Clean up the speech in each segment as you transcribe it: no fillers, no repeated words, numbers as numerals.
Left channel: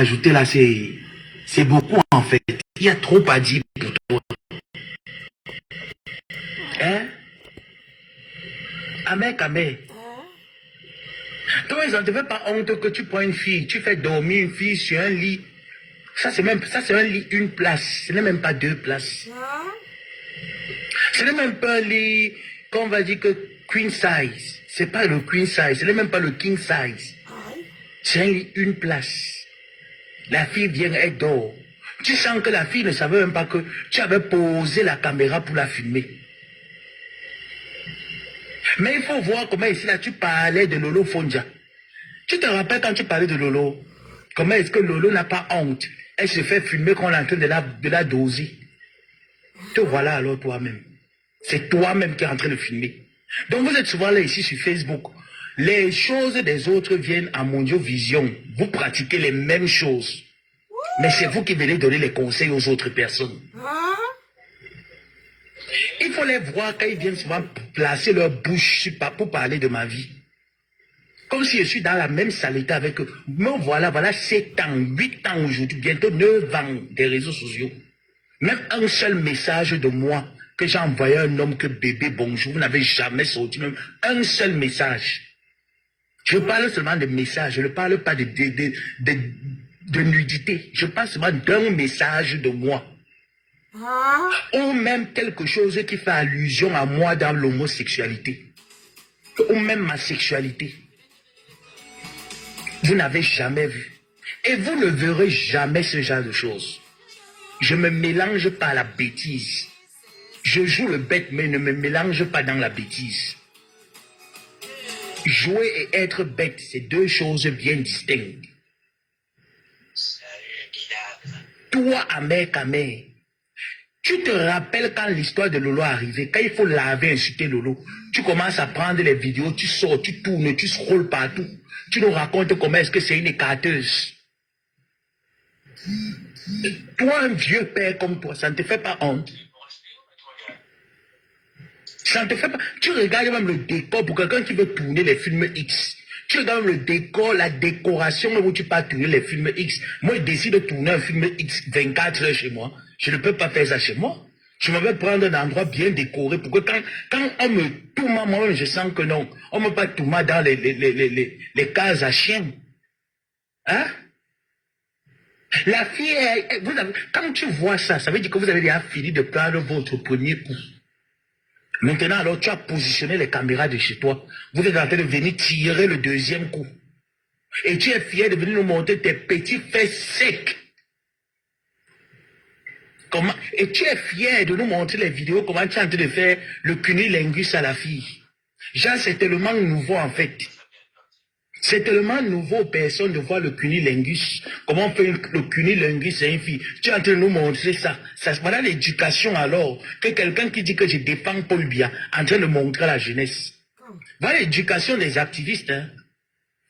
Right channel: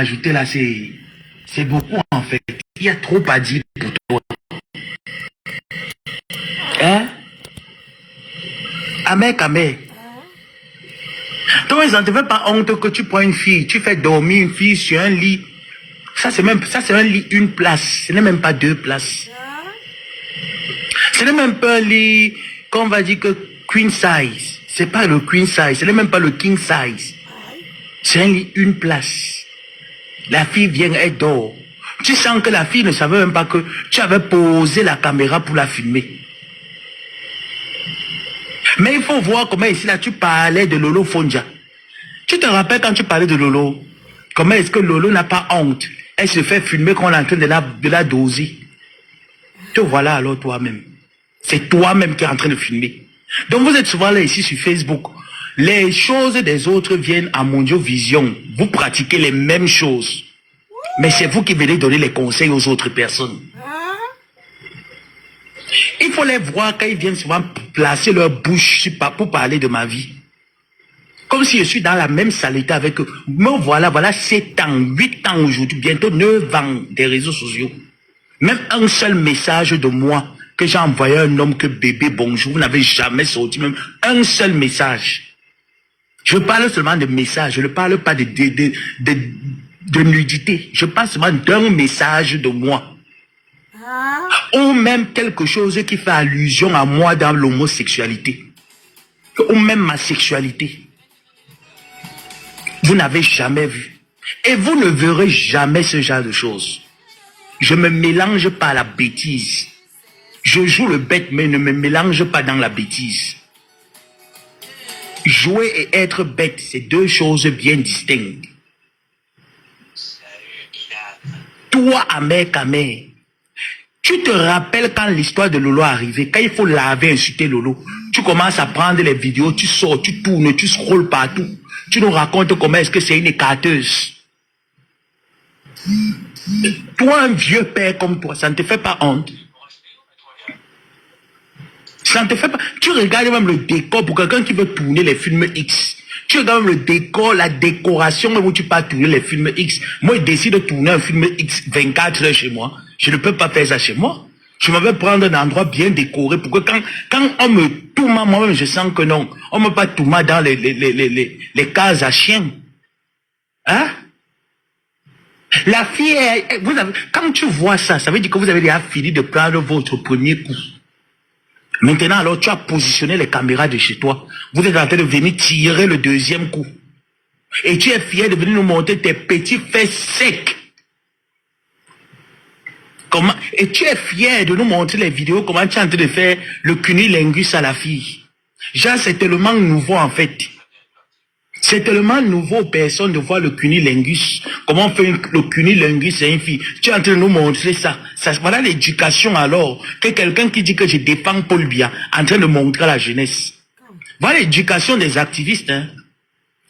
ajouter là, c'est beaucoup en fait. Il y a trop à dire pour toi. Hein? Amé. Toi, ils ne te fait pas honte que tu prends une fille, tu fais dormir une fille sur un lit. Ça, c'est un lit, une place. Ce n'est même pas deux places. Ce n'est même pas un lit, qu'on va dire que queen size. C'est pas le queen size. Ce n'est même pas le king size. C'est un lit, une place. La fille vient, elle dort. Tu sens que la fille ne savait même pas que tu avais posé la caméra pour la filmer. Mais il faut voir comment ici, là, tu parlais de Lolo Fonja. Tu te rappelles quand tu parlais de Lolo? Comment est-ce que Lolo n'a pas honte? Elle se fait filmer quand on est en train de la doser. Te voilà alors toi-même. C'est toi-même qui es en train de filmer. Donc vous êtes souvent là ici sur Facebook. Les choses des autres viennent à Mondiovision. Vous pratiquez les mêmes choses. Mais c'est vous qui venez donner les conseils aux autres personnes. Il faut les voir quand ils viennent souvent placer leur bouche pour parler de ma vie. Comme si je suis dans la même saleté avec eux. Me voilà 7 ans, 8 ans aujourd'hui, bientôt 9 ans des réseaux sociaux. Même un seul message de moi que j'ai envoyé à un homme que bébé bonjour, vous n'avez jamais sorti même un seul message. Je parle seulement de messages, je ne parle pas de nudité. Je parle seulement d'un message de moi. Ou même quelque chose qui fait allusion à moi dans l'homosexualité. Ou même ma sexualité. Vous n'avez jamais vu. Et vous ne verrez jamais ce genre de choses. Je ne me mélange pas à la bêtise. Je joue le bête, mais ne me mélange pas dans la bêtise. Jouer et être bête, c'est deux choses bien distinctes. Toi, Amé, tu te rappelles quand l'histoire de Lolo est arrivée, quand il faut laver, insulter Lolo, tu commences à prendre les vidéos, tu sors, tu tournes, tu scrolles partout. Tu nous racontes comment est-ce que c'est une écarteuse. Toi, un vieux père comme toi, ça ne te fait pas honte? Ça ne te fait pas... Tu regardes même le décor pour quelqu'un qui veut tourner les films X. Tu regardes même le décor, la décoration où tu peux tourner les films X. Moi, je décide de tourner un film X 24 heures chez moi. Je ne peux pas faire ça chez moi. Je vais prendre un endroit bien décoré pour que quand on me tourne, moi-même, je sens que non. On ne me pas tourner dans les cases à chiens. Hein? La fille, quand tu vois ça, ça veut dire que vous avez déjà fini de prendre votre premier coup. Maintenant, alors, tu as positionné les caméras de chez toi. Vous êtes en train de venir tirer le deuxième coup. Et tu es fier de venir nous montrer tes petits fesses secs. Comment? Et tu es fier de nous montrer les vidéos, comment tu es en train de faire le cunilingus à la fille. Genre, c'est tellement nouveau en fait. C'est tellement nouveau aux personnes de voir le cunilingus. Comment on fait le cunilingus à une fille. Tu es en train de nous montrer ça. Voilà l'éducation alors. Que quelqu'un qui dit que je défends Paul Biya, en train de montrer à la jeunesse. Voilà l'éducation des activistes. Hein.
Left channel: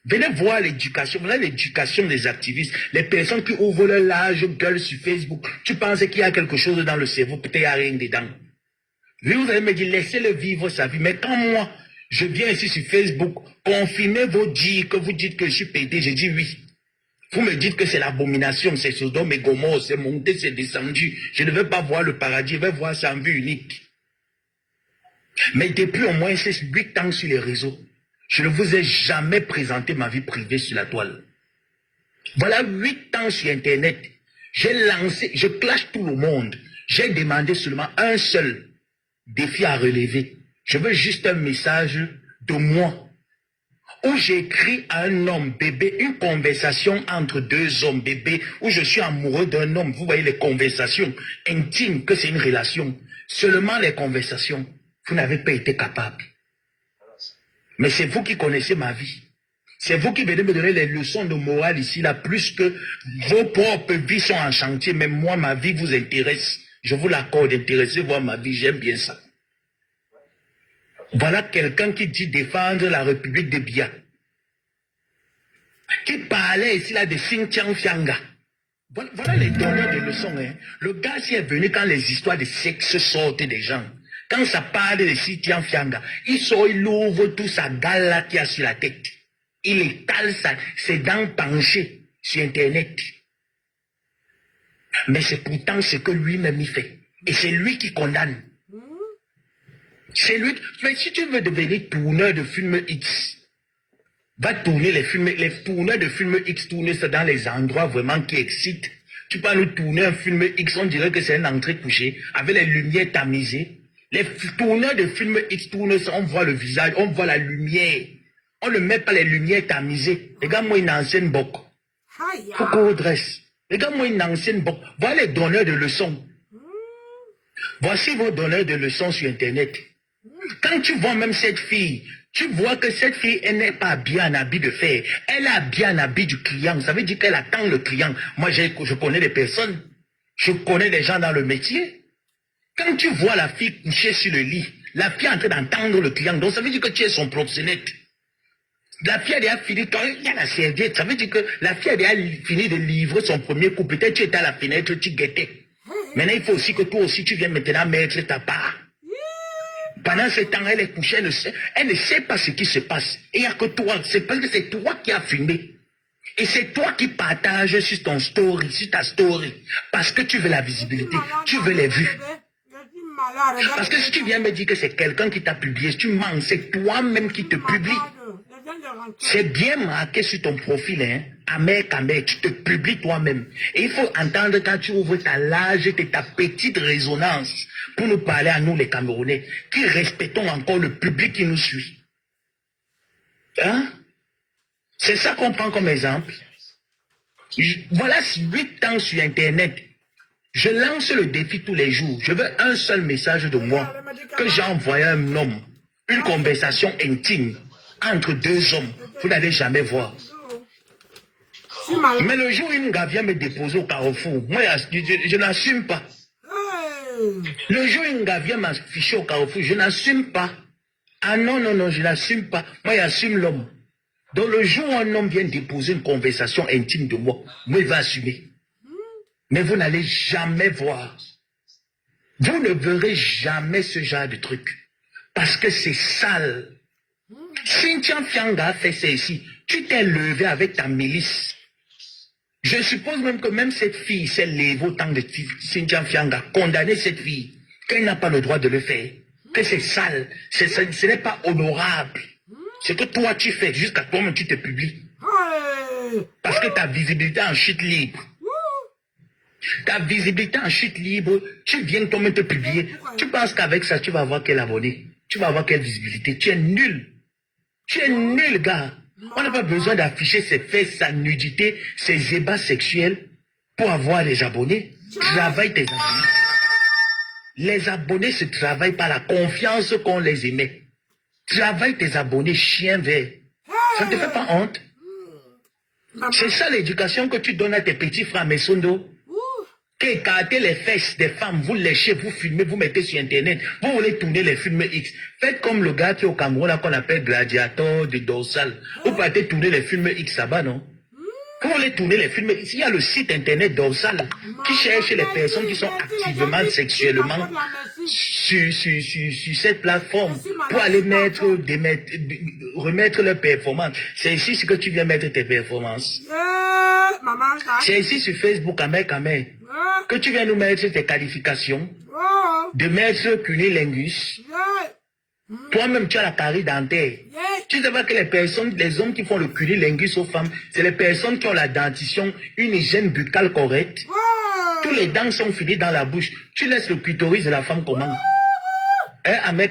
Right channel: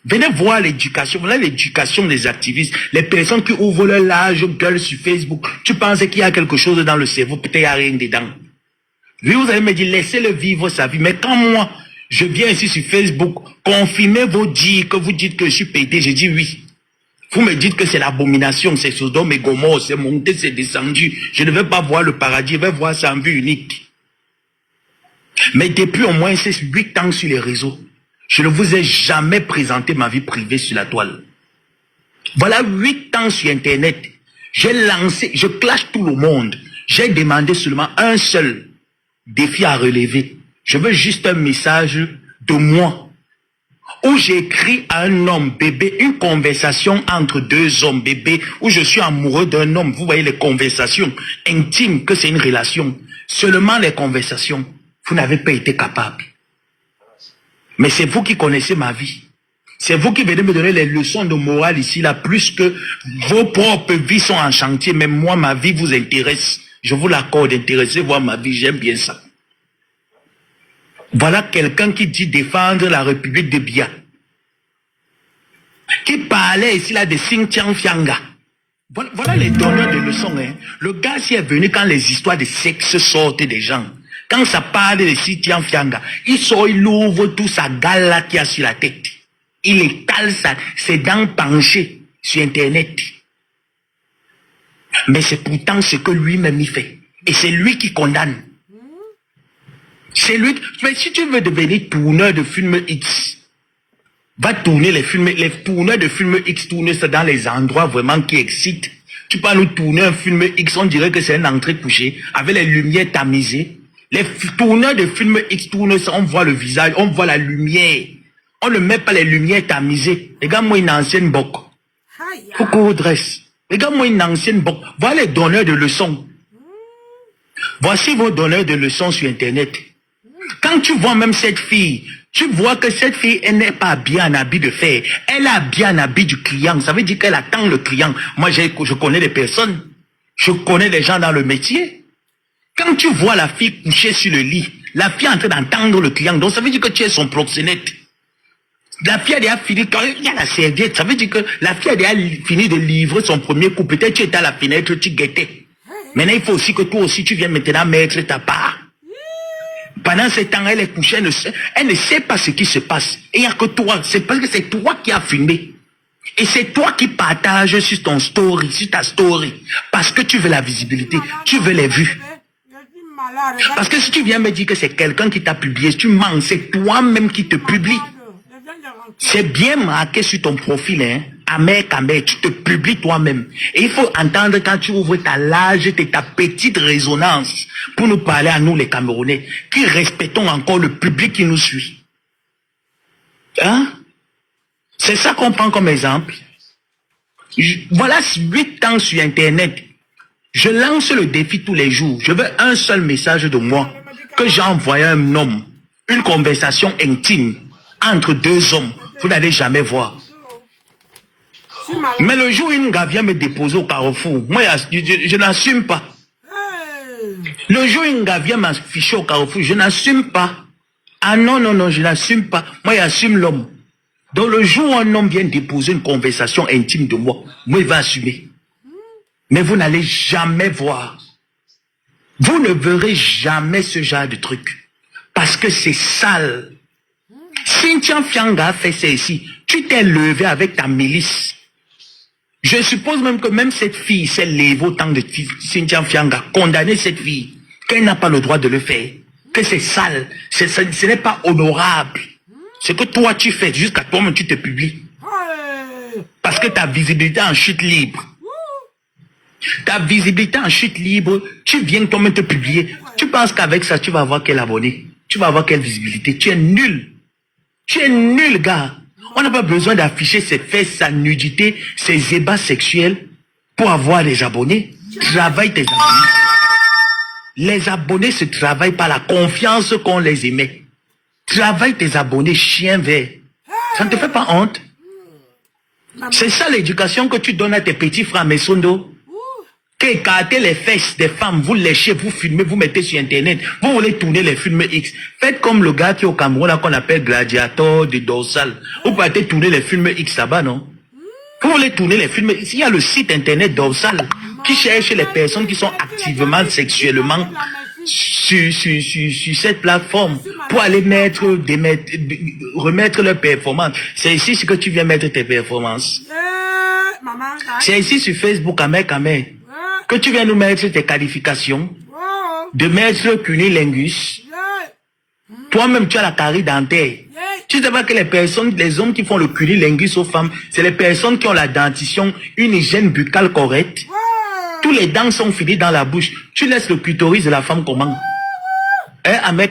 Venez voir l'éducation. Voilà l'éducation des activistes. Les personnes qui ouvrent leur large gueule sur Facebook. Tu penses qu'il y a quelque chose dans le cerveau, peut-être il n'y a rien dedans. Oui, vous allez me dire, laissez-le vivre sa vie. Mais quand moi, je viens ici sur Facebook, confirmez vos dires, que vous dites que je suis pété, je dis oui. Vous me dites que c'est l'abomination, c'est Sodome et Gomorrhe, c'est monté, c'est descendu. Je ne veux pas voir le paradis, je vais voir ça en vue unique. Mais depuis au moins 8 ans sur les réseaux, je ne vous ai jamais présenté ma vie privée sur la toile. Voilà 8 ans sur Internet. J'ai lancé, je clash tout le monde. J'ai demandé seulement un seul défi à relever. Je veux juste un message de moi. Où j'écris à un homme bébé, une conversation entre deux hommes bébés, où je suis amoureux d'un homme. Vous voyez les conversations intimes, que c'est une relation. Seulement les conversations. Vous n'avez pas été capable. Mais c'est vous qui connaissez ma vie. C'est vous qui venez me donner les leçons de morale ici, là, plus que vos propres vies sont en chantier. Mais moi, ma vie vous intéresse. Je vous l'accorde, intéressez voir ma vie, j'aime bien ça. Voilà quelqu'un qui dit défendre la République de Biya. Qui parlait ici, là, de Xinjiang Fianga. Voilà les donneurs de leçons. Hein. Le gars s'y est venu quand les histoires de sexe sortent des gens. Quand ça parle de Xinjiang Fianga, il ouvre tout sa gale là qu'il a sur la tête. Il étale ça, ses dents penchées sur Internet. Mais c'est pourtant ce que lui-même il fait. Et c'est lui qui condamne. C'est lui. Mais si tu veux devenir tourneur de films X, va tourner les films, les tourneurs de films X, tourner ça dans les endroits vraiment qui excitent. Tu peux nous tourner un film X, on dirait que c'est une entrée couchée, avec les lumières tamisées. Les tourneurs de films X tournent ça, on voit le visage, on voit la lumière. On ne met pas les lumières tamisées. Regarde-moi une ancienne boc. Faut qu'on redresse. Regarde-moi une ancienne boc. Voilà les donneurs de leçons. Voici vos donneurs de leçons sur Internet. Quand tu vois même cette fille, tu vois que cette fille, elle n'est pas bien en habit de fer. Elle a bien en habit du client. Ça veut dire qu'elle attend le client. Moi, je connais des personnes. Je connais des gens dans le métier. Quand tu vois la fille couchée sur le lit, la fille est en train d'entendre le client. Donc, ça veut dire que tu es son proxénète. La fille a déjà fini, quand il y a la serviette, ça veut dire que la fille a déjà fini de livrer son premier coup. Peut-être tu étais à la fenêtre, tu guettais. Maintenant, il faut aussi que toi aussi, tu viennes maintenant mettre ta part. Pendant ce temps, elle est couchée, elle ne sait pas ce qui se passe. Et il n'y a que toi, c'est parce que c'est toi qui as filmé. Et c'est toi qui partages sur ton story, sur ta story. Parce que tu veux la visibilité, tu veux les vues. Parce que si tu viens me dire que c'est quelqu'un qui t'a publié, tu mens, c'est toi-même qui te publie. C'est bien marqué sur ton profil, hein. Amer, tu te publies toi-même. Et il faut entendre quand tu ouvres ta large et ta petite résonance pour nous parler à nous les Camerounais, qui respectons encore le public qui nous suit. Hein? C'est ça qu'on prend comme exemple. Voilà 8 ans sur Internet. Je lance le défi tous les jours. Je veux un seul message de moi que j'ai envoyé à un homme. Une conversation intime entre deux hommes. Vous n'allez jamais voir. Mais le jour où une gars vient me déposer au carrefour, moi, je n'assume pas. Le jour où une gars vient m'afficher au carrefour, je n'assume pas. Ah non, non, non, je n'assume pas. Moi, j'assume l'homme. Donc, le jour où un homme vient déposer une conversation intime de moi, moi, il va assumer. Mais vous n'allez jamais voir. Vous ne verrez jamais ce genre de truc. Parce que c'est sale. Cynthia Fianga a fait ça ici. Tu t'es levé avec ta milice. Je suppose même que même cette fille s'est levée au temps de Cynthia Fianga, condamner cette fille, qu'elle n'a pas le droit de le faire, que c'est sale, ce n'est pas honorable. Ce que toi tu fais, jusqu'à toi-même tu te publies. Parce que ta visibilité en chute libre. Ta visibilité en chute libre, tu viens toi-même te publier. Tu penses qu'avec ça, tu vas avoir quel abonné? Tu vas avoir quelle visibilité? Tu es nul. Tu es nul, gars. On n'a pas besoin d'afficher ses fesses, sa nudité, ses ébats sexuels pour avoir des abonnés. Travaille tes abonnés. Les abonnés se travaillent par la confiance qu'on les émet. Travaille tes abonnés, chien vert. Ça ne te fait pas honte? C'est ça l'éducation que tu donnes à tes petits frères Messondo. Qu'écartez les fesses des femmes, vous léchez, vous filmez, vous mettez sur Internet, vous voulez tourner les films X. Faites comme le gars qui est au Cameroun, qu'on appelle Gladiator de Dorsal. Vous partez tourner les films X là-bas, non? Vous voulez tourner les films X. Il y a le site Internet Dorsal qui cherche les personnes qui sont activement sexuellement sur cette plateforme pour aller remettre leurs performances. C'est ici ce que tu viens mettre tes performances. C'est ici sur Facebook, Amé, que tu viens nous mettre tes qualifications, de mettre cunilingus. Toi-même, tu as la carie dentaire. Tu sais pas que les hommes qui font le cunilingus aux femmes, c'est les personnes qui ont la dentition, une hygiène buccale correcte. Tous les dents sont finies dans la bouche. Tu laisses le clitoris de la femme comment? Hein, Amé.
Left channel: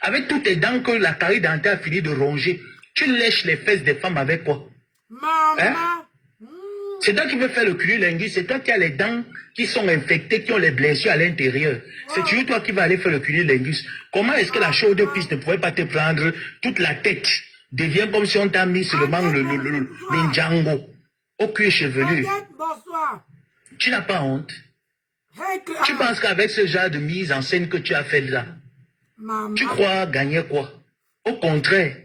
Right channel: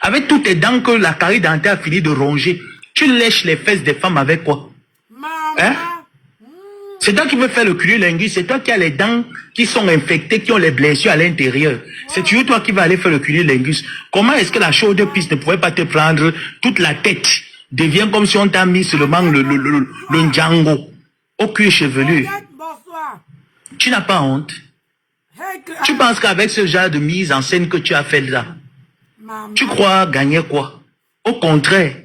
Avec toutes tes dents que la carie dentaire a fini de ronger, tu lèches les fesses des femmes avec quoi? Hein? C'est toi qui veux faire le cunilingus, c'est toi qui as les dents qui sont infectées, qui ont les blessures à l'intérieur. C'est toujours toi qui vas aller faire le cunilingus. Comment est-ce que la chaude piste ne pouvait pas te prendre toute la tête? Devient comme si on t'a mis seulement le Django au cuir chevelu. Tu n'as pas honte? Tu penses qu'avec ce genre de mise en scène que tu as fait là, tu crois gagner quoi? Au contraire,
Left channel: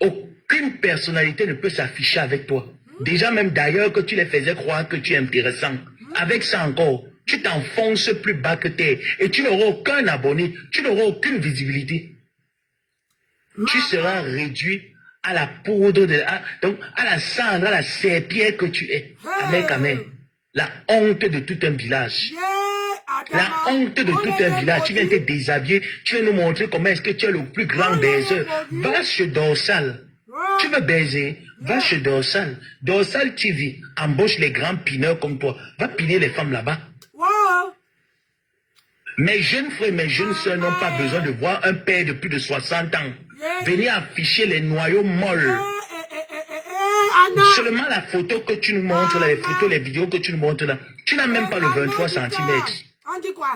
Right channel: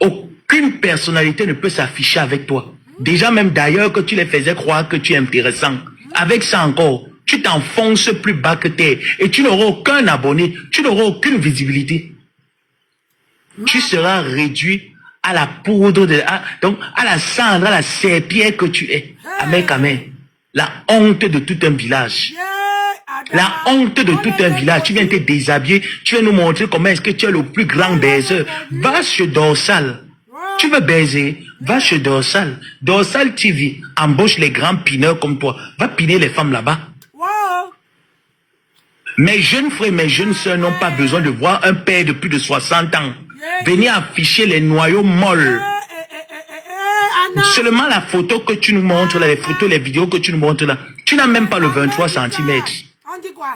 aucune personnalité ne peut s'afficher avec toi. Déjà même d'ailleurs que tu les faisais croire que tu es intéressant. Avec ça encore, tu t'enfonces plus bas que terre et tu n'auras aucun abonné, tu n'auras aucune visibilité. Tu seras réduit à la poudre, donc à la cendre, à la serpillère que tu es. Amen. La honte de tout un village. La honte de tout un village. Tu viens te déshabiller. Tu viens nous montrer comment est-ce que tu es le plus grand baiser. Va chez Dorsal. Tu veux baiser? Va chez Dorsal. Dorsal TV embauche les grands pineurs comme toi. Va piner les femmes là-bas. Mes jeunes frères, mes jeunes soeurs n'ont pas besoin de voir un père de plus de 60 ans venir afficher les noyaux molles. Seulement la photo que tu nous montres là, les photos, les vidéos que tu nous montres là, tu n'as même pas le 23 cm. On dit quoi?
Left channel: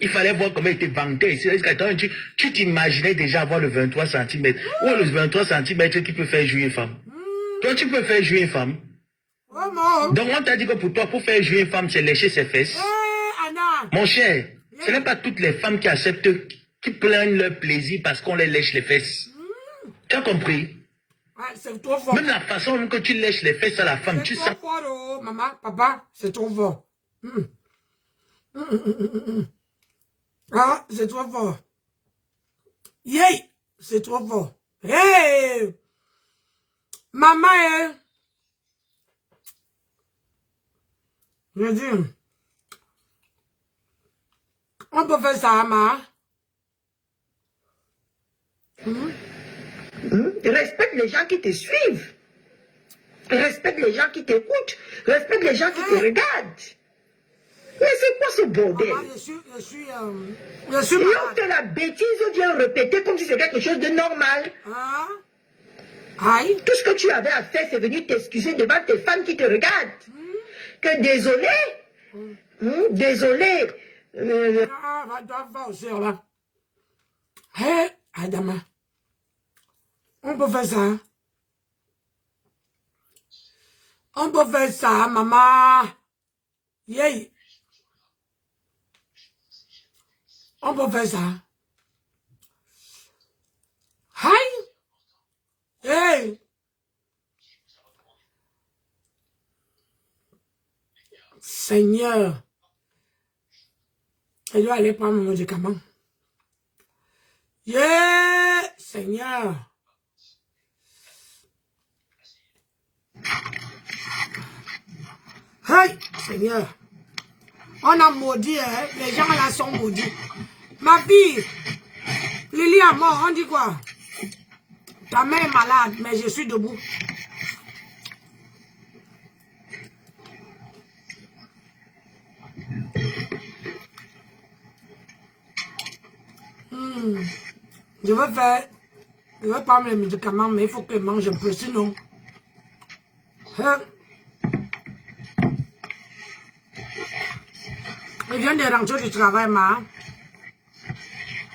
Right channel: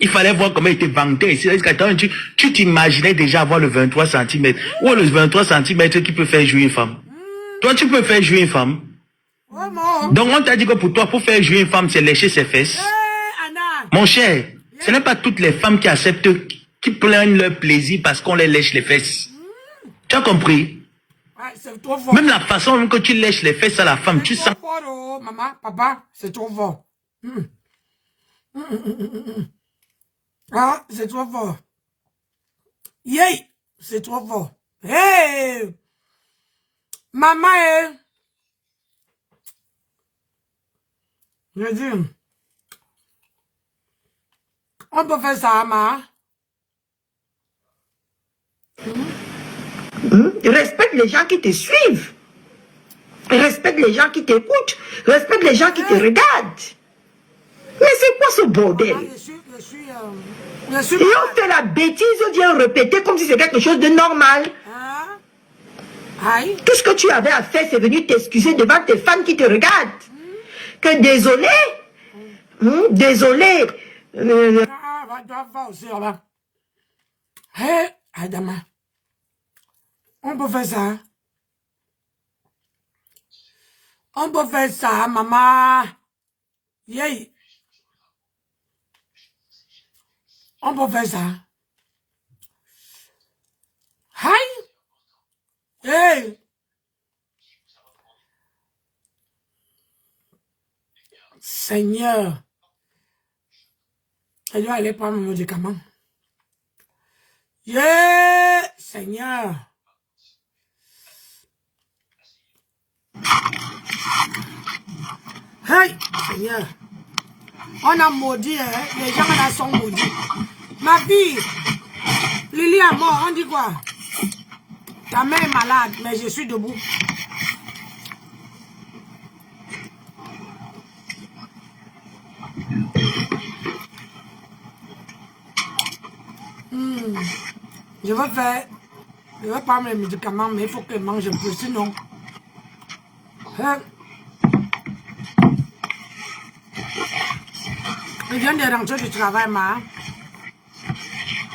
Il fallait voir comment il était vanté ici. Tu t'imaginais déjà avoir le 23 cm. Ou le 23 cm qui peut faire jouer une femme. Toi, tu peux faire jouer une femme. Donc, on t'a dit que pour toi, pour faire jouer une femme, c'est lécher ses fesses. Mon cher, ce n'est pas toutes les femmes qui acceptent, qui plaignent leur plaisir parce qu'on les lèche les fesses. Tu as compris? Trop fort. Même la façon que tu lèches les fesses à la femme, tu sens. C'est trop fort, oh, maman, papa, c'est trop fort. Ah, c'est trop fort. Yay, c'est trop fort. Hey, maman, je dis, on peut faire ça, maman. Respecte les gens qui te suivent. Respecte les gens qui t'écoutent. Respecte les gens qui te regardent. Mais c'est quoi ce bordel? Je suis Et on fait la bêtise, on vient répéter comme si c'était quelque chose de normal. Aïe. Tout ce que tu avais à faire, c'est venir t'excuser devant tes fans qui te regardent. Que désolé. Désolé. Va aussi, là. Hé, Adama. On peut faire ça. On peut faire ça, maman. Yay. On peut faire ça. Aïe. Hey. Seigneur. Je dois aller prendre mon médicament. Yeah, Seigneur. Hey, Seigneur. On a maudit, hein? Les gens là sont maudits. Ma fille, Lily est mort, on dit quoi? Ta mère est malade, mais je suis debout. Je vais prendre les médicaments, mais il faut que je mange un peu, sinon. Hein? Je viens de rentrer du travail, maman.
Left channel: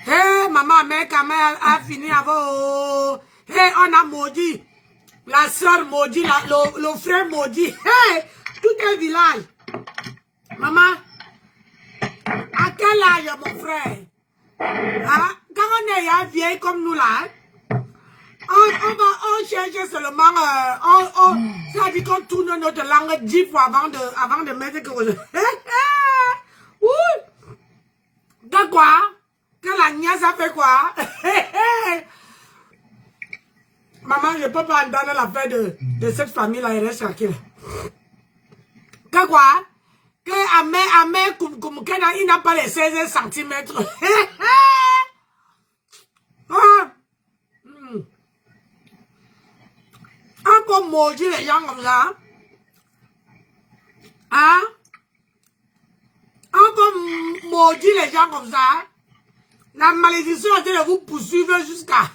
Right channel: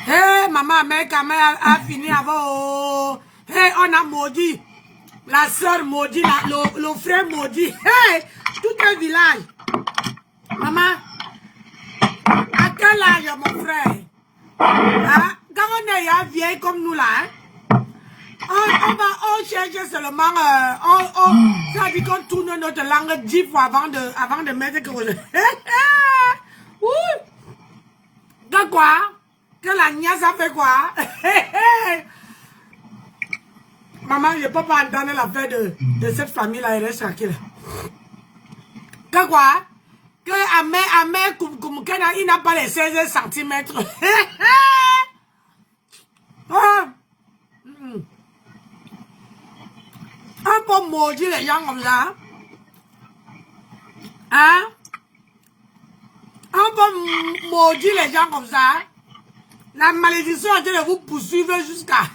Hé, maman, mec, a fini avant. Hé, on a maudit. La soeur maudit, le frère maudit. Hé, tout un village. Maman, à quel âge, mon frère? Hein? Quand on est vieille comme nous là, hein? on cherche seulement, ça dit qu'on tourne notre langue 10 fois avant de mettre quelque chose. Oui. De quoi? Que la niaise a fait quoi? Maman, je ne peux pas entendre l'affaire de cette famille-là, elle reste tranquille. Que quoi? Que Amé, il n'a pas les 16 cm. On peut maudire les gens comme ça. Hein? On peut maudire les gens comme ça. La malédiction est de vous poursuivre jusqu'à...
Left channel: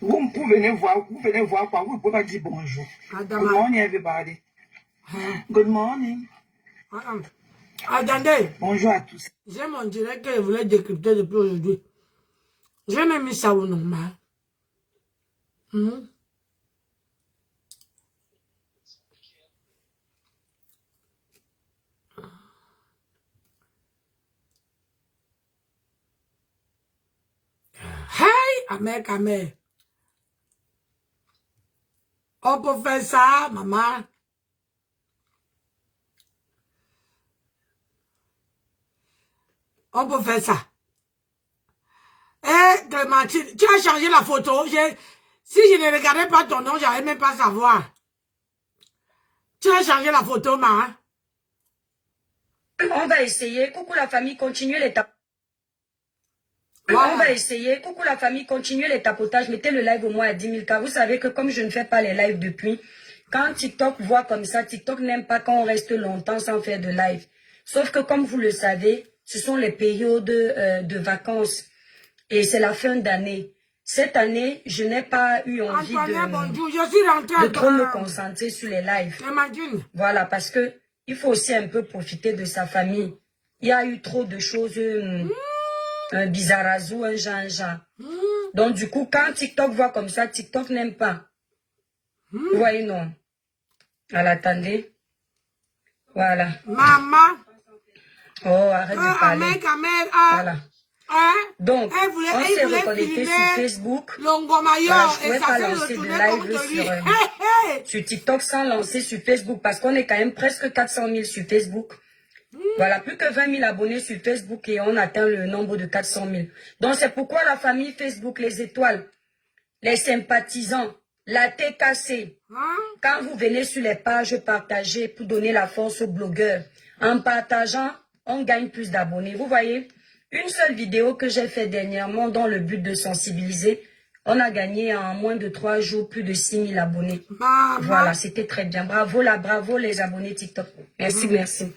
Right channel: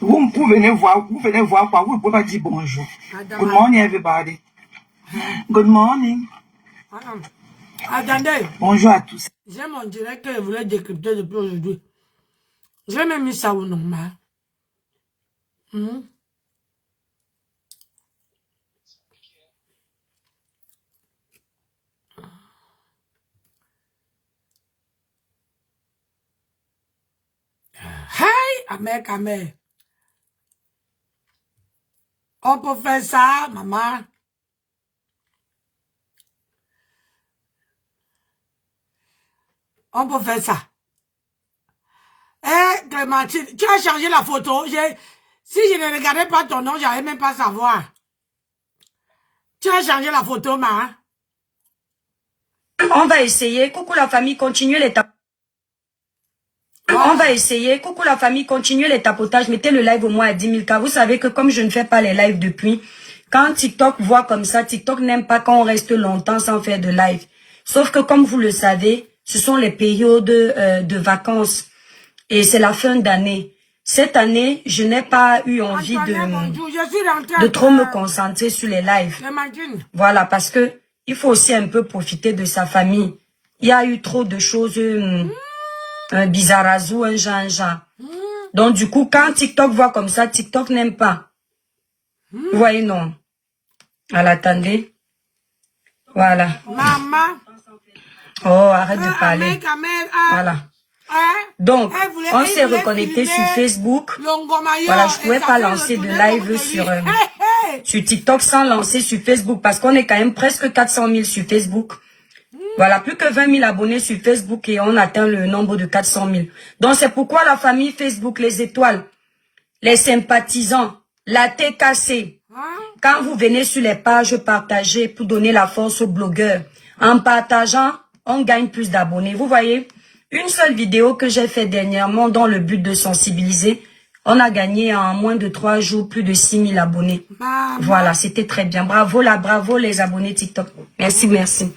Vous venez voir quoi? Vous ne pouvez pas dire bonjour. Good morning, everybody. Good morning. Attendez. Bonjour à tous. J'ai mon direct que je voulais décrypter depuis aujourd'hui. J'ai même mis ça au normal. Hey, Amé. On peut faire ça, maman. On peut faire ça. Eh, Clémentine, tu as changé la photo. Si je ne regardais pas ton nom, j'allais même pas savoir. Tu as changé la photo, ma. On va essayer. Coucou la famille, continuez les tapotages. On va essayer. Coucou la famille, continuez les tapotages. Mettez le live au moins à 10 000 cas. Vous savez que comme je ne fais pas les lives depuis, quand TikTok voit comme ça, TikTok n'aime pas quand on reste longtemps sans faire de live. Sauf que comme vous le savez, ce sont les périodes de vacances. Et c'est la fin d'année. Cette année, je n'ai pas eu envie de trop me concentrer sur les lives. Voilà, parce que il faut aussi un peu profiter de sa famille. Il y a eu trop de choses, un bizarrazou, un genre. Donc du coup, quand TikTok voit comme ça, TikTok n'aime pas. Vous voyez, non. Alors, attendez. Voilà. Maman. Oh, arrête de parler. Voilà. Donc, on s'est reconnecté sur Facebook. Voilà, je ne pouvais pas lancer de live sur TikTok sans lancer sur Facebook parce qu'on est quand même presque 400 000 sur Facebook. Voilà, plus que 20 000 abonnés sur Facebook et on atteint le nombre de 400 000. Donc, c'est pourquoi la famille Facebook, les étoiles, les sympathisants, la TKC, quand vous venez sur les pages partagées pour donner la force aux blogueurs, en partageant, on gagne plus d'abonnés. Vous voyez, une seule vidéo que j'ai fait dernièrement dans le but de sensibiliser, on a gagné en moins de 3 jours plus de 6 000 abonnés. Voilà, c'était très bien. Bravo là, bravo les abonnés TikTok. Merci, merci.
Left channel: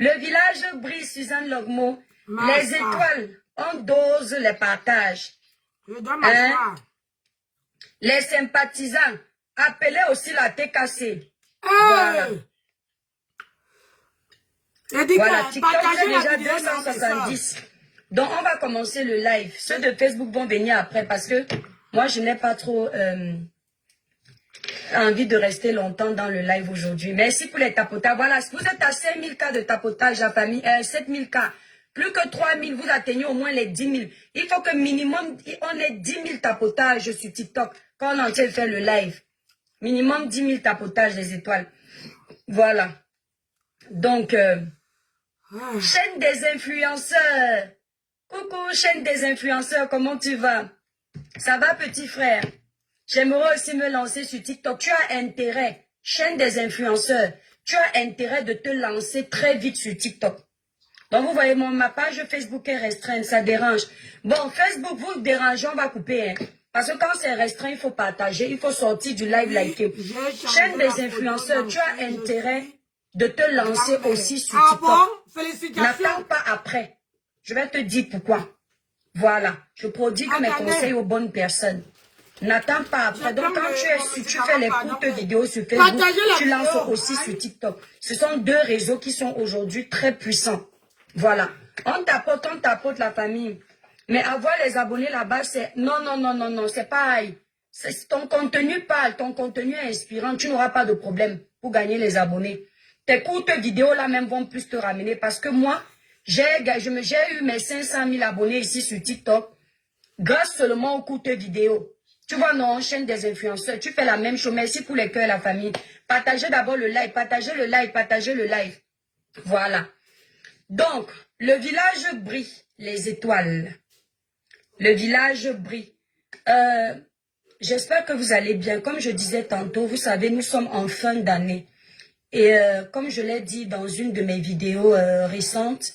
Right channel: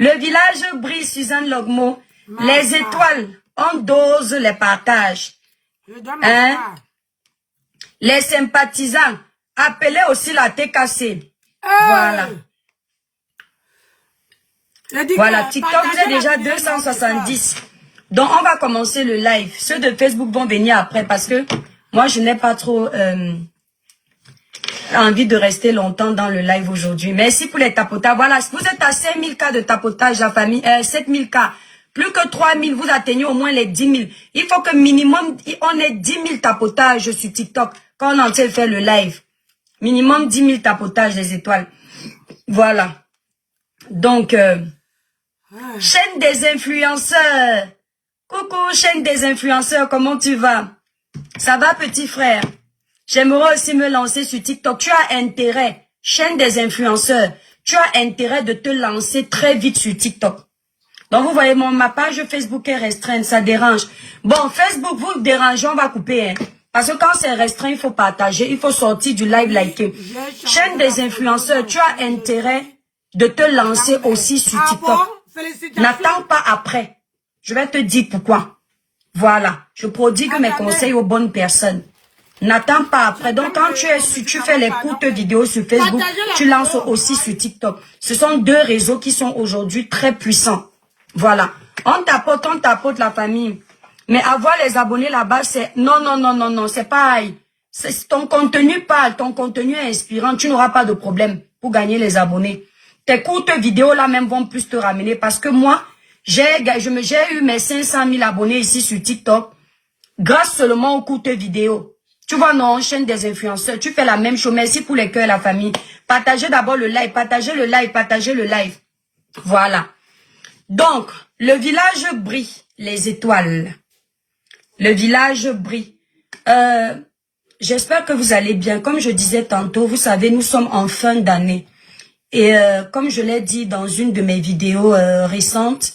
Le village brille, Suzanne Logmo. Les étoiles, on dose les partages. Hein? Les sympathisants, appelez aussi la TKC. Voilà. Voilà, TikTok, j'ai déjà 270. Donc, on va commencer le live. Ceux de Facebook vont venir après parce que moi, je n'ai pas trop envie de rester longtemps dans le live aujourd'hui. Merci pour les tapotages. Voilà, vous êtes à 5 000 cas de tapotage, la famille. 7 000 cas. Plus que 3 000, vous atteignez au moins les 10 000. Il faut que minimum, on ait 10 000 tapotages sur TikTok quand on est en train de faire le live. Minimum 10 000 tapotages, les étoiles. Voilà. Donc, chaîne des influenceurs. Coucou, chaîne des influenceurs, comment tu vas? Ça va, petit frère? J'aimerais aussi me lancer sur TikTok. Tu as intérêt, chaîne des influenceurs, tu as intérêt de te lancer très vite sur TikTok. Donc, vous voyez, ma page Facebook est restreinte, ça dérange. Bon, Facebook, vous dérangez, on va couper. Hein. Parce que quand c'est restreint, il faut partager, il faut sortir du live liker. Chaîne des influenceurs, tu as intérêt de te lancer aussi sur TikTok. N'attends pas après. Je vais te dire pourquoi. Voilà. Je prodigue mes conseils aux bonnes personnes. N'attends pas après. Donc, quand tu fais les courtes vidéos sur Facebook, tu lances aussi sur TikTok. Ce sont deux réseaux qui sont aujourd'hui très puissants. Voilà. On tapote la famille. Mais avoir les abonnés là-bas, c'est... Non, c'est pareil. Ton contenu parle, ton contenu est inspirant. Tu n'auras pas de problème pour gagner les abonnés. Tes courtes vidéos là même vont plus te ramener parce que moi, j'ai eu mes 500 000 abonnés ici sur TikTok grâce seulement aux courtes vidéos. Tu vois, non, chaîne des influenceurs, tu fais la même chose. Merci pour les cœurs, la famille. Partagez d'abord le live, partagez le live. Voilà. Donc, le village brille, les étoiles. Le village brille. J'espère que vous allez bien. Comme je disais tantôt, vous savez, nous sommes en fin d'année. Et comme je l'ai dit dans une de mes vidéos récentes,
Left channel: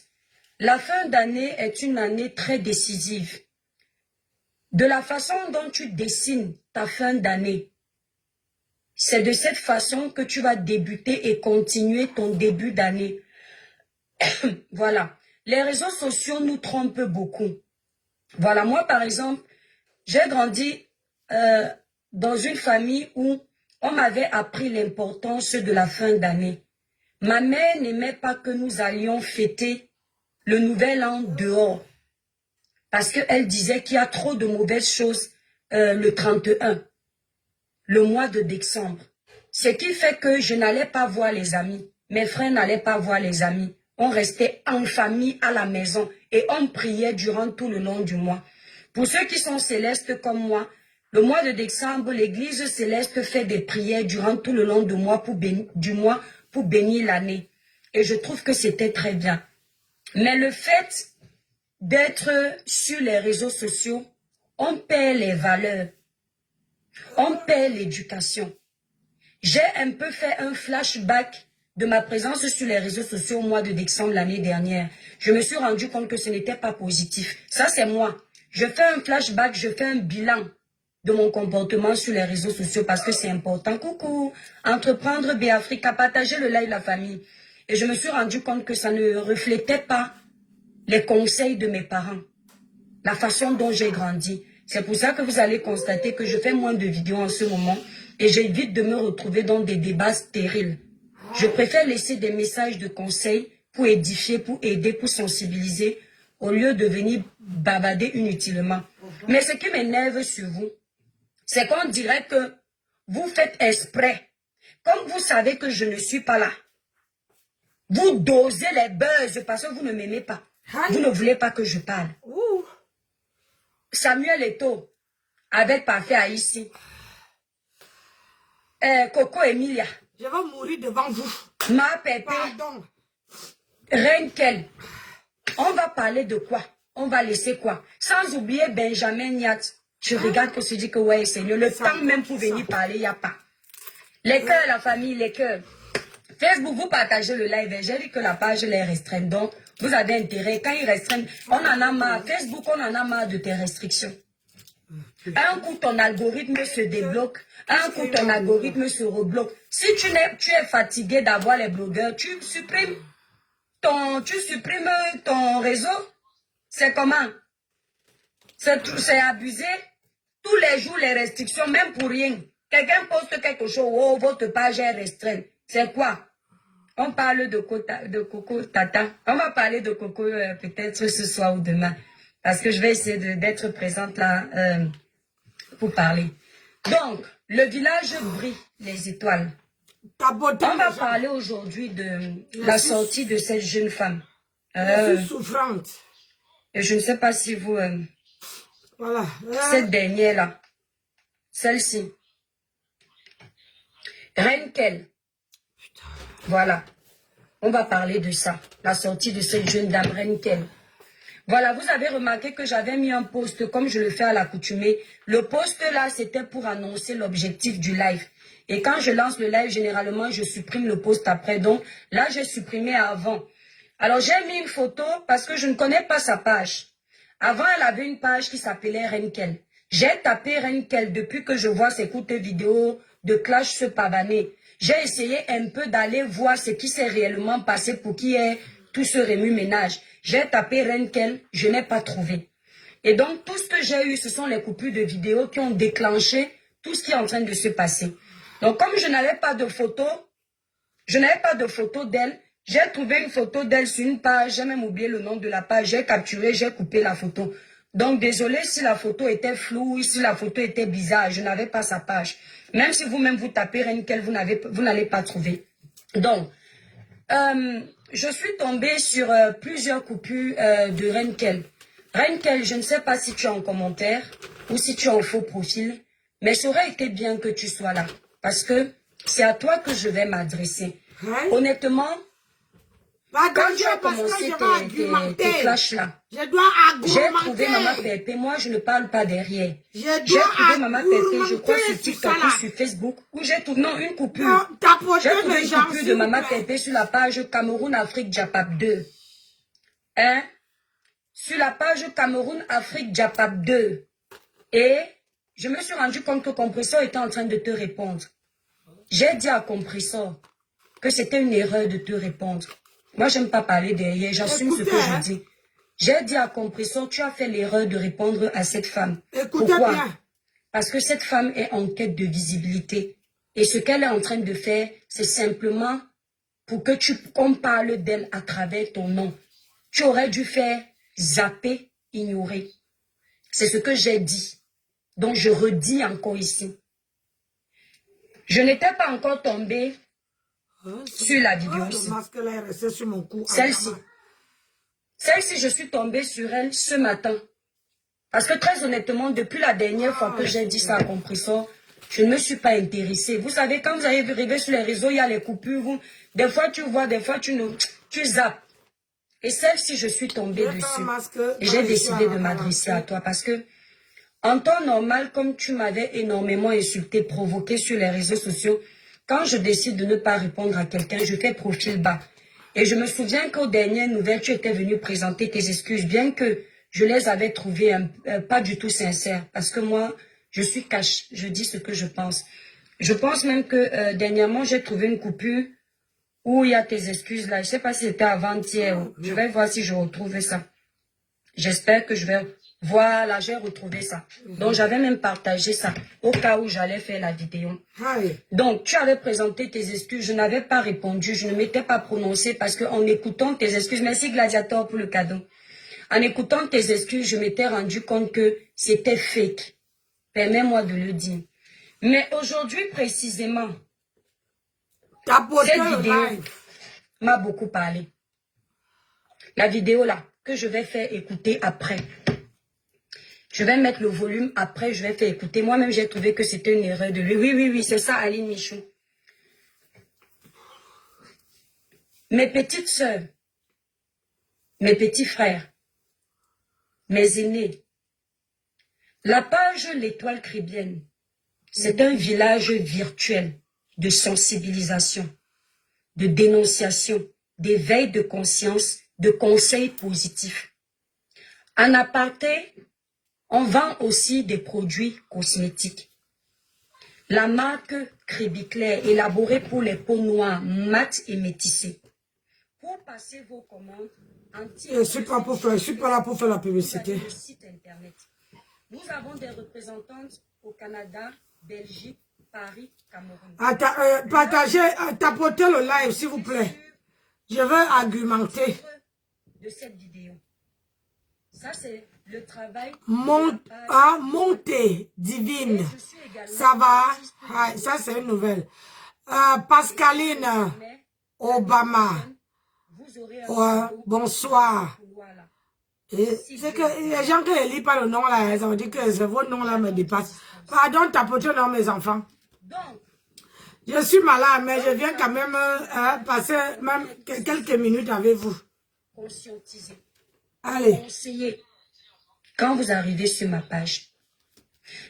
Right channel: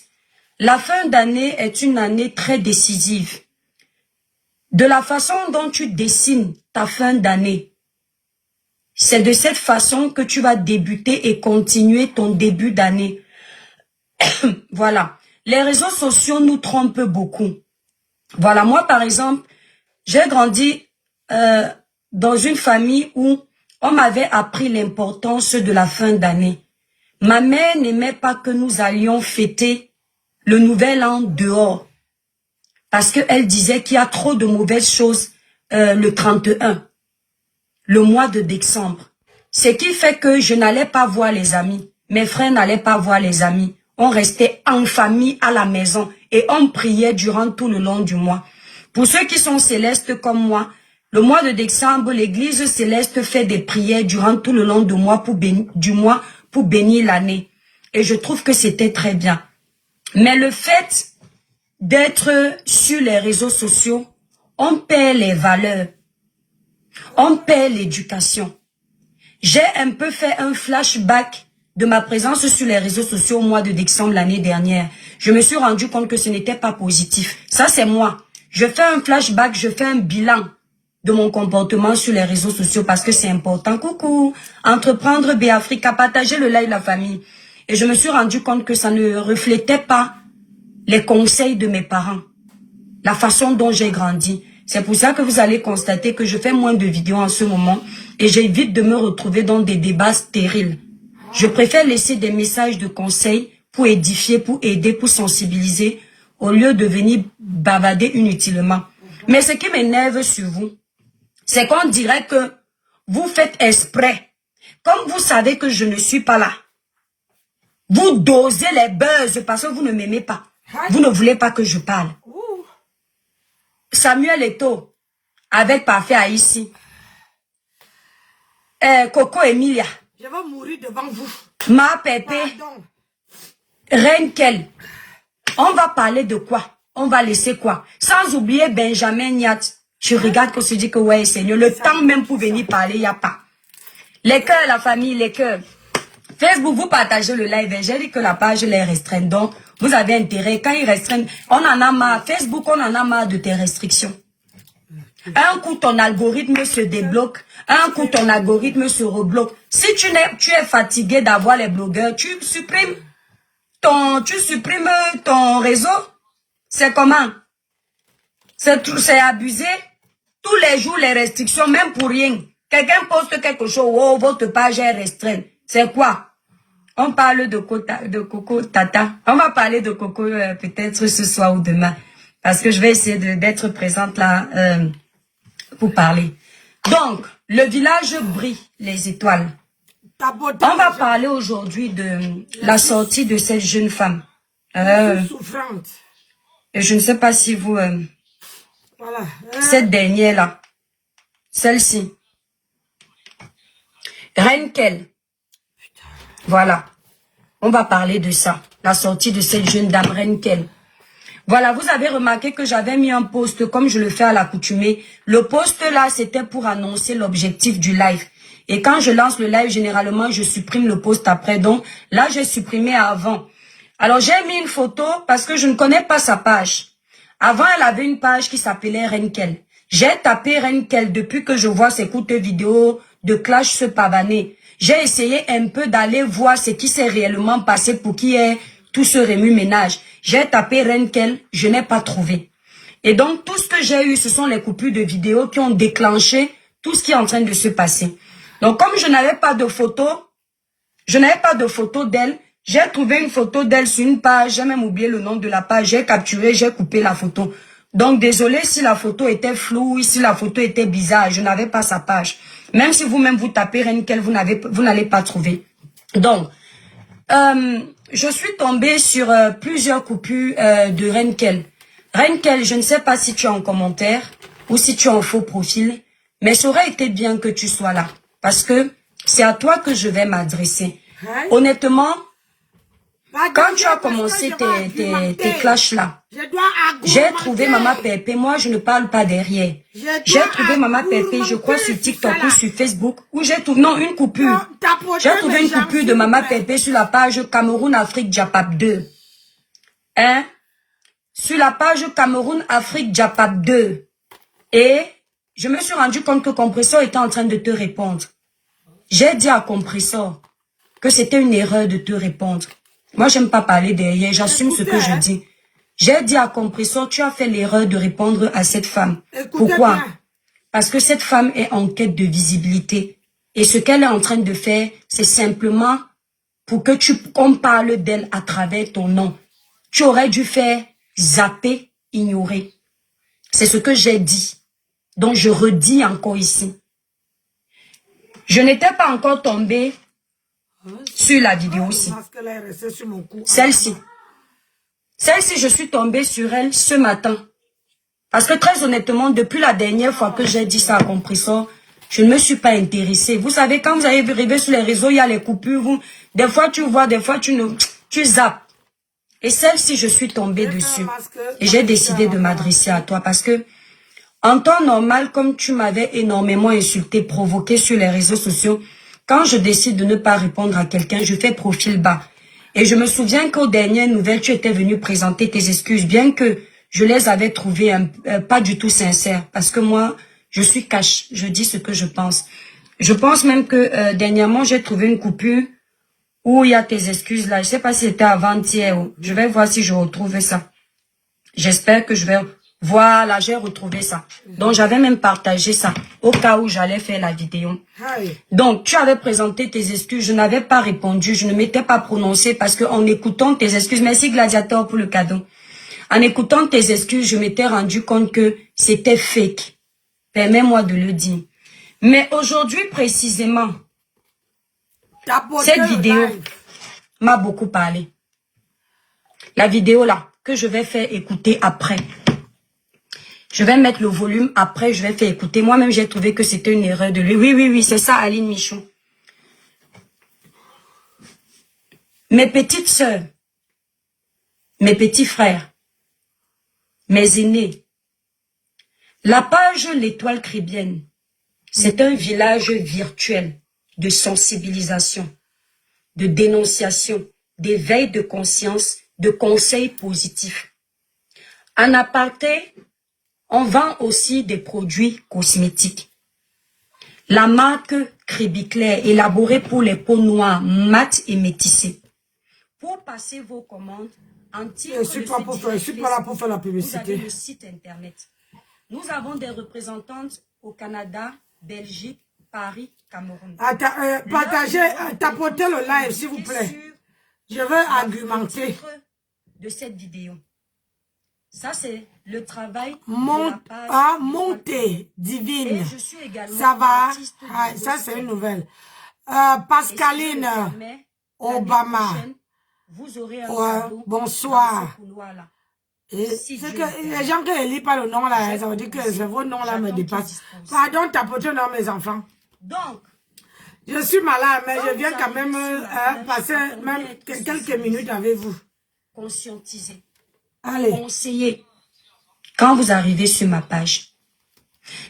la fin d'année est une année très décisive. De la façon dont tu dessines ta fin d'année, c'est de cette façon que tu vas débuter et continuer ton début d'année. Voilà. Les réseaux sociaux nous trompent beaucoup. Voilà, moi par exemple, j'ai grandi dans une famille où on m'avait appris l'importance de la fin d'année. Ma mère n'aimait pas que nous allions fêter le nouvel an dehors. Parce qu'elle disait qu'il y a trop de mauvaises choses le 31, le mois de décembre. Ce qui fait que je n'allais pas voir les amis. Mes frères n'allaient pas voir les amis. On restait en famille à la maison et on priait durant tout le long du mois. Pour ceux qui sont célestes comme moi, le mois de décembre, l'église céleste fait des prières durant tout le long du mois pour bénir l'année. Et je trouve que c'était très bien. Mais le fait d'être sur les réseaux sociaux, on perd les valeurs. On paie l'éducation. J'ai un peu fait un flashback de ma présence sur les réseaux sociaux au mois de décembre l'année dernière. Je me suis rendu compte que ce n'était pas positif. Ça, c'est moi. Je fais un flashback, je fais un bilan de mon comportement sur les réseaux sociaux parce que c'est important. Coucou, entreprendre Béafrica, partager le live de la famille. Et je me suis rendu compte que ça ne reflétait pas les conseils de mes parents, la façon dont j'ai grandi. C'est pour ça que vous allez constater que je fais moins de vidéos en ce moment et j'évite de me retrouver dans des débats stériles. Je préfère laisser des messages de conseils pour édifier, pour aider, pour sensibiliser, au lieu de venir bavarder inutilement. Mais ce qui m'énerve sur vous, c'est qu'on dirait que vous faites exprès. Comme vous savez que je ne suis pas là, vous dosez les buzz parce que vous ne m'aimez pas. Vous ne voulez pas que je parle. Samuel Eto'o, avec Parfait Haïti. Coco Emilia. Je vais mourir devant vous. Ma Pépé. Pardon. Renkel. On va parler de quoi? On va laisser quoi? Sans oublier Benjamin Niat. Tu regardes qu'on se dit que ouais, Seigneur, le temps même pour venir parler, il n'y a pas. Les cœurs, la famille, les cœurs. Facebook, vous partagez le live. J'ai dit que la page est restreinte. Donc, vous avez intérêt. Quand ils restreignent, on en a marre. Facebook, on en a marre de tes restrictions. Un coup, ton algorithme se débloque. Un coup, ton algorithme se rebloque. Si tu es fatigué d'avoir les blogueurs, tu supprimes ton réseau. C'est comment? C'est abusé. Tous les jours, les restrictions, même pour rien. Quelqu'un poste quelque chose, oh, votre page est restreinte. C'est quoi? On parle de Coco Tata. On va parler de Coco peut-être ce soir ou demain. Parce que je vais essayer d'être présente là pour parler. Donc, le village brille les étoiles. On va parler aujourd'hui de la sortie de cette jeune femme. Souffrante. Et je ne sais pas si vous... Voilà. Cette dernière-là. Celle-ci. Renkel. Voilà. On va parler de ça. La sortie de cette jeune dame Renkel. Voilà, vous avez remarqué que j'avais mis un post comme je le fais à l'accoutumée. Le post là, c'était pour annoncer l'objectif du live. Et quand je lance le live, généralement, je supprime le post après. Donc là, j'ai supprimé avant. Alors, j'ai mis une photo parce que je ne connais pas sa page. Avant, elle avait une page qui s'appelait Renkel. J'ai tapé Renkel depuis que je vois ses courtes vidéos de clash se pavaner. J'ai essayé un peu d'aller voir ce qui s'est réellement passé pour qu'il y ait tout ce remue-ménage. J'ai tapé Renkel, je n'ai pas trouvé. Et donc, tout ce que j'ai eu, ce sont les coupures de vidéos qui ont déclenché tout ce qui est en train de se passer. Donc, comme je n'avais pas de photo d'elle, j'ai trouvé une photo d'elle sur une page, j'ai même oublié le nom de la page, j'ai capturé, j'ai coupé la photo. Donc, désolé si la photo était floue, si la photo était bizarre, je n'avais pas sa page. Même si vous-même vous tapez Renkel, vous n'allez pas trouver. Donc, je suis tombée sur plusieurs coupures de Renkel. Renkel, je ne sais pas si tu es en commentaire ou si tu es en faux profil, mais ça aurait été bien que tu sois là. Parce que c'est à toi que je vais m'adresser. Honnêtement, quand tu as commencé tes clashs là, j'ai trouvé Maman Pépé. Moi, je ne parle pas derrière. J'ai trouvé Maman Pépé, je crois, sur TikTok ou sur Facebook, où j'ai trouvé, non, une coupure. J'ai trouvé une coupure de Maman Pépé sur la page Cameroun-Afrique Japap 2. Hein? Sur la page Cameroun-Afrique Japap 2. Et je me suis rendu compte que Compressor était en train de te répondre. J'ai dit à Compressor que c'était une erreur de te répondre. Moi, j'aime pas parler derrière, j'assume ce que je dis. J'ai dit à Compressor, tu as fait l'erreur de répondre à cette femme. Pourquoi? Parce que cette femme est en quête de visibilité. Et ce qu'elle est en train de faire, c'est simplement pour que qu'on parle d'elle à travers ton nom. Tu aurais dû faire zapper, ignorer. C'est ce que j'ai dit. Donc, je redis encore ici. Je n'étais pas encore tombée sur la vidéo aussi. Celle-ci. Celle-ci, je suis tombée sur elle ce matin. Parce que très honnêtement, depuis la dernière fois que j'ai dit ça à Compressor, je ne me suis pas intéressée. Vous savez, quand vous arrivez sur les réseaux, il y a les coupures. Des fois, tu vois, des fois, tu zappes. Et celle-ci, je suis tombée dessus. Et j'ai décidé de m'adresser à toi parce que En temps normal, comme tu m'avais énormément insulté, provoqué sur les réseaux sociaux, quand je décide de ne pas répondre à quelqu'un, je fais profil bas. Et je me souviens qu'aux dernières nouvelles, tu étais venu présenter tes excuses, bien que je les avais trouvées pas du tout sincères. Parce que moi, je suis cash, je dis ce que je pense. Je pense même que dernièrement, j'ai trouvé une coupure où il y a tes excuses là. Je ne sais pas si c'était avant-hier. Je vais voir si je retrouve ça. J'espère que je vais... Voilà, j'ai retrouvé ça. Donc, j'avais même partagé ça au cas où j'allais faire la vidéo. Donc, tu avais présenté tes excuses. Je n'avais pas répondu. Je ne m'étais pas prononcée parce qu'en écoutant tes excuses... Merci Gladiator pour le cadeau. En écoutant tes excuses, je m'étais rendu compte que c'était fake. Permets-moi de le dire. Mais aujourd'hui, précisément, cette vidéo m'a beaucoup parlé. La vidéo là, que je vais faire écouter après. Je vais mettre le volume après, je vais faire écouter. Moi-même, j'ai trouvé que c'était une erreur de lui. Oui, c'est ça, Aline Michon. Mes petites sœurs, mes petits frères, mes aînés, la page L'Étoile Caribéenne, c'est un village virtuel de sensibilisation, de dénonciation, d'éveil de conscience, de conseils positifs. En aparté, on vend aussi des produits cosmétiques. La marque Crébiclair, élaborée pour les peaux noires, mates et métissées. Pour passer vos commandes, je suis pas là pour faire la publicité. Le site internet. Nous avons des représentantes au Canada, Belgique, Paris, Cameroun. Partagez, tapotez le live s'il vous plaît. Je veux argumenter. De cette vidéo. Ça, c'est le travail. Montée divine. Ça va. Ça, c'est une nouvelle. Pascaline Obama. Bonsoir. C'est que les gens qui ne lisent pas le nom là, ça veut dire que vos noms là me dépassent. Pardon, tapotez non, mes enfants. Donc, je suis malade, mais je viens quand même passer même quelques minutes avec vous. Conscientiser. Allez. Conseiller. Quand vous arrivez sur ma page.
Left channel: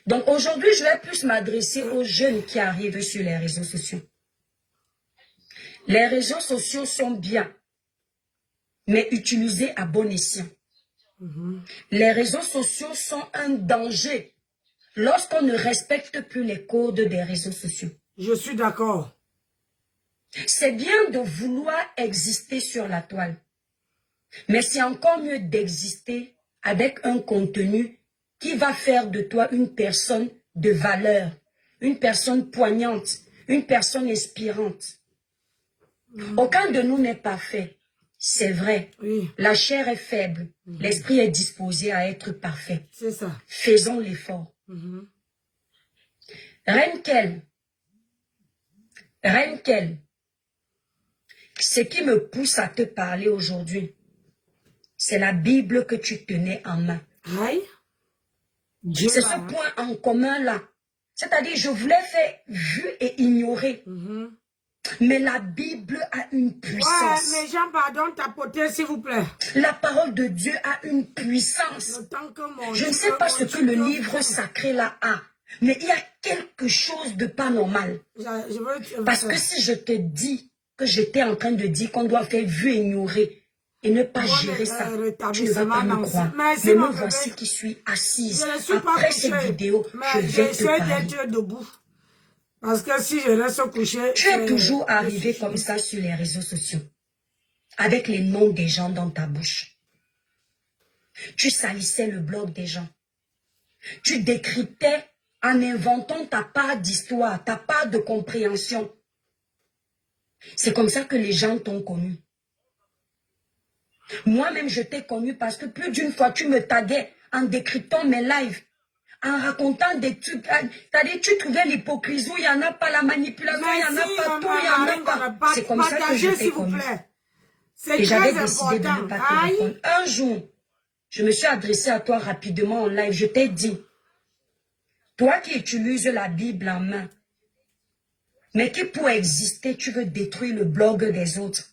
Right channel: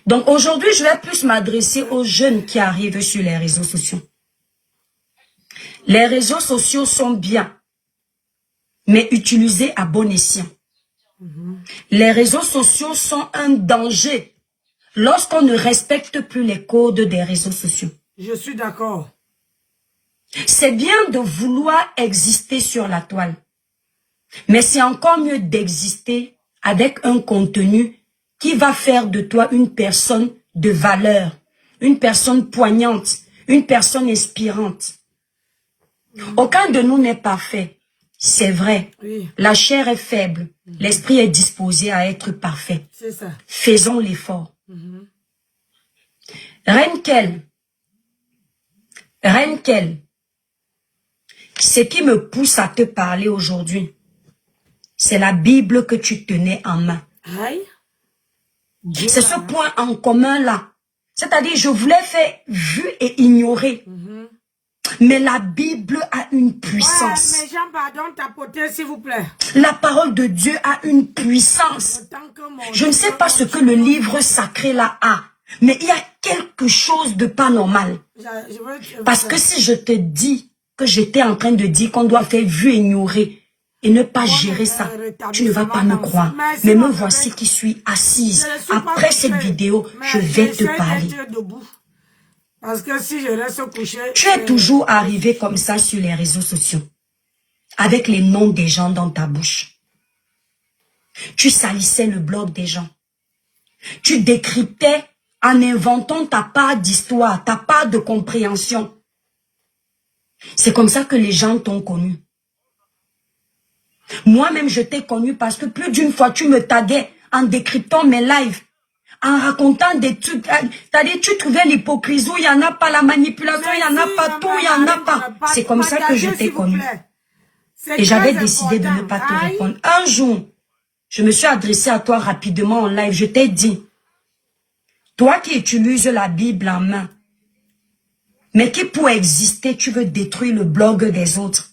Donc aujourd'hui, je vais plus m'adresser aux jeunes qui arrivent sur les réseaux sociaux. Les réseaux sociaux sont bien, mais utilisés à bon escient. Les réseaux sociaux sont un danger lorsqu'on ne respecte plus les codes des réseaux sociaux. Je suis d'accord. C'est bien de vouloir exister sur la toile. Mais c'est encore mieux d'exister avec un contenu qui va faire de toi une personne de valeur, une personne poignante, une personne inspirante. Aucun de nous n'est parfait. C'est vrai. Oui. La chair est faible. L'esprit est disposé à être parfait. C'est ça. Faisons l'effort. Reine Kel, ce qui me pousse à te parler aujourd'hui, c'est la Bible que tu tenais en main. C'est ce point en commun là. C'est-à-dire, je voulais faire vu et ignorer. Mais la Bible a une puissance. Ouais, mais Jean, pardon, tapotez s'il vous plaît. La parole de Dieu a une puissance. Je ne sais pas ce que le livre sacré là a. Mais il y a quelque chose de pas normal. Parce que si je te dis que j'étais en train de dire qu'on doit faire vu et ignorer et ne pas gérer ça, tu ne vas pas me croire. Mais me voici qui suis assise. Après cette vidéo, je vais te parler. Parce que si je reste couché... Tu es toujours arrivé comme ça sur les réseaux sociaux. Avec les noms des gens dans ta bouche. Tu salissais le blog des gens. Tu décryptais en inventant ta part d'histoire, ta part de compréhension. C'est comme ça que les gens t'ont connu. Moi-même, je t'ai connu parce que plus d'une fois, tu me taguais en décryptant mes lives, en racontant des trucs. C'est-à-dire, tu trouvais l'hypocrisie, il n'y en a pas, la manipulation, il n'y en a pas, tout, il n'y en a pas. C'est comme ça que je t'ai connu. Et j'avais décidé de ne pas te répondre. Un jour, je me suis adressée à toi rapidement en live. Je t'ai dit, toi qui utilises la Bible en main, mais qui pour exister, tu veux détruire le blog des autres.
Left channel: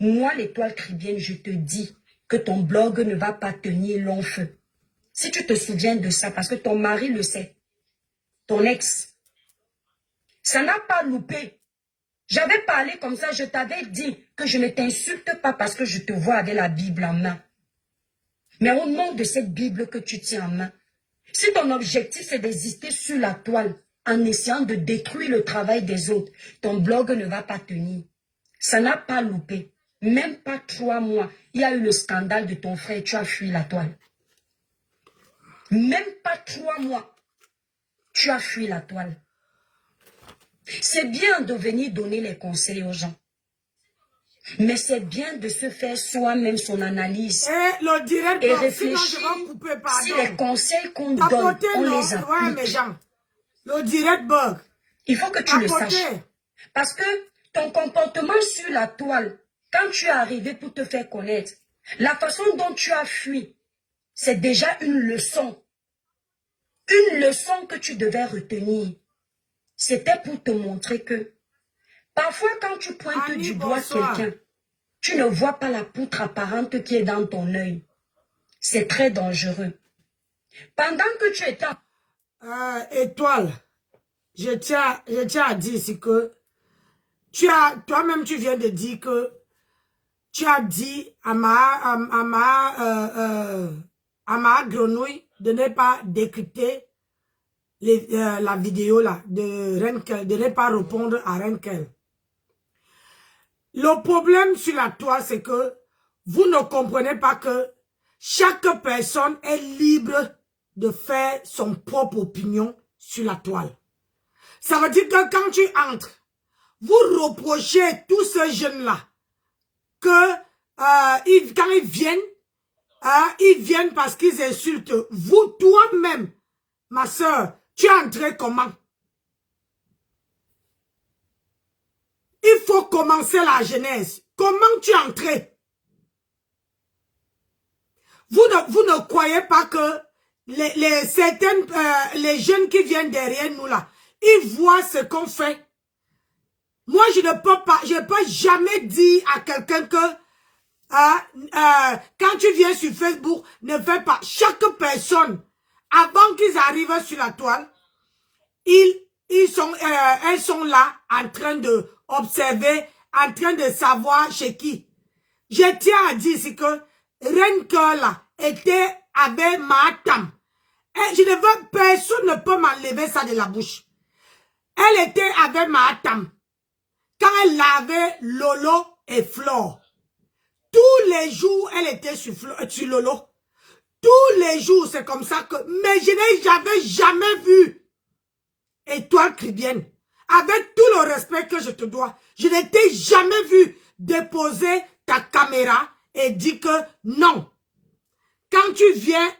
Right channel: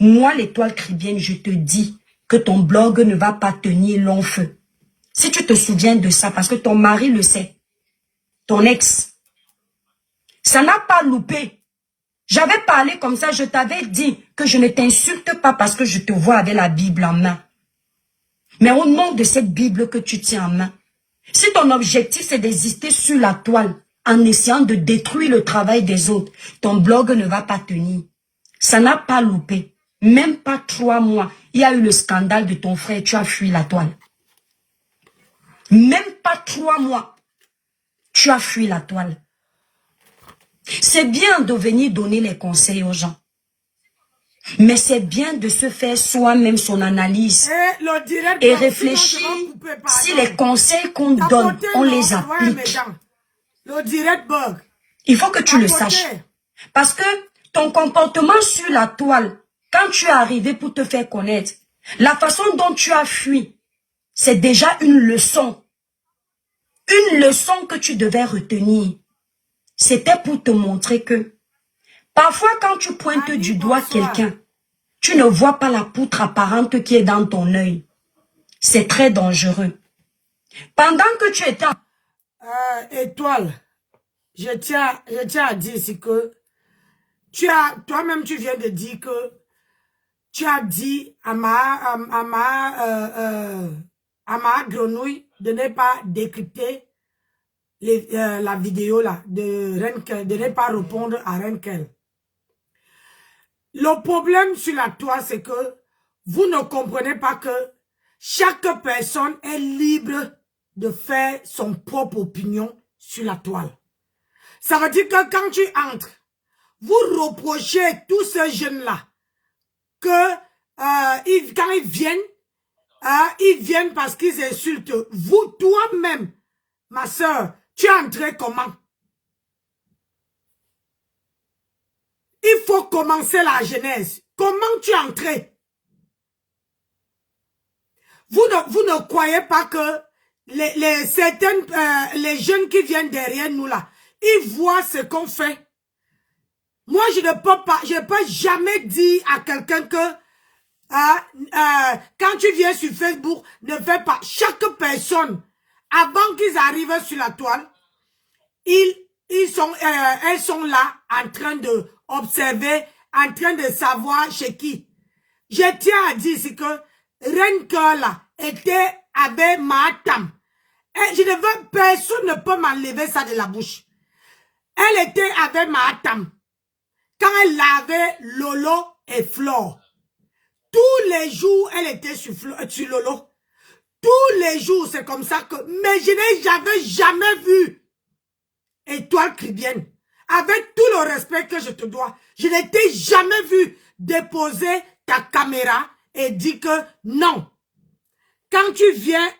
Moi, l'Étoile Caribéenne, je te dis que ton blog ne va pas tenir long feu. Si tu te souviens de ça, parce que ton mari le sait, ton ex, ça n'a pas loupé. J'avais parlé comme ça, je t'avais dit que je ne t'insulte pas parce que je te vois avec la Bible en main. Mais au nom de cette Bible que tu tiens en main, si ton objectif c'est d'exister sur la toile en essayant de détruire le travail des autres, ton blog ne va pas tenir. Ça n'a pas loupé. Même pas 3 mois, il y a eu le scandale de ton frère, tu as fui la toile. Même pas 3 mois, tu as fui la toile. C'est bien de venir donner les conseils aux gens. Mais c'est bien de se faire soi-même son analyse et réfléchir si les conseils qu'on donne, on les applique. Le direct bug. Il faut que tu le saches. Parce que ton comportement sur la toile, quand tu es arrivé pour te faire connaître, la façon dont tu as fui, c'est déjà une leçon. Une leçon que tu devais retenir. C'était pour te montrer que parfois quand tu pointes du doigt quelqu'un, tu ne vois pas la poutre apparente qui est dans ton œil. C'est très dangereux. Pendant que tu étais... Étoile, je tiens à dire ici que toi-même tu viens de dire que tu as dit à ma grenouille de ne pas décrypter la vidéo là de Renkel, de ne pas répondre à Renkel. Le problème sur la toile, c'est que vous ne comprenez pas que chaque personne est libre de faire son propre opinion sur la toile. Ça veut dire que quand tu entres, vous reprochez tous ces jeunes-là que quand ils viennent parce qu'ils insultent. Vous, toi-même, ma soeur, tu es entré comment? Il faut commencer la genèse. Comment tu es entré? Vous ne croyez pas que les jeunes qui viennent derrière nous là, ils voient ce qu'on fait. Moi, je ne peux jamais dire à quelqu'un que quand tu viens sur Facebook, ne fais pas. Chaque personne, avant qu'ils arrivent sur la toile, elles sont là en train de observer, en train de savoir chez qui. Je tiens à dire ici que Renkel là était avec Matam. Personne ne peut m'enlever ça de la bouche. Elle était avec Matam. Quand elle lavait Lolo et Flore. Tous les jours, elle était sur Lolo. Tous les jours, c'est comme ça que... Mais je n'avais jamais vu Étoile Caribbean. Avec tout le respect que je te dois, je n'étais jamais vu déposer ta caméra et dire que non. Quand tu viens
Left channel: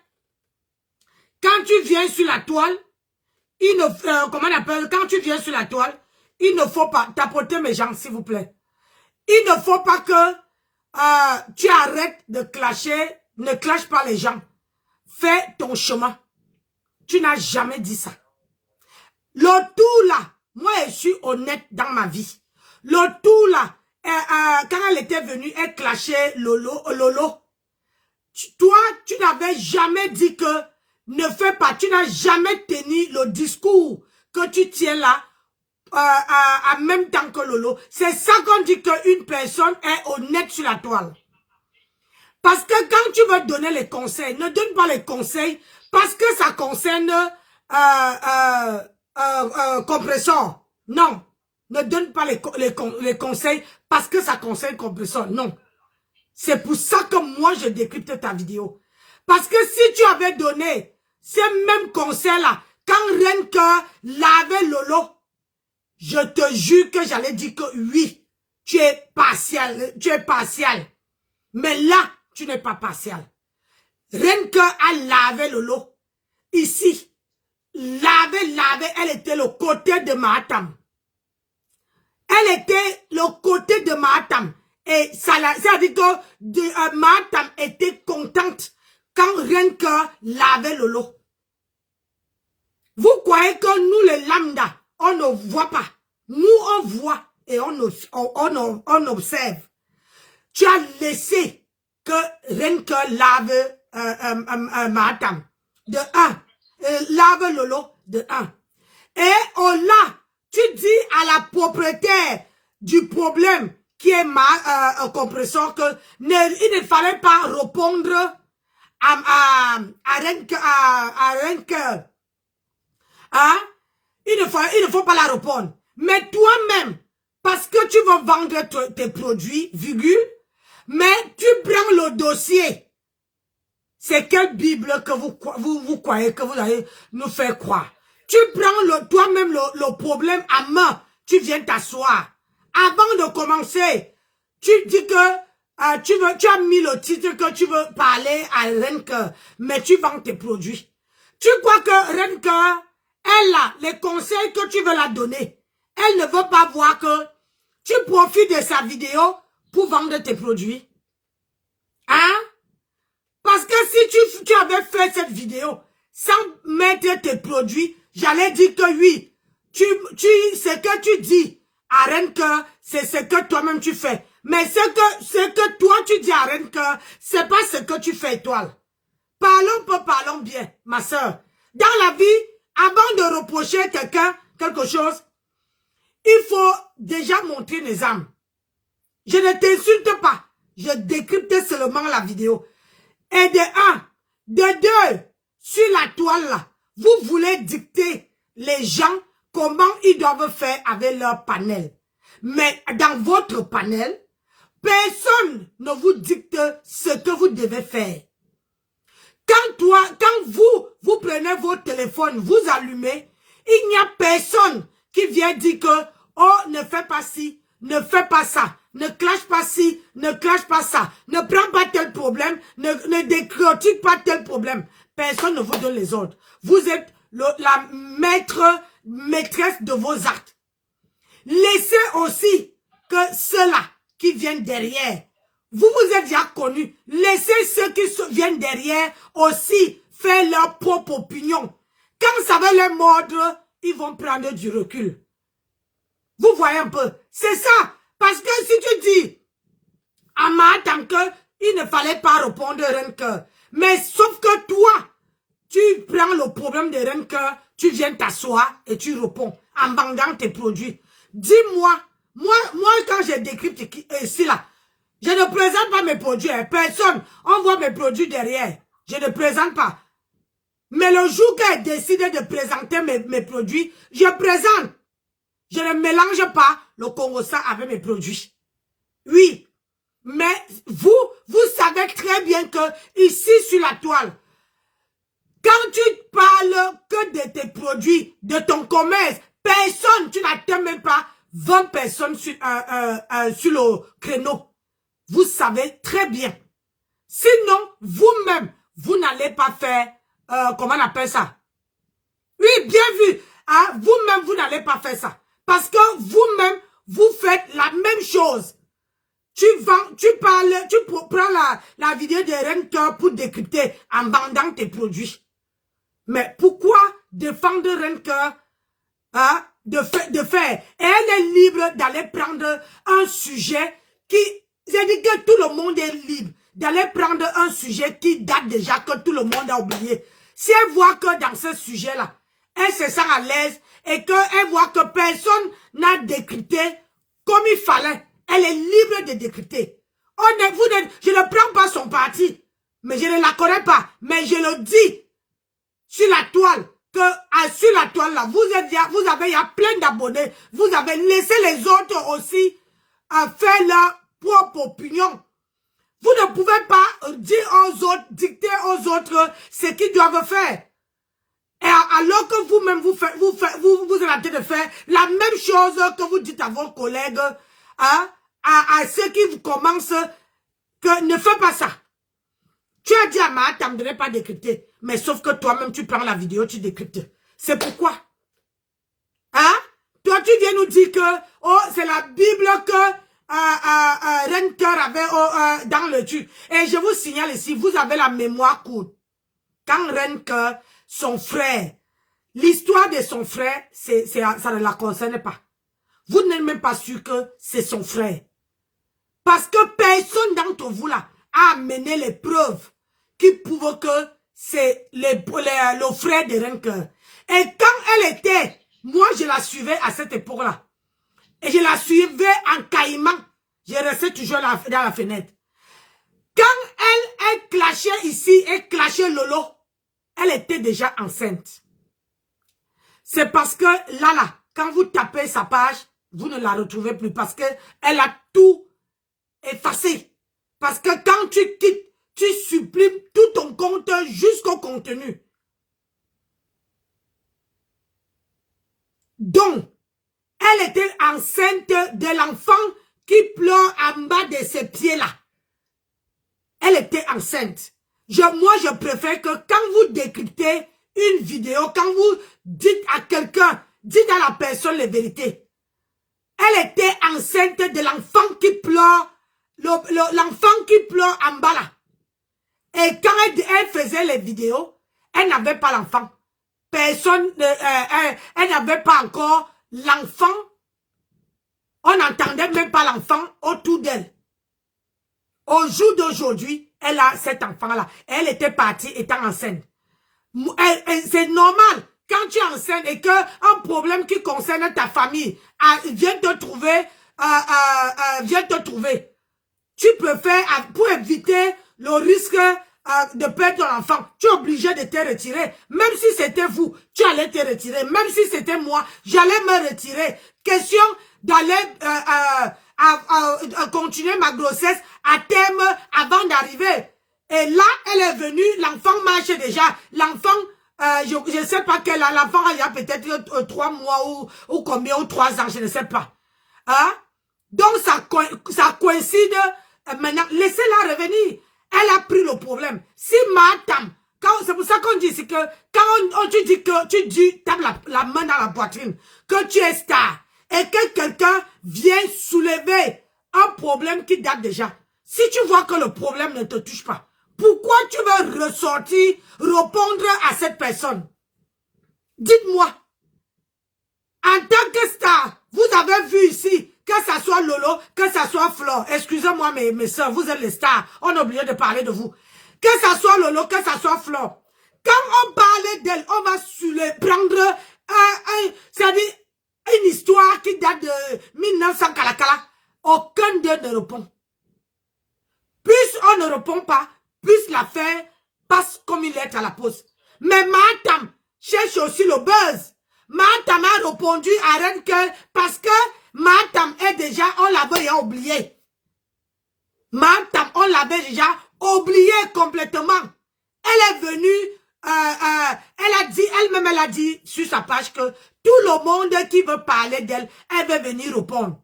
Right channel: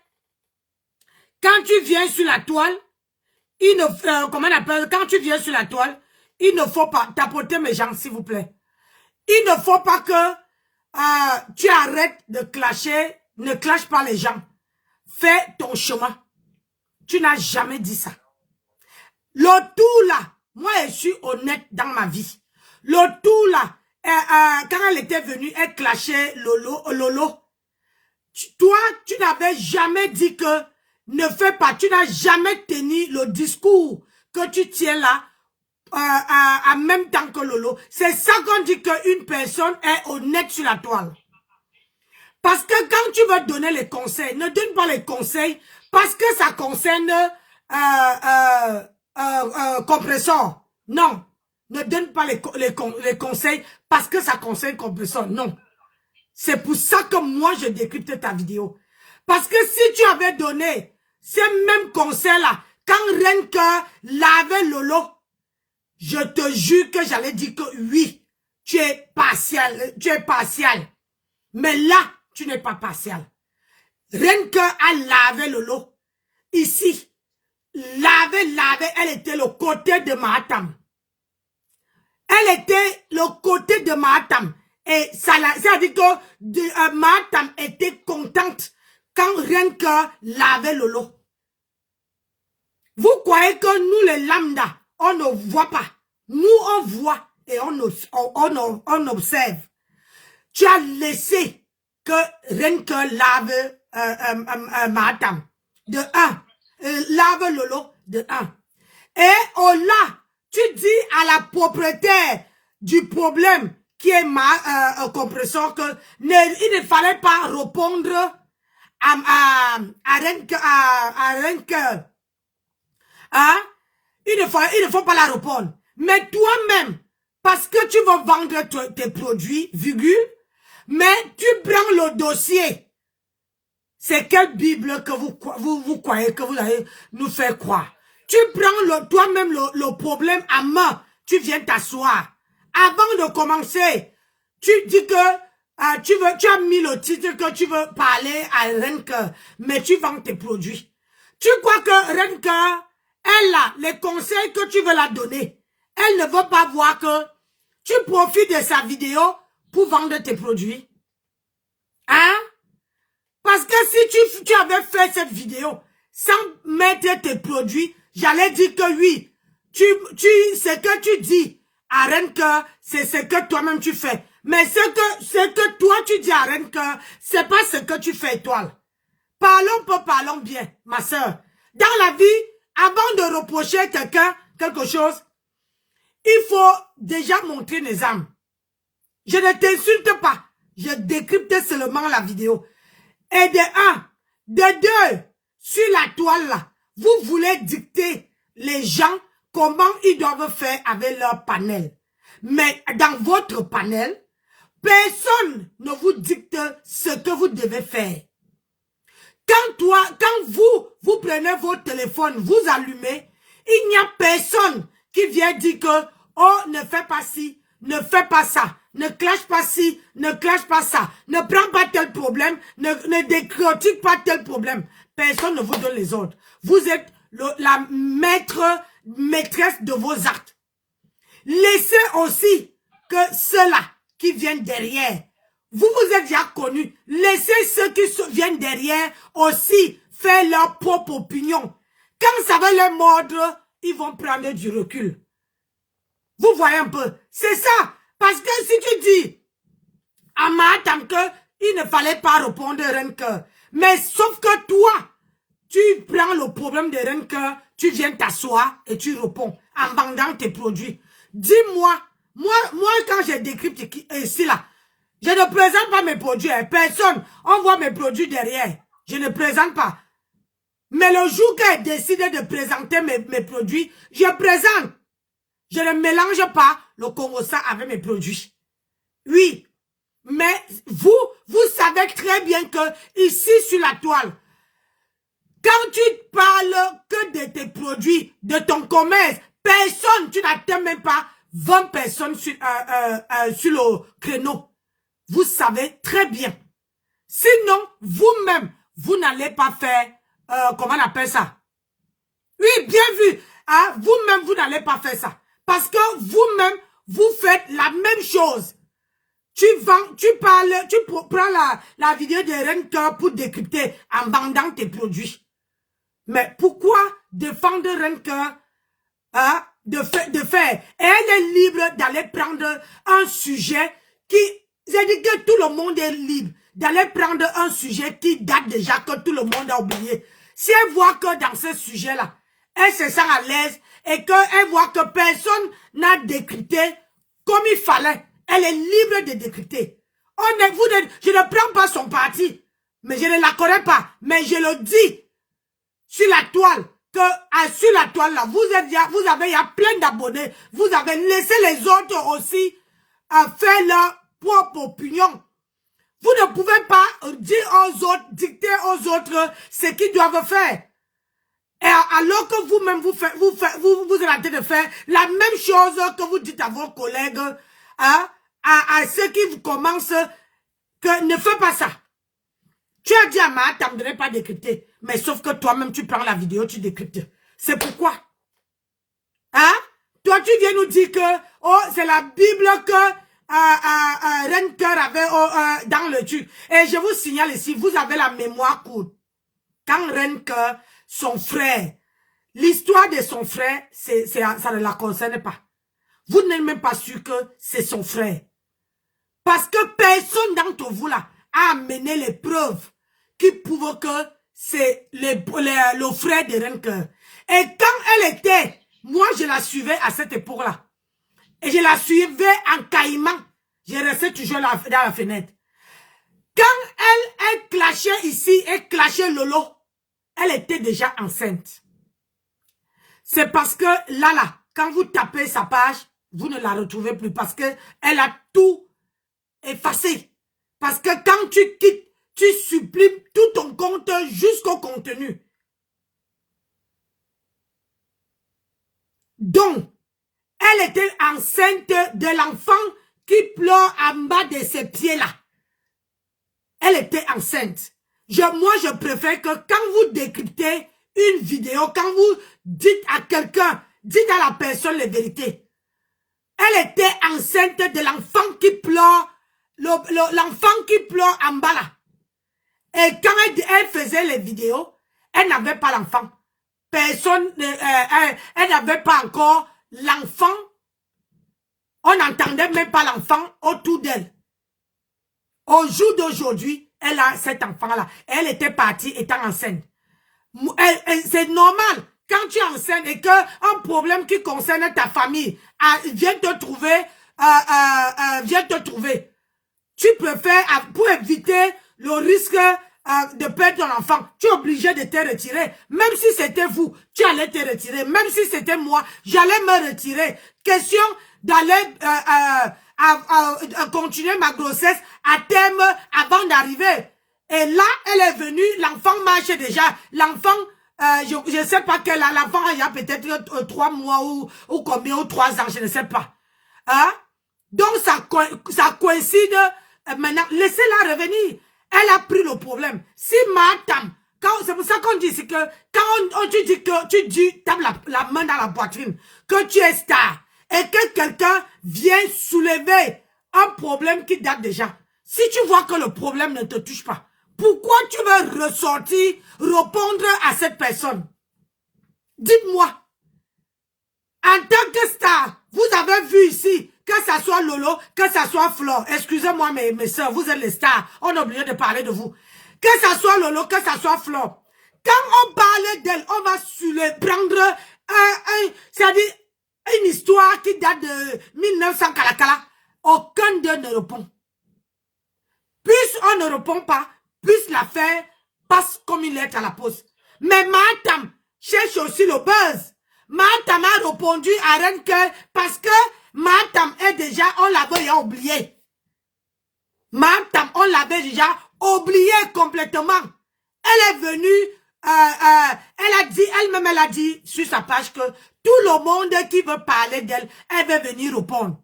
sur la toile, quand tu viens sur la toile, il ne faut pas tapoter mes gens, s'il vous plaît. Il ne faut pas que tu arrêtes de clasher, ne clash pas les gens. Fais ton chemin. Tu n'as jamais dit ça. Le tout là, moi je suis honnête dans ma vie. Le tout là, quand elle était venue, elle clashait Lolo. Toi, tu n'avais jamais dit que ne fais pas. Tu n'as jamais tenu le discours que tu tiens là en même temps que Lolo. C'est ça qu'on dit qu'une personne est honnête sur la toile. Parce que quand tu veux donner les conseils, ne donne pas les conseils parce que ça concerne compresseur. Non. Ne donne pas les conseils parce que ça concerne compresseur. Non. C'est pour ça que moi je décrypte ta vidéo. Parce que si tu avais donné ces mêmes conseils-là, quand Renkel lavait Lolo, je te jure que j'allais dire que oui, tu es partial. Mais là, tu n'es pas partial. Renkel a lavé Lolo. Ici, lavé, elle était le côté de Matam. Elle était le côté de Matam. Et ça a dit que Matam était contente quand Renkel lavait Lolo. Vous croyez que nous les lambda, on ne voit pas. Nous on voit et on observe. Tu as laissé que Renkel lave Matam. de 1. Lave Lolo de 1. Et au là, tu dis à la propriétaire du problème qui est ma compression que il ne fallait pas répondre à Renke. Hein? Il ne faut pas la répondre. Mais toi-même, parce que tu veux vendre tes produits, virgule, mais tu prends le dossier. C'est quelle Bible que vous croyez que vous allez nous faire croire? Tu prends toi-même le problème à main. Tu viens t'asseoir. Avant de commencer, tu dis que tu as mis le titre que tu veux parler à Renke, mais tu vends tes produits. Tu crois que Renke, elle a les conseils que tu veux la donner. Elle ne veut pas voir que tu profites de sa vidéo pour vendre tes produits. Hein? Parce que si tu avais fait cette vidéo sans mettre tes produits, j'allais dire que oui, ce que tu dis à Renke, c'est ce que toi-même tu fais. Mais ce que toi tu dis à Renke, c'est pas ce que tu fais, étoile. Parlons bien, ma soeur. Dans la vie, avant de reprocher quelqu'un quelque chose, il faut déjà montrer les âmes. Je ne t'insulte pas. Je décrypte seulement la vidéo. Et de 1, de 2, sur la toile là, vous voulez dicter les gens comment ils doivent faire avec leur panel. Mais dans votre panel, personne ne vous dicte ce que vous devez faire. Quand vous prenez votre téléphone, vous allumez, il n'y a personne qui vient dire que, oh, ne fais pas ci, ne fais pas ça, ne clash pas ci, ne clash pas ça, ne prends pas tel problème, ne décortique pas tel problème. Personne ne vous donne les ordres. Vous êtes la maîtresse de vos actes. Laissez aussi que ceux-là qui viennent derrière, vous êtes déjà connus. Laissez ceux qui viennent derrière aussi faire leur propre opinion. Quand ça va les mordre, ils vont prendre du recul. Vous voyez un peu. C'est ça. Parce que si tu dis à Mahatam qu'il ne fallait pas répondre à Renke, mais sauf que toi, tu prends le problème de Renke, tu viens t'asseoir et tu réponds en vendant tes produits. Dis-moi, moi quand j'ai décrypté ici là, je ne présente pas mes produits. Personne, on voit mes produits derrière. Je ne présente pas. Mais le jour qu'elle décide de présenter mes produits, je présente. Je ne mélange pas le Congossa avec mes produits. Oui. Mais vous savez très bien que ici sur la toile, quand tu parles que de tes produits, de ton commerce, personne, tu n'atteins même pas 20 personnes sur le créneau. Vous savez très bien. Sinon, vous-même, vous n'allez pas faire, comment on appelle ça? Oui, bien vu. Hein? Vous-même, vous n'allez pas faire ça. Parce que vous-même, vous faites la même chose. Tu prends la vidéo de Renke pour décrypter en vendant tes produits. Mais pourquoi défendre Renke hein, de faire? Elle est libre d'aller prendre un sujet qui... J'ai dit que tout le monde est libre d'aller prendre un sujet qui date déjà, que tout le monde a oublié. Si elle voit que dans ce sujet-là, elle se sent à l'aise et qu'elle voit que personne n'a décrypté comme il fallait, elle est libre de décrypter. Je ne prends pas son parti, mais je ne la connais pas. Mais je le dis sur la toile, que sur la toile là, il y a plein d'abonnés. Vous avez laissé les autres aussi faire leur propre opinion. Vous ne pouvez pas dire aux autres, dicter aux autres ce qu'ils doivent faire. Et alors que vous-même, vous êtes en train de faire la même chose que vous dites à vos collègues, hein, à ceux qui commencent, que ne fais pas ça. Tu as dit à Mahatam de ne pas décrypter, mais sauf que toi-même, tu prends la vidéo, tu décryptes. C'est pourquoi. Hein? Toi, tu viens nous dire que, oh, c'est la Bible que Renke avait dans le truc. Et je vous signale ici, vous avez la mémoire courte. Quand Renke, son frère, l'histoire de son frère, ça ne la concerne pas. Vous n'êtes même pas sûr que c'est son frère. Parce que personne d'entre vous là a amené les preuves qui prouvent que c'est le frère de Renker. Et quand elle était, moi je la suivais à cette époque-là. Et je la suivais en caïman. Je restais toujours dans la fenêtre. Quand elle clashait ici, elle clashait Lolo, elle était déjà enceinte. C'est parce que là, quand vous tapez sa page, vous ne la retrouvez plus parce que elle a tout effacé. Parce que quand tu quittes, tu supprimes tout ton compte jusqu'au contenu. Donc, elle était enceinte de l'enfant qui pleure en bas de ses pieds-là. Elle était enceinte. Moi, je préfère que quand vous décryptez une vidéo, quand vous dites à quelqu'un, dites à la personne la vérité. Elle était enceinte de l'enfant qui pleure, l'enfant qui pleure en bas là. Et quand elle faisait les vidéos, elle n'avait pas l'enfant. Personne, elle n'avait pas encore l'enfant. On n'entendait même pas l'enfant autour d'elle. Au jour d'aujourd'hui, elle a cet enfant-là. Elle était partie étant enceinte. C'est normal. Quand tu es enceinte et qu'un problème qui concerne ta famille vient te trouver, tu préfères, pour éviter le risque de perdre ton enfant, tu es obligé de te retirer. Même si c'était vous, tu allais te retirer. Même si c'était moi, j'allais me retirer. Question d'aller continuer ma grossesse à terme avant d'arriver. Et là, elle est venue, l'enfant marche déjà. L'enfant, je ne sais pas quel, l'enfant il y a peut-être 3 mois ou combien, ou 3 ans, je ne sais pas. Hein? Donc, ça coïncide. Maintenant, laissez-la revenir. Elle a pris le problème. Si madame, c'est pour ça qu'on dit que quand tu dis que tu tapes la main dans la poitrine, que tu es star, et que quelqu'un vient soulever un problème qui date déjà. Si tu vois que le problème ne te touche pas, pourquoi tu veux ressortir, répondre à cette personne? Dites-moi. En tant que star, vous avez vu ici, que ça soit Lolo, que ça soit Flo, excusez-moi mes soeurs, vous êtes les stars, on a oublié de parler de vous. Que ça soit Lolo, que ça soit Flo. Quand on parle d'elle, on va prendre c'est-à-dire une histoire qui date de 1900 Kalakala. Aucun d'eux ne répond. Plus on ne répond pas, plus l'affaire passe comme une lettre à la poste. Mais Matam cherche aussi le buzz. Matam a répondu à Renke parce que Matam est déjà, on l'avait oublié. Matam, on l'avait déjà oublié complètement. Elle est venue, elle a dit sur sa page que tout le monde qui veut parler d'elle, elle veut venir répondre.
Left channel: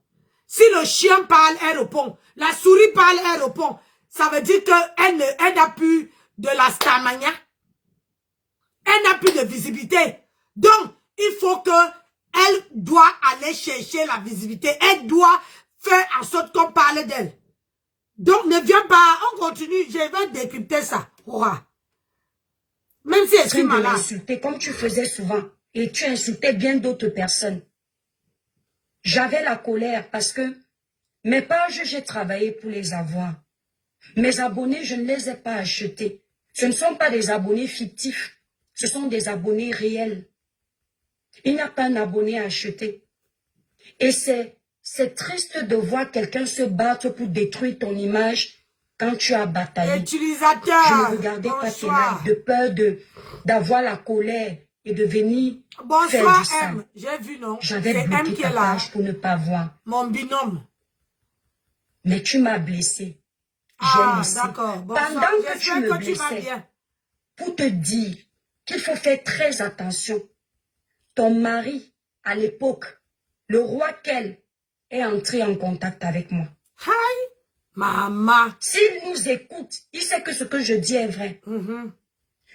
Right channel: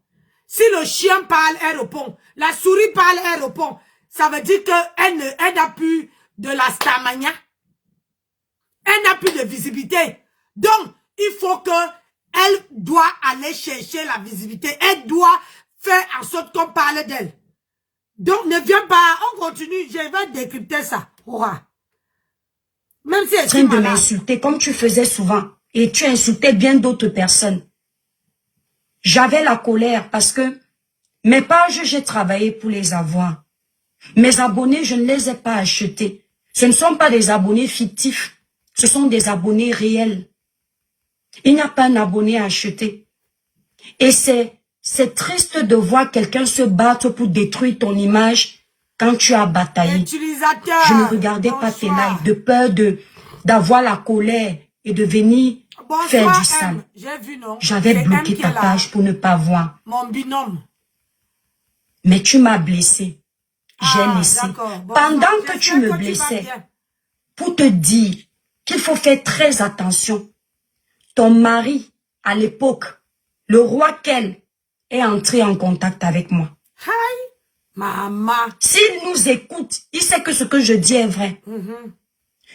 Si le chien parle, elle répond. La souris parle, elle répond. Ça veut dire qu'elle n'a plus de la starmania. Elle n'a plus de visibilité. Donc, il faut elle doit aller chercher la visibilité. Elle doit faire en sorte qu'on parle d'elle. Donc, ne viens pas, on continue. Je vais décrypter ça. Ouah. Même si elle est malade. De l'insulter comme tu faisais souvent. Et tu insultais bien d'autres personnes. J'avais la colère parce que mes pages, j'ai travaillé pour les avoir. Mes abonnés, je ne les ai pas achetés. Ce ne sont pas des abonnés fictifs. Ce sont des abonnés réels. Il n'y a pas un abonné à acheter. Et c'est triste de voir quelqu'un se battre pour détruire ton image quand tu as bataillé. Utilisateur. Je ne regardais pas tes lives de peur d'avoir la colère et de venir faire du sale. J'ai vu, non? J'avais bloqué ta page pour ne pas voir. Mon binôme. Mais tu m'as blessé. J'ai laissé. Pendant que tu me blessais, pour te dire qu'il faut faire très attention. Ton mari, à l'époque, le roi Kel, est entré en contact avec moi. Hi, maman. S'il nous écoute, il sait que ce que je dis est vrai.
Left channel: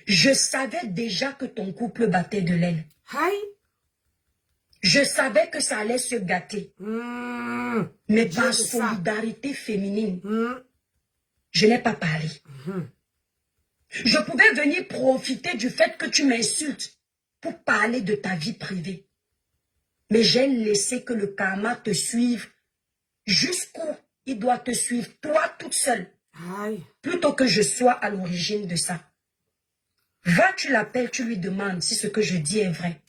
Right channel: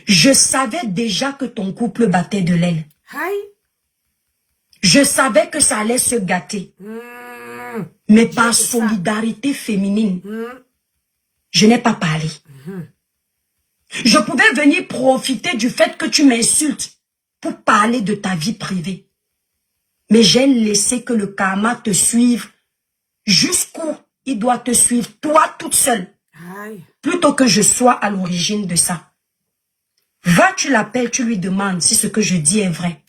Je savais déjà que ton couple battait de l'aile. Hi. Je savais que ça allait se gâter. Mais par solidarité féminine, je n'ai pas parlé. Je pouvais venir profiter du fait que tu m'insultes pour parler de ta vie privée. Mais j'ai laissé que le karma te suive jusqu'où il doit te suivre, toi toute seule. Plutôt que je sois à l'origine de ça. Va, tu l'appelles, tu lui demandes si ce que je dis est vrai.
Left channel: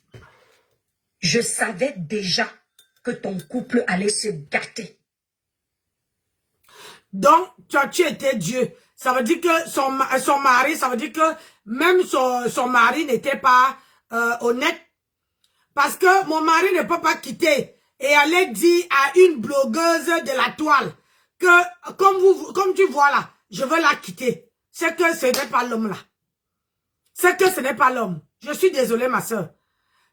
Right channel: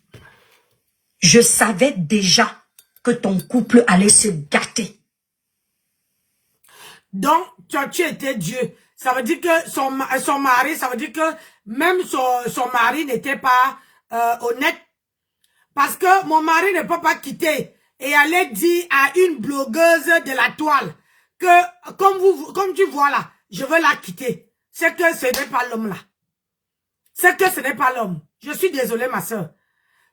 Je savais déjà que ton couple allait se gâter. Donc, tu étais Dieu. Ça veut dire que son mari, ça veut dire que même son mari n'était pas honnête. Parce que mon mari ne peut pas quitter et aller dire à une blogueuse de la toile que, comme tu vois là, je veux la quitter. C'est que ce n'est pas l'homme là. C'est que ce n'est pas l'homme. Je suis désolée, ma soeur.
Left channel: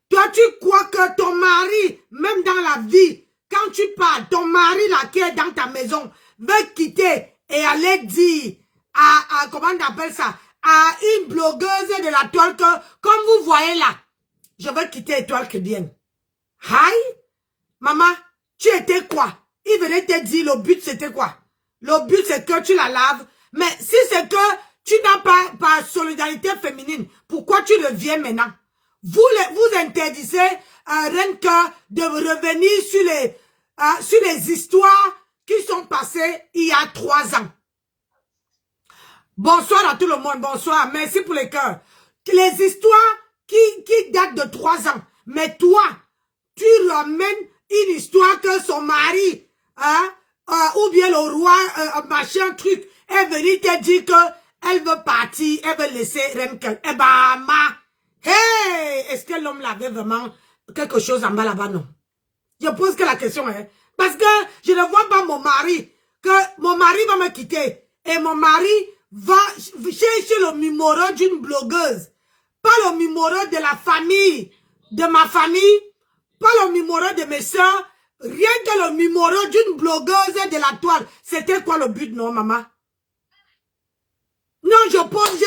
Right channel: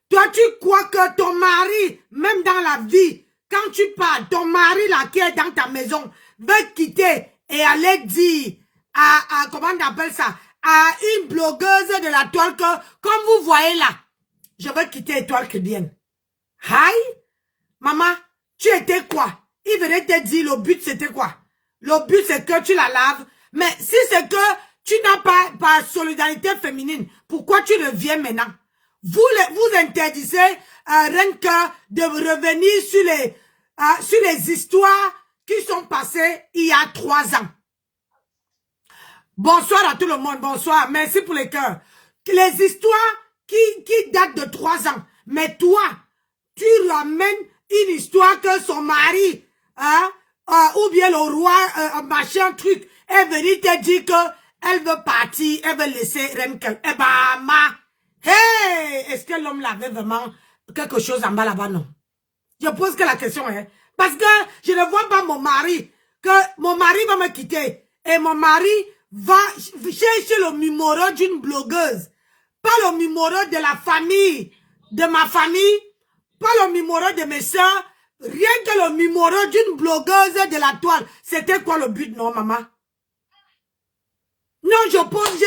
Toi, tu crois que ton mari, même dans la vie, quand tu parles, ton mari là qui est dans ta maison, veut quitter et aller dire à comment on appelle ça, à une blogueuse de la toile que, comme vous voyez là, je veux quitter Étoile Chrétienne. Aïe, maman, tu étais quoi? Il venait te dire le but c'était quoi? Le but c'est que tu la laves. Mais si c'est que tu n'as pas solidarité féminine, pourquoi tu reviens maintenant? Vous interdisez rien que de revenir sur les histoires qui sont passées il y a 3 ans. Bonsoir à tout le monde, bonsoir. Merci pour les cœurs. Les histoires qui datent de 3 ans. Mais toi, tu ramènes une histoire que son mari, ou bien le roi, machin truc, est venu te dire qu'elle veut partir, elle veut laisser Renkel. Eh ben, hey, est-ce que l'homme avait vraiment quelque chose en bas là-bas, non? Je pose que la question est, parce que je ne vois pas mon mari, que mon mari va me quitter, et mon mari va chercher le numéro d'une blogueuse, pas le numéro de la famille, de ma famille, pas le numéro de mes soeurs, rien que le numéro d'une blogueuse de la toile. C'était quoi le but, non, maman? Non, je pose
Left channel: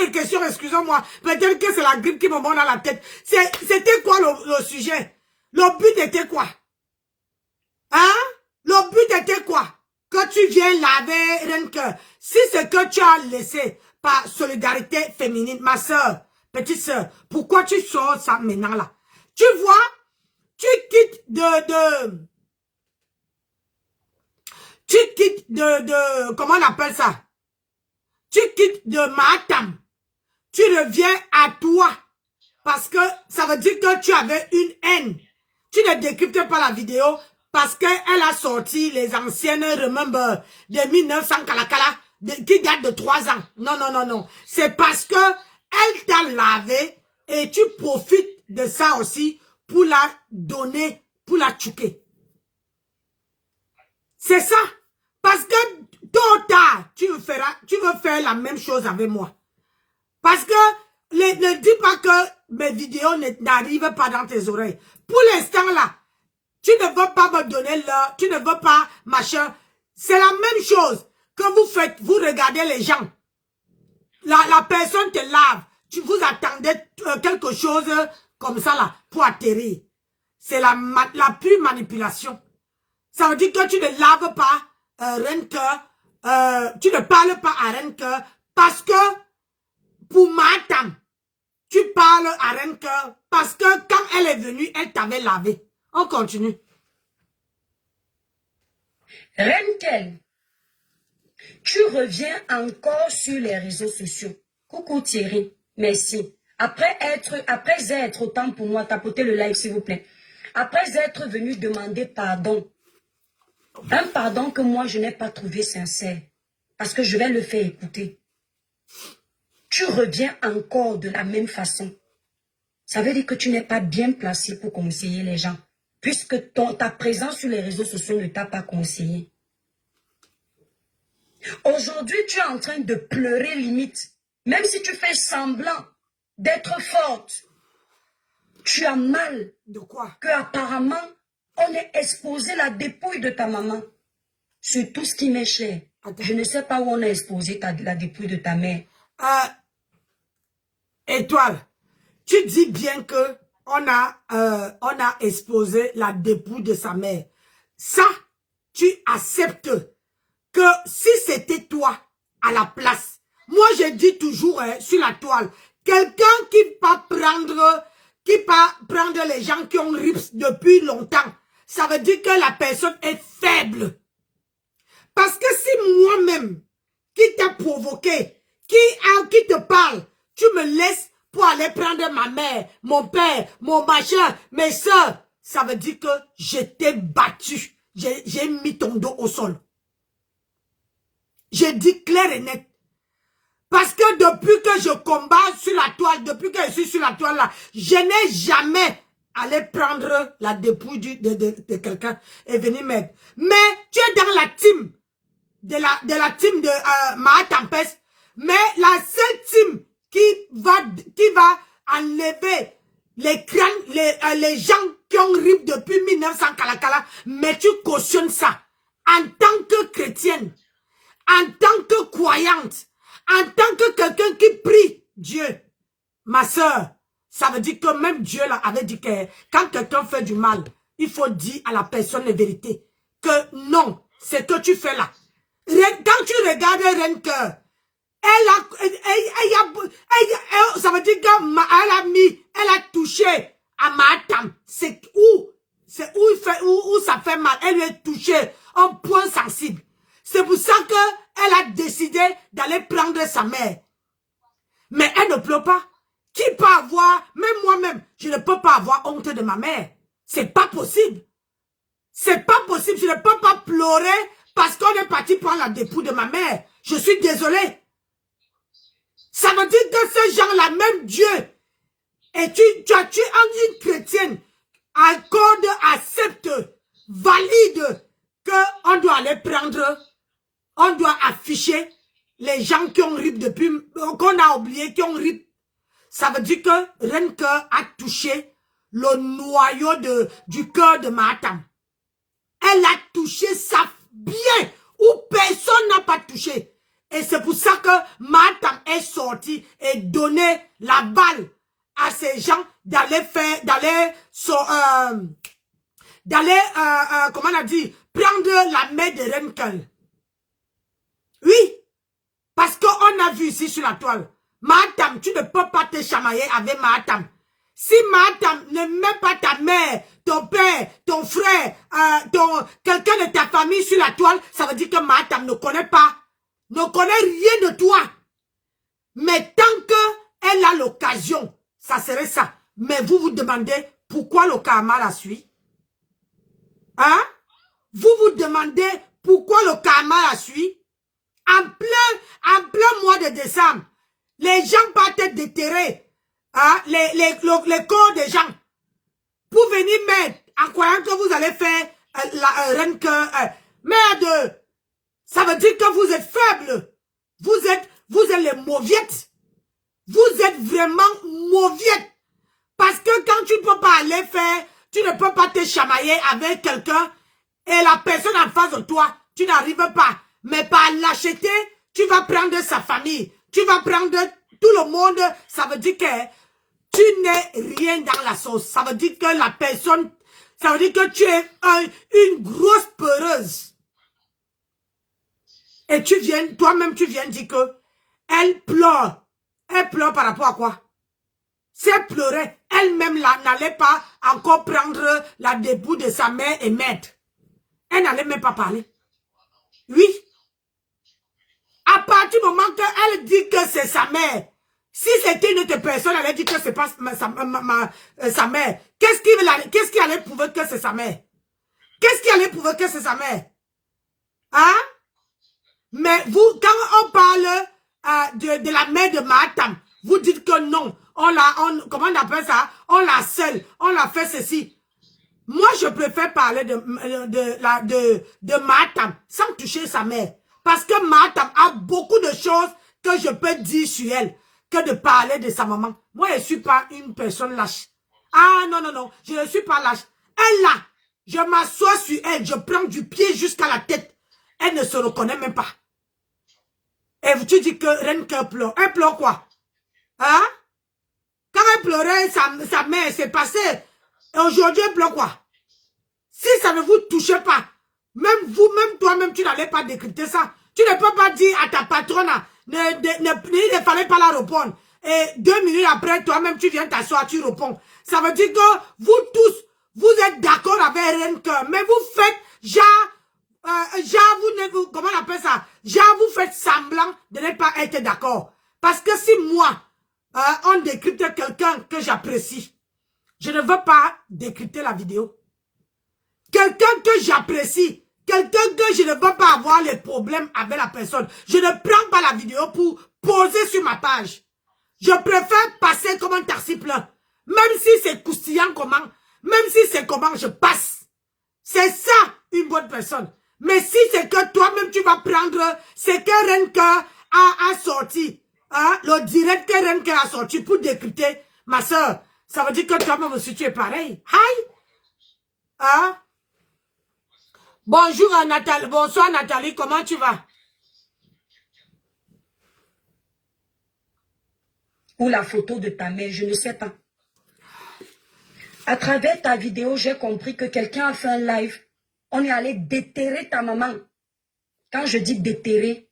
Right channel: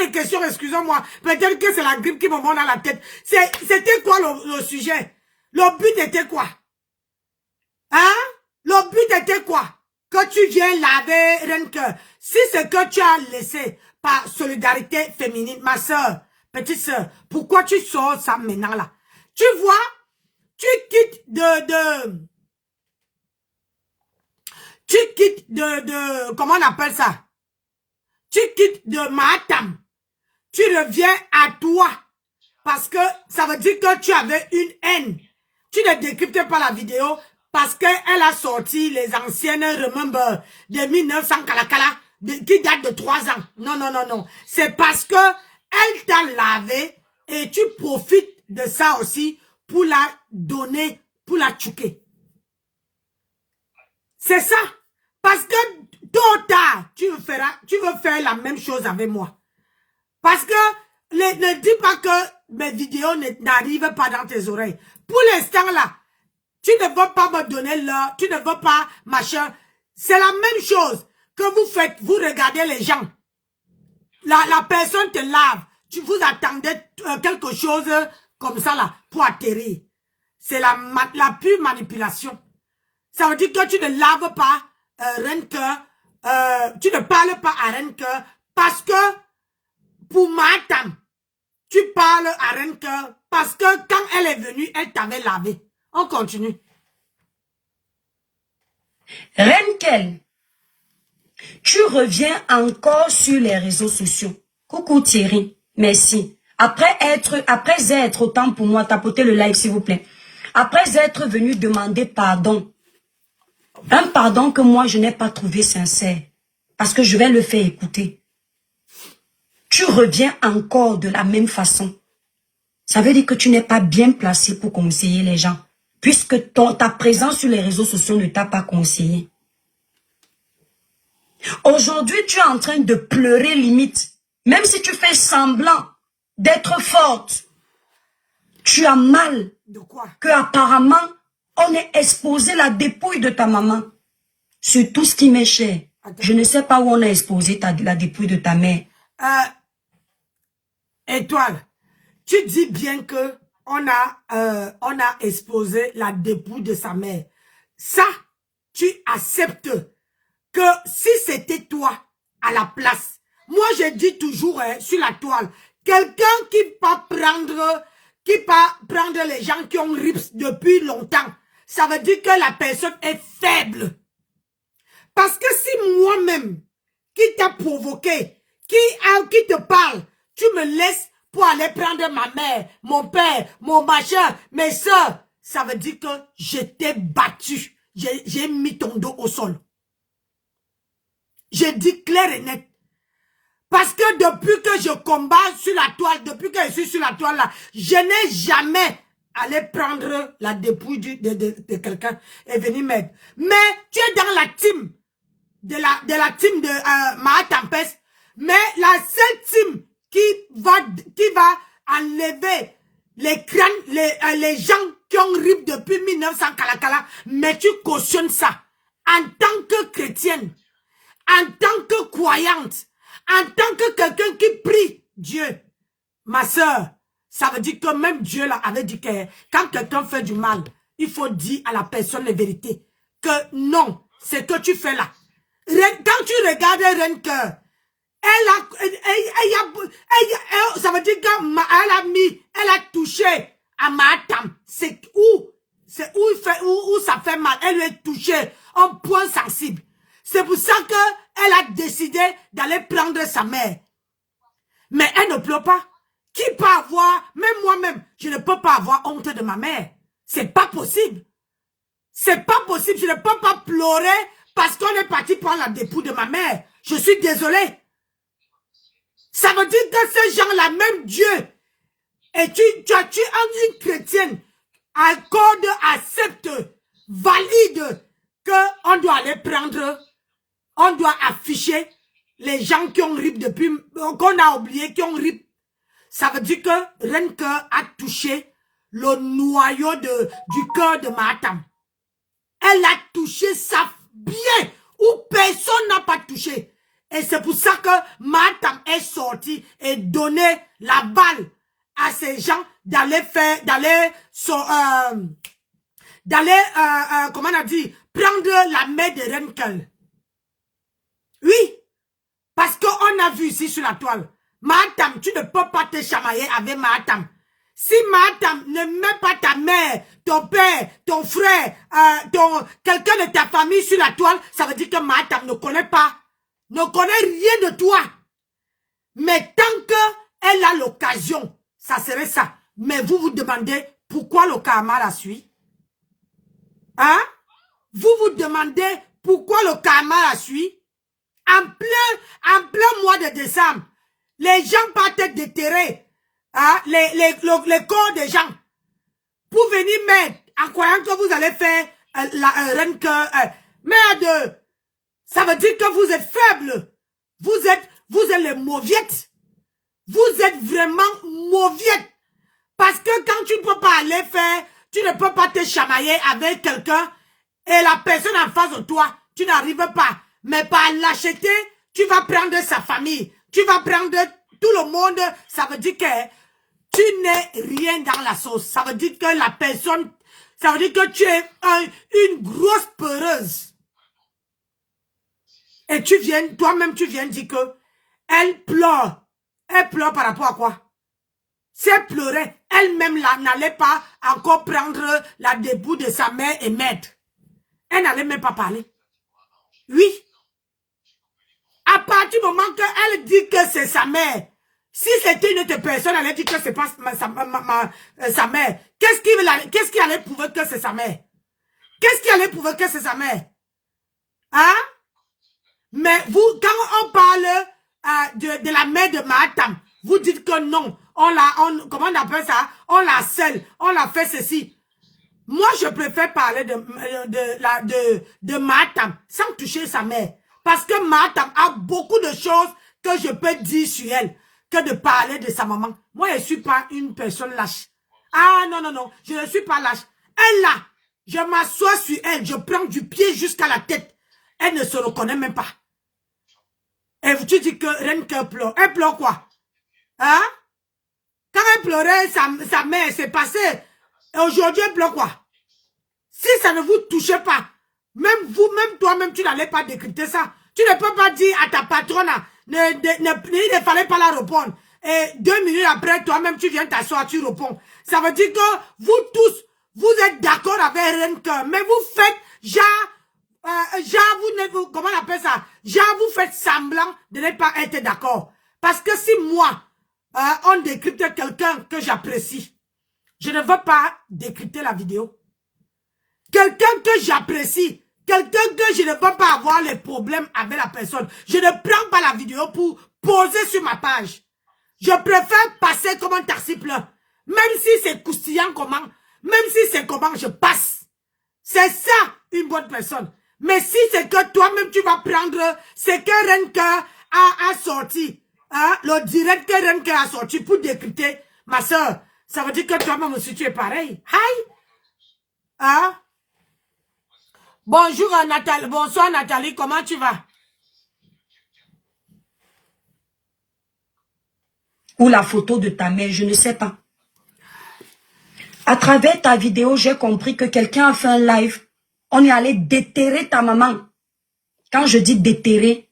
les questions, excusez-moi. Peut-être que c'est la grippe qui me monte dans la tête. C'était quoi le sujet? Le but était quoi? Hein? Le but était quoi? Que tu viens laver rien que. Si c'est que tu as laissé par solidarité féminine, ma soeur, petite soeur, pourquoi tu sors ça maintenant là? Tu vois? Tu quittes comment on appelle ça? Tu quittes de Matam. Tu reviens à toi. Parce que ça veut dire que tu avais une haine. Tu ne décryptes pas la vidéo parce qu'elle a sorti les anciennes remember de 1900 Kalakala qui datent de 3 ans. Non, non, non, non. C'est parce que elle t'a lavé et tu profites de ça aussi pour la donner, pour la tchouquer. C'est ça. Parce que tôt ou tard, tu veux faire la même chose avec moi. Parce que ne dis pas que mes vidéos n'arrivent pas dans tes oreilles. Pour l'instant là, tu ne veux pas me donner l'heure, tu ne veux pas machin. C'est la même chose que vous faites, vous regardez les gens. La personne te lave, vous attendez quelque chose comme ça là, pour atterrir. C'est la pure manipulation. Ça veut dire que tu ne laves pas tu ne parles pas à Renke parce que pour Matam, tu parles à Renke parce que quand elle est venue, elle t'avait lavé. On continue. Renkel, tu reviens encore sur les réseaux sociaux. Coucou Thierry, merci. Après être autant pour moi, tapotez le live s'il vous plaît. Après être venu demander pardon. Un pardon que moi je n'ai pas trouvé sincère. Parce que je vais le faire écouter. Tu reviens encore de la même façon. Ça veut dire que tu n'es pas bien placé pour conseiller les gens. Puisque ta présence sur les réseaux sociaux ne t'a pas conseillé. Aujourd'hui, tu es en train de pleurer limite. Même si tu fais semblant d'être forte. Tu as mal. De quoi? Que apparemment, on ait exposé la dépouille de ta maman. Sur tout ce qui m'est cher. Attends. Je ne sais pas où on a exposé la dépouille de ta mère. Étoile, tu dis bien que on a exposé la dépouille de sa mère. Ça, tu acceptes que si c'était toi à la place, moi je dis toujours sur la toile, quelqu'un qui va prendre les gens qui ont rips depuis longtemps, ça veut dire que la personne est faible. Parce que si moi-même, qui t'a provoqué, qui te parle, tu me laisses pour aller prendre ma mère, mon père, mon machin, mes soeurs. Ça veut dire que je t'ai battu. J'ai mis ton dos au sol. J'ai dit clair et net. Parce que depuis que je combats sur la toile, depuis que je suis sur la toile là, je n'ai jamais allé prendre la dépouille de quelqu'un et venir m'aider. Mais tu es dans la team de la team de Maha Tempest. Mais la seule team qui va enlever les crânes, les gens qui ont rip depuis 1900 Kalakala, mais tu cautionnes ça en tant que chrétienne, en tant que croyante, en tant que quelqu'un qui prie Dieu. Ma soeur, ça veut dire que même Dieu là avait dit que quand quelqu'un fait du mal, il faut dire à la personne la vérité. Que non, ce que tu fais là. Quand tu regardes Renker, ça veut dire elle a touché à Mahatam. C'est où ça fait mal. Elle lui a touché un point sensible. C'est pour ça qu'elle a décidé d'aller prendre sa mère. Mais elle ne pleure pas. Qui peut avoir, même moi-même, je ne peux pas avoir honte de ma mère. C'est pas possible. C'est pas possible. Je ne peux pas pleurer parce qu'on est parti prendre la dépouille de ma mère. Je suis désolée. Ça veut dire que ces gens-là, même Dieu, et tu es une chrétienne, accorde, accepte, valide qu'on doit aller prendre, on doit afficher les gens qui ont rip depuis, qu'on a oublié, qui ont rip. Ça veut dire que Renke a touché le noyau du cœur de Mahatam. Elle a touché ça bien, où personne n'a pas touché. Et c'est pour ça que Mahatam est sorti et donné la balle à ces gens d'aller comment on a dit, prendre la main de Renkel. Oui, parce qu'on a vu ici sur la toile, Mahatam, tu ne peux pas te chamailler avec Mahatam. Si Mahatam ne met pas ta mère, ton père, ton frère, quelqu'un de ta famille sur la toile, ça veut dire que Mahatam ne connaît pas, ne connaît rien de toi. Mais tant qu'elle a l'occasion, ça serait ça. Mais vous vous demandez pourquoi le karma la suit? Hein? Vous vous demandez pourquoi le karma la suit? En plein mois de décembre, les gens partent déterrer les corps des gens pour venir mettre en croyant que vous allez faire merde. Ça veut dire que vous êtes faible. Vous êtes les mauviettes. Vous êtes vraiment mauviettes. Parce que quand tu ne peux pas aller faire, tu ne peux pas te chamailler avec quelqu'un et la personne en face de toi, tu n'arrives pas. Mais par l'acheter, tu vas prendre sa famille. Tu vas prendre tout le monde. Ça veut dire que tu n'es rien dans la sauce. Ça veut dire que la personne, ça veut dire que tu es une grosse peureuse. Et toi-même tu viens dire que elle pleure. Elle pleure par rapport à quoi? Si elle pleurait, elle-même n'allait pas encore prendre la dépouille de sa mère et mettre. Elle n'allait même pas parler. Oui. À partir du moment qu'elle dit que c'est sa mère, si c'était une autre personne, elle allait dire que c'est pas sa mère. Qu'est-ce qui allait prouver que c'est sa mère? Qu'est-ce qui allait prouver que c'est sa mère? Hein? Mais vous, quand on parle de la mère de Mahatam, vous dites que non, comment on appelle ça? On la scelle, on l'a fait ceci. Moi, je préfère parler de Mahatam sans toucher sa mère. Parce que Mahatam a beaucoup de choses que je peux dire sur elle que de parler de sa maman. Moi, je ne suis pas une personne lâche. Ah non, non, non, je ne suis pas lâche. Elle là, je m'assois sur elle, je prends du pied jusqu'à la tête. Elle ne se reconnaît même pas. Et tu dis que Renke pleure. Elle pleure quoi? Hein? Quand elle pleurait, sa mère s'est passée. Et aujourd'hui, elle pleure quoi? Si ça ne vous touche pas, même vous, même toi-même, tu n'allais pas décrypter ça. Tu ne peux pas dire à ta patronne, il ne fallait pas la répondre. Et 2 minutes après, toi-même, tu viens t'asseoir, tu réponds. Ça veut dire que vous tous, vous êtes d'accord avec Renke, mais vous faites comment on appelle ça? Vous faites semblant de ne pas être d'accord. Parce que si moi, on décrypte quelqu'un que j'apprécie. Je ne veux pas décrypter la vidéo. Quelqu'un que j'apprécie, quelqu'un que je ne veux pas avoir les problèmes avec la personne. Je ne prends pas la vidéo pour poser sur ma page. Je préfère passer comme un taxi plein. Même si c'est croustillant comment, même si c'est comment, je passe. C'est ça, une bonne personne. Mais si c'est que toi-même, tu vas prendre ce que Renka a sorti, hein, le direct que Renka a sorti pour décrypter, ma soeur, ça veut dire que toi-même aussi, tu es pareil. Hi! Hein? Bonjour Nathalie, bonsoir Nathalie, comment tu vas? Ou la photo de ta mère, je ne sais pas. À travers ta vidéo, j'ai compris que quelqu'un a fait un live. On est allé déterrer ta maman. Quand je dis déterrer,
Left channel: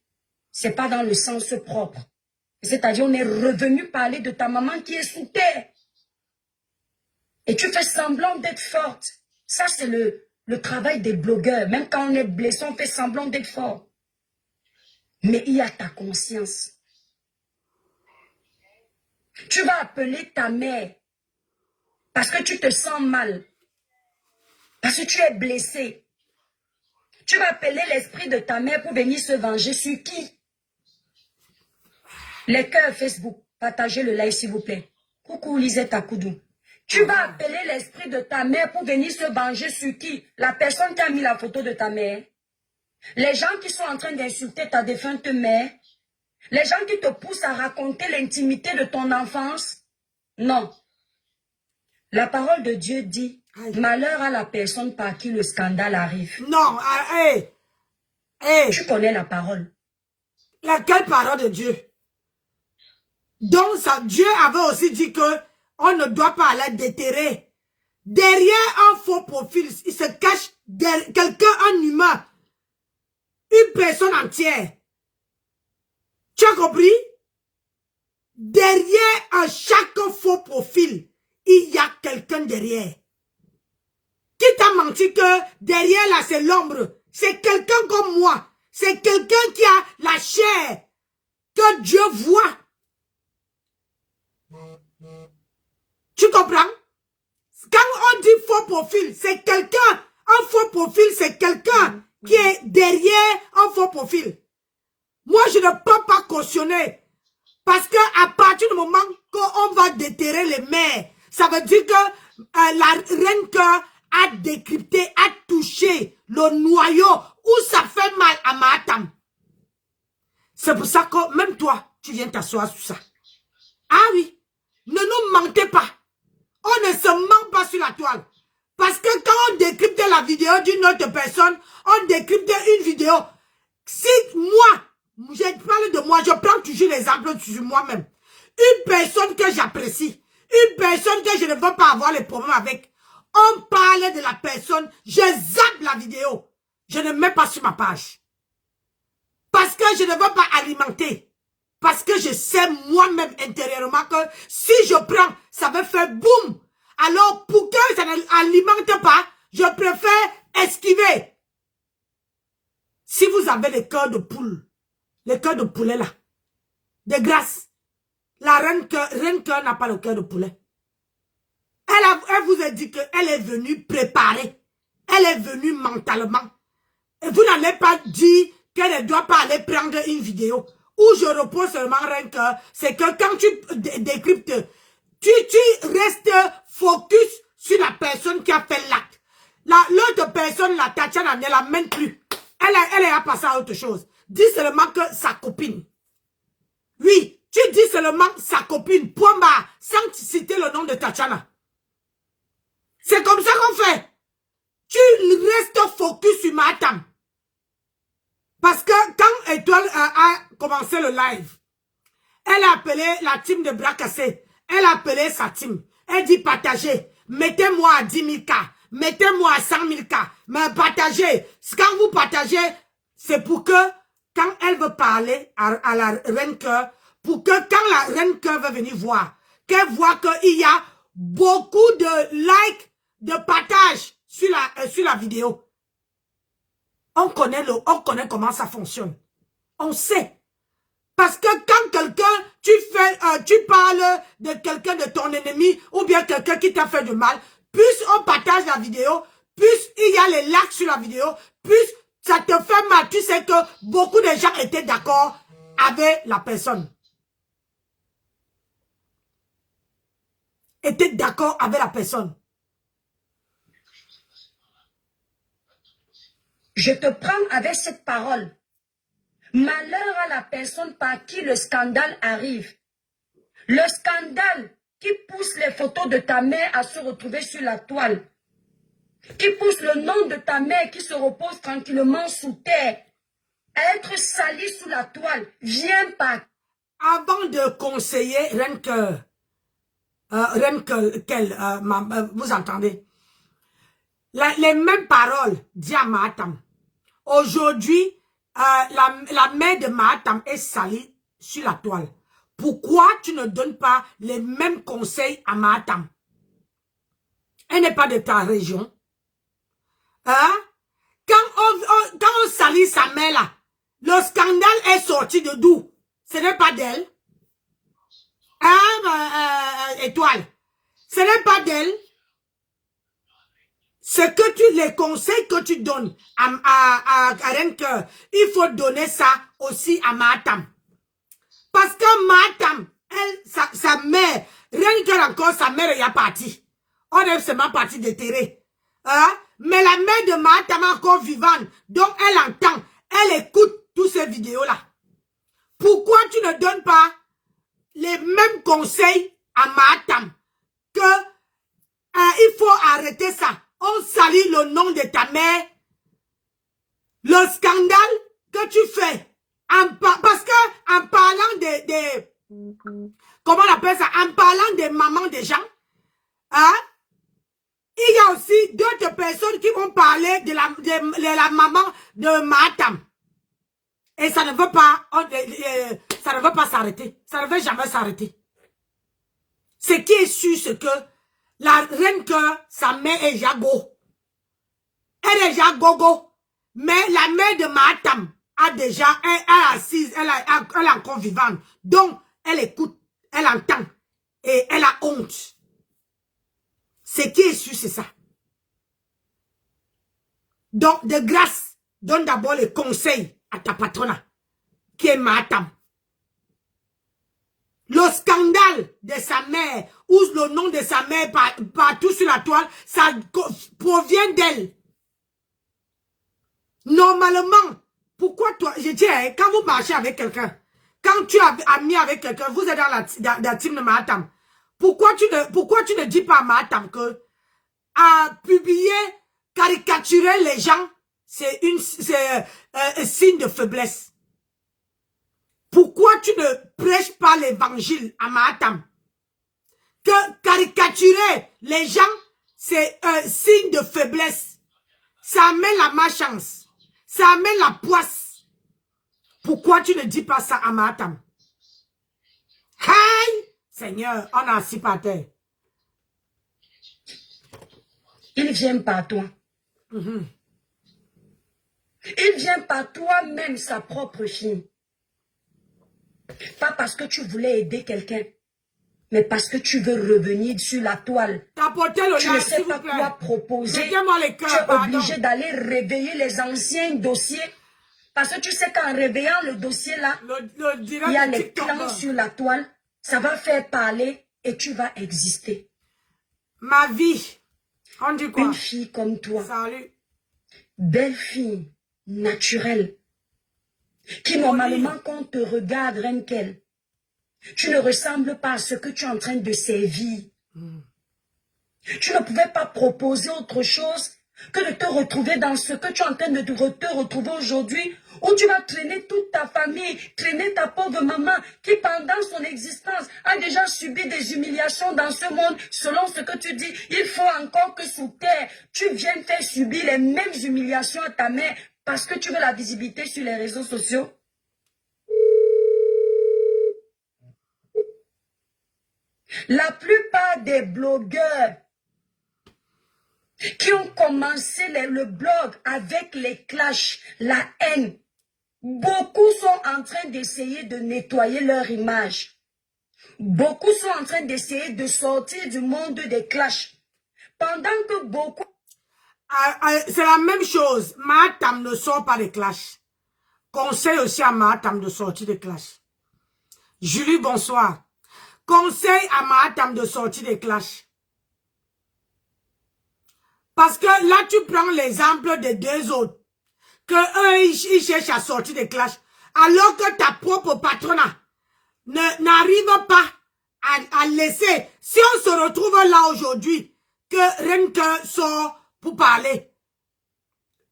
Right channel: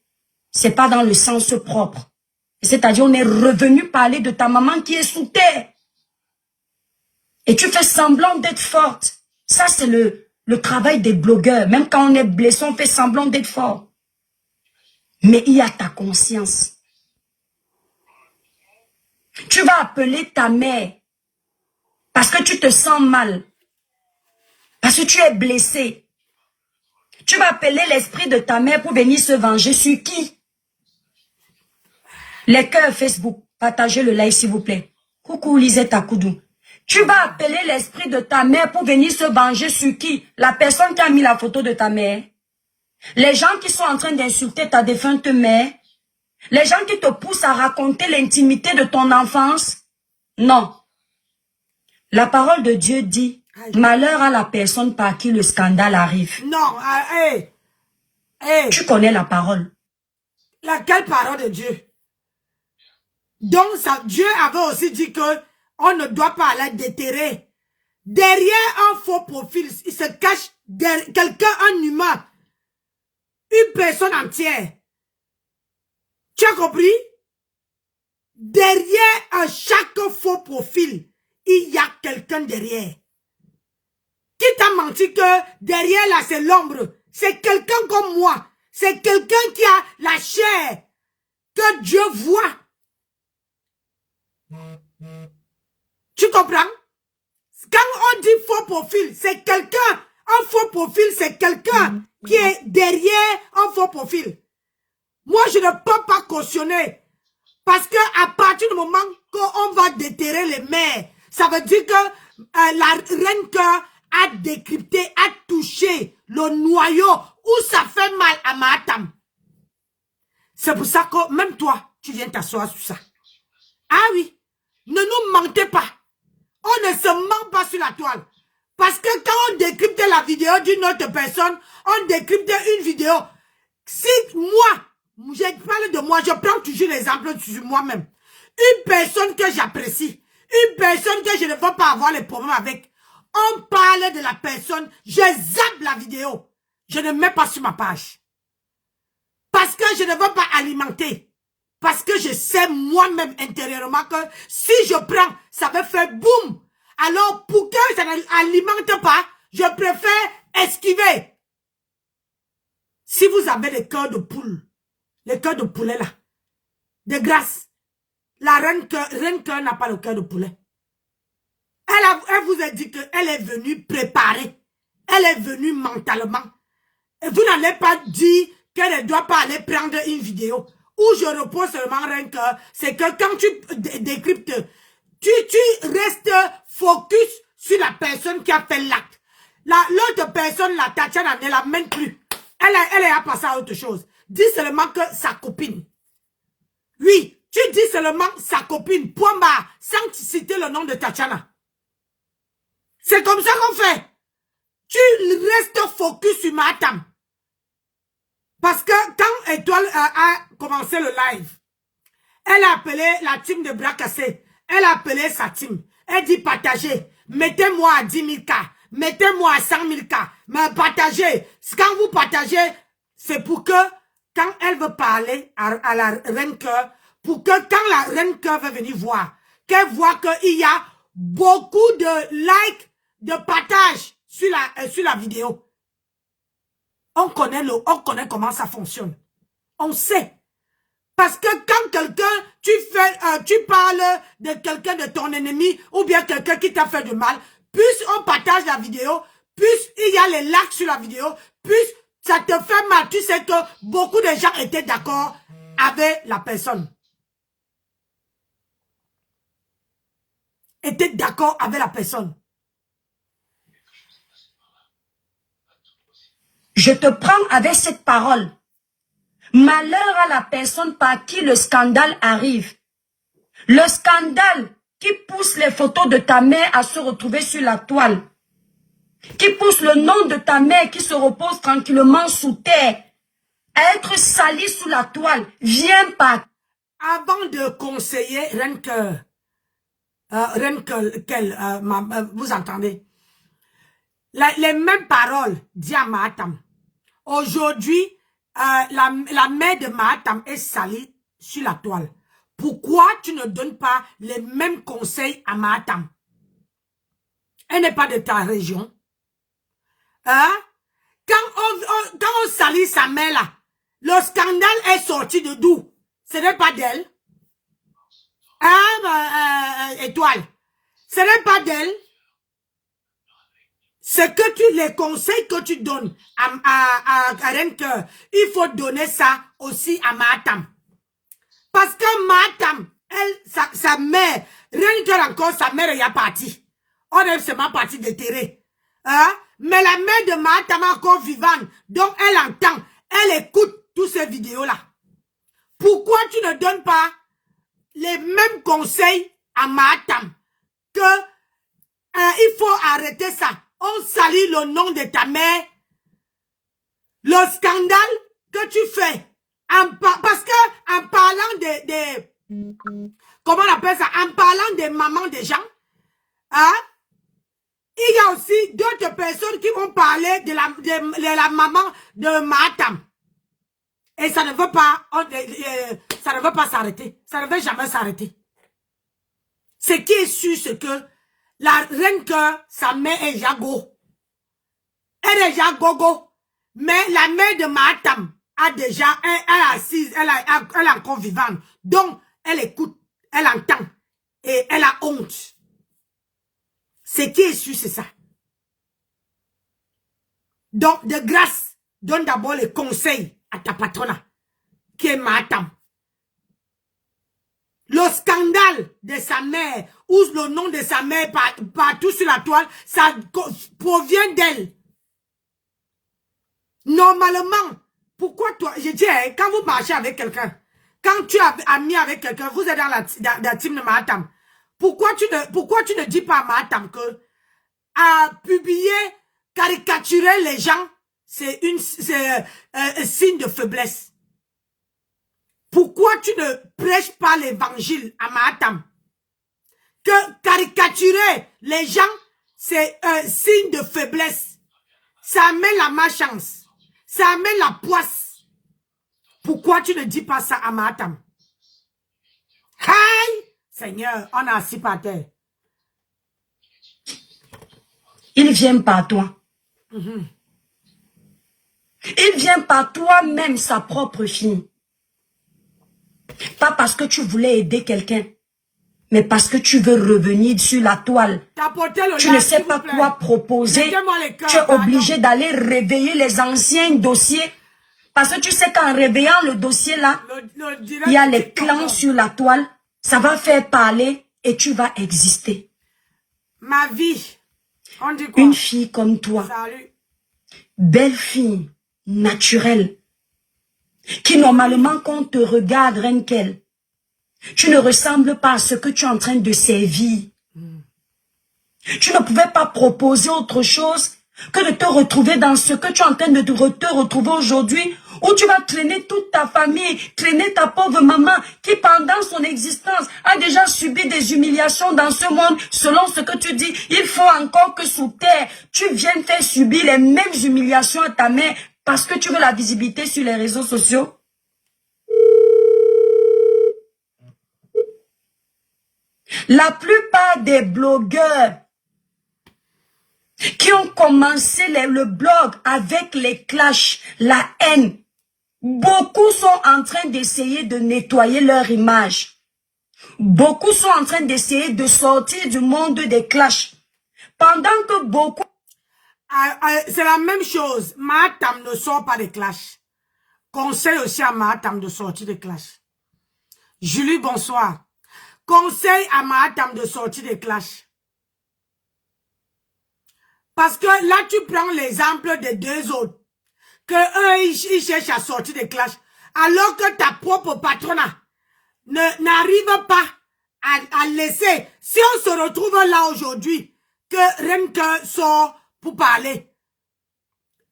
c'est pas dans le sens propre. C'est-à-dire, on est revenu parler de ta maman qui est sous terre. Et tu fais semblant d'être forte. Ça, c'est le travail des blogueurs. Même quand on est blessé, on fait semblant d'être fort. Mais il y a ta conscience. Tu vas appeler ta mère parce que tu te sens mal. Parce que tu es blessé. Tu vas appeler l'esprit de ta mère pour venir se venger sur qui? Les cœurs Facebook. Partagez le live s'il vous plaît. Coucou Lisette Akoudou. Tu vas appeler l'esprit de ta mère pour venir se venger sur qui? La personne qui a mis la photo de ta mère. Les gens qui sont en train d'insulter ta défunte mère. Les gens qui te poussent à raconter l'intimité de ton enfance. Non. La parole de Dieu dit, malheur à la personne par qui le scandale arrive. Non, Tu connais la parole. Laquelle parole de Dieu? Donc, ça, Dieu avait aussi dit que on ne doit pas aller déterrer. Derrière un faux profil, il se cache quelqu'un, un humain, une personne entière. Tu as compris? Derrière chaque faux profil, il y a quelqu'un derrière. Qui t'a menti que derrière là, c'est l'ombre. C'est quelqu'un comme moi. C'est quelqu'un qui a la chair que Dieu voit. Tu comprends? Quand on dit faux profil, c'est quelqu'un. Un faux profil, c'est quelqu'un qui est derrière un faux profil. Moi, je ne peux pas cautionner. Parce que à partir du moment qu'on va déterrer les mères, ça veut dire que la reine cœur a décrypté, a touché le noyau où ça fait mal à Mahatam. C'est pour ça que même toi, tu viens t'asseoir sur ça. Ah oui, ne nous mentez pas. On ne se ment pas sur la toile. Parce que quand on décrypte la vidéo d'une autre personne, on décrypte une vidéo. Si moi, je parle de moi, je prends toujours l'exemple sur moi-même. Une personne que j'apprécie, une personne que je ne veux pas avoir les problèmes avec, on parle de la personne, je zappe la vidéo. Je ne mets pas sur ma page. Parce que je ne veux pas alimenter. Parce que je sais moi-même intérieurement que si je prends, ça va faire boum. Alors, pour que ça n'alimente pas, je préfère esquiver. Si vous avez le cœur de poule, le cœur de poulet là, de grâce, la reine cœur n'a pas le cœur de poulet. Elle vous a dit qu'elle est venue préparer. Elle est venue mentalement. Et vous n'allez pas dire qu'elle ne doit pas aller prendre une vidéo. Où je repose seulement rien que, c'est que quand tu décryptes, tu restes focus sur la personne qui a fait l'acte. L'autre personne, la Tatiana, ne la mène plus. Elle est à passer à autre chose. Dis seulement que sa copine. Oui, tu dis seulement sa copine, point barre, sans citer le nom de Tatiana. C'est comme ça qu'on fait. Tu restes focus sur Mahatam. Parce que quand Étoile a commencé le live, elle a appelé la team de bras cassés. Elle a appelé sa team. Elle dit partagez. Mettez-moi à 10 000 cas. Mettez-moi à 100 000 cas. Mais partagez. Quand vous partagez, c'est pour que, quand elle veut parler à la reine cœur, pour que quand la reine cœur veut venir voir, qu'elle voit qu'il y a beaucoup de likes, de partages sur la vidéo. On connaît comment ça fonctionne. On sait. Parce que quand quelqu'un, tu parles de quelqu'un de ton ennemi, ou bien quelqu'un qui t'a fait du mal, plus on partage la vidéo, plus il y a les likes sur la vidéo, plus ça te fait mal. Tu sais que beaucoup de gens étaient d'accord avec la personne. Étaient d'accord avec la personne. Je te prends avec cette parole. Malheur à la personne par qui le scandale arrive. Le scandale qui pousse les photos de ta mère à se retrouver sur la toile. Qui pousse le nom de ta mère qui se repose tranquillement sous terre. À être sali sous la toile. Viens pas. Avant de conseiller, vous entendez? Les mêmes paroles dit à Mahatam. Aujourd'hui, la mère de Mahatam est salie sur la toile. Pourquoi tu ne donnes pas les mêmes conseils à Mahatam? Elle n'est pas de ta région. Hein? Quand on salit sa mère là, le scandale est sorti de d'où? Ce n'est pas d'elle. Hein, Étoile? Ce n'est pas d'elle. C'est que les conseils que tu donnes à Renke, il faut donner ça aussi à Mahatam. Parce que Mahatam, sa mère, Renke encore, sa mère est partie. On est seulement parti déterrer. Hein? Mais la mère de Mahatam est encore vivante. Donc elle entend, elle écoute toutes ces vidéos-là. Pourquoi tu ne donnes pas les mêmes conseils à Mahatam? Que il faut arrêter ça. On salit le nom de ta mère. Le scandale que tu fais. Parce que en parlant comment on appelle ça? En parlant des mamans des gens, hein, il y a aussi d'autres personnes qui vont parler de la maman de Mahatam. Et ça ne veut pas s'arrêter. Ça ne veut jamais s'arrêter. Ce qui est sûr, c'est que la reine que sa mère est Jago. Elle est Jagogo. Mais la mère de Mahatam a déjà, elle est assise, elle est encore vivante. Donc, elle écoute, elle entend. Et elle a honte. Ce qui est sûr, c'est ça. Donc, de grâce, donne d'abord les conseils à ta patronne, qui est Mahatam. Le scandale de sa mère, ou le nom de sa mère partout sur la toile, ça provient d'elle. Normalement, pourquoi toi, je dis, quand vous marchez avec quelqu'un, quand tu es ami avec quelqu'un, vous êtes dans la team de Mahatam, pourquoi tu ne dis pas à Mahatam que à publier, caricaturer les gens, c'est un signe de faiblesse? Pourquoi tu ne prêches pas l'évangile à Mahatam? Que caricaturer les gens, c'est un signe de faiblesse. Ça amène la malchance. Ça amène la poisse. Pourquoi tu ne dis pas ça à Mahatam? Hey! Seigneur, on a assis par terre. Il vient par toi. Il vient par toi-même, sa propre fille. Pas parce que tu voulais aider quelqu'un, mais parce que tu veux revenir sur la toile. Tu ne sais pas quoi proposer. Tu es obligé d'aller réveiller les anciens dossiers. Parce que tu sais qu'en réveillant le dossier là, il y a les clans sur la toile. Ça va faire parler et tu vas exister. Ma vie. On dit quoi? Une fille comme toi. Salut. Belle fille, naturelle. Qui normalement quand on te regarde, Renkel, tu ne ressembles pas à ce que tu es en train de servir. Tu ne pouvais pas proposer autre chose que de te retrouver dans ce que tu es en train de te retrouver aujourd'hui, où tu vas traîner toute ta famille, traîner ta pauvre maman qui pendant son existence a déjà subi des humiliations dans ce monde. Selon ce que tu dis, il faut encore que sous terre, tu viennes faire subir les mêmes humiliations à ta mère parce que tu veux la visibilité sur les réseaux sociaux. La plupart des blogueurs qui ont commencé le blog avec les clashs, la haine, Beaucoup sont en train d'essayer de nettoyer leur image. Beaucoup sont en train d'essayer de sortir du monde des clashs. Pendant que beaucoup... C'est la même chose. Mahatam ne sort pas des clashs. Conseil aussi à Mahatam de sortir des clashs. Julie, bonsoir. Conseil à Mahatam de sortir des clashs. Parce que là, tu prends l'exemple des deux autres. Que eux, ils cherchent à sortir des clashs. Alors que ta propre patronat n'arrive pas à laisser. Si on se retrouve là aujourd'hui, que Renke sort pour parler,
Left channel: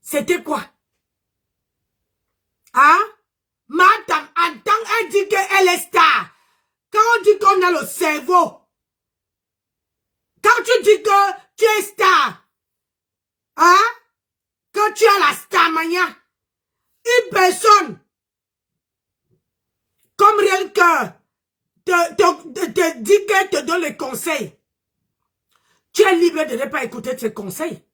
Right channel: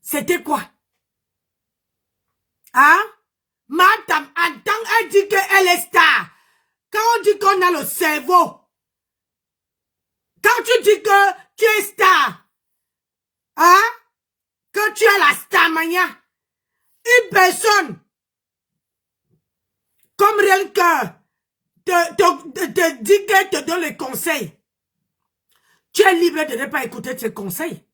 c'était quoi? Hein? Madame, en tant qu'elle dit qu'elle est star, quand on dit qu'on a le cerveau, quand tu dis que tu es star, hein? Quand tu as la starmania, une personne comme Renke te dit qu'elle te donne les conseils, tu es libre de ne pas écouter ses conseils.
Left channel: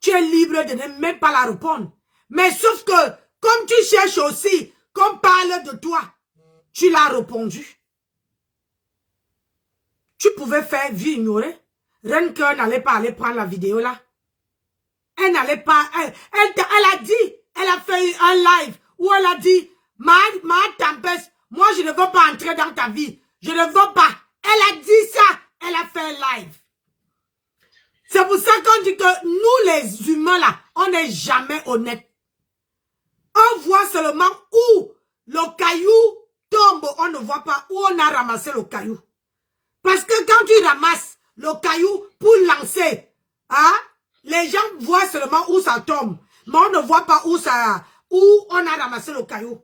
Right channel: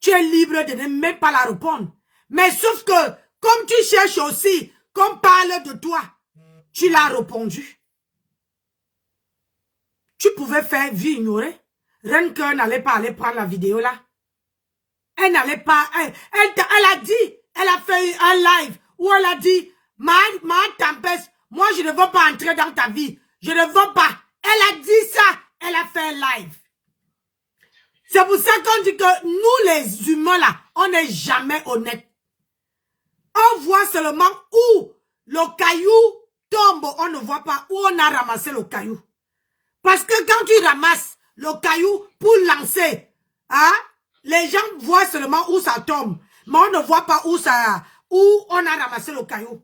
Tu es libre de ne même pas la répondre. Mais sauf que, comme tu cherches aussi qu'on parle de toi, tu l'as répondu. Tu pouvais faire vie ignorée. Renke n'allait pas aller prendre la vidéo là. Elle n'allait pas... Elle a dit, elle a fait un live où elle a dit, ma tempête, moi je ne veux pas entrer dans ta vie. Je ne veux pas. Elle a dit ça. Elle a fait un live. C'est pour ça qu'on dit que nous les humains là, on n'est jamais honnête. On voit seulement où le caillou tombe, on ne voit pas où on a ramassé le caillou. Parce que quand tu ramasses le caillou pour lancer, hein, les gens voient seulement où ça tombe. Mais on ne voit pas où on a ramassé le caillou.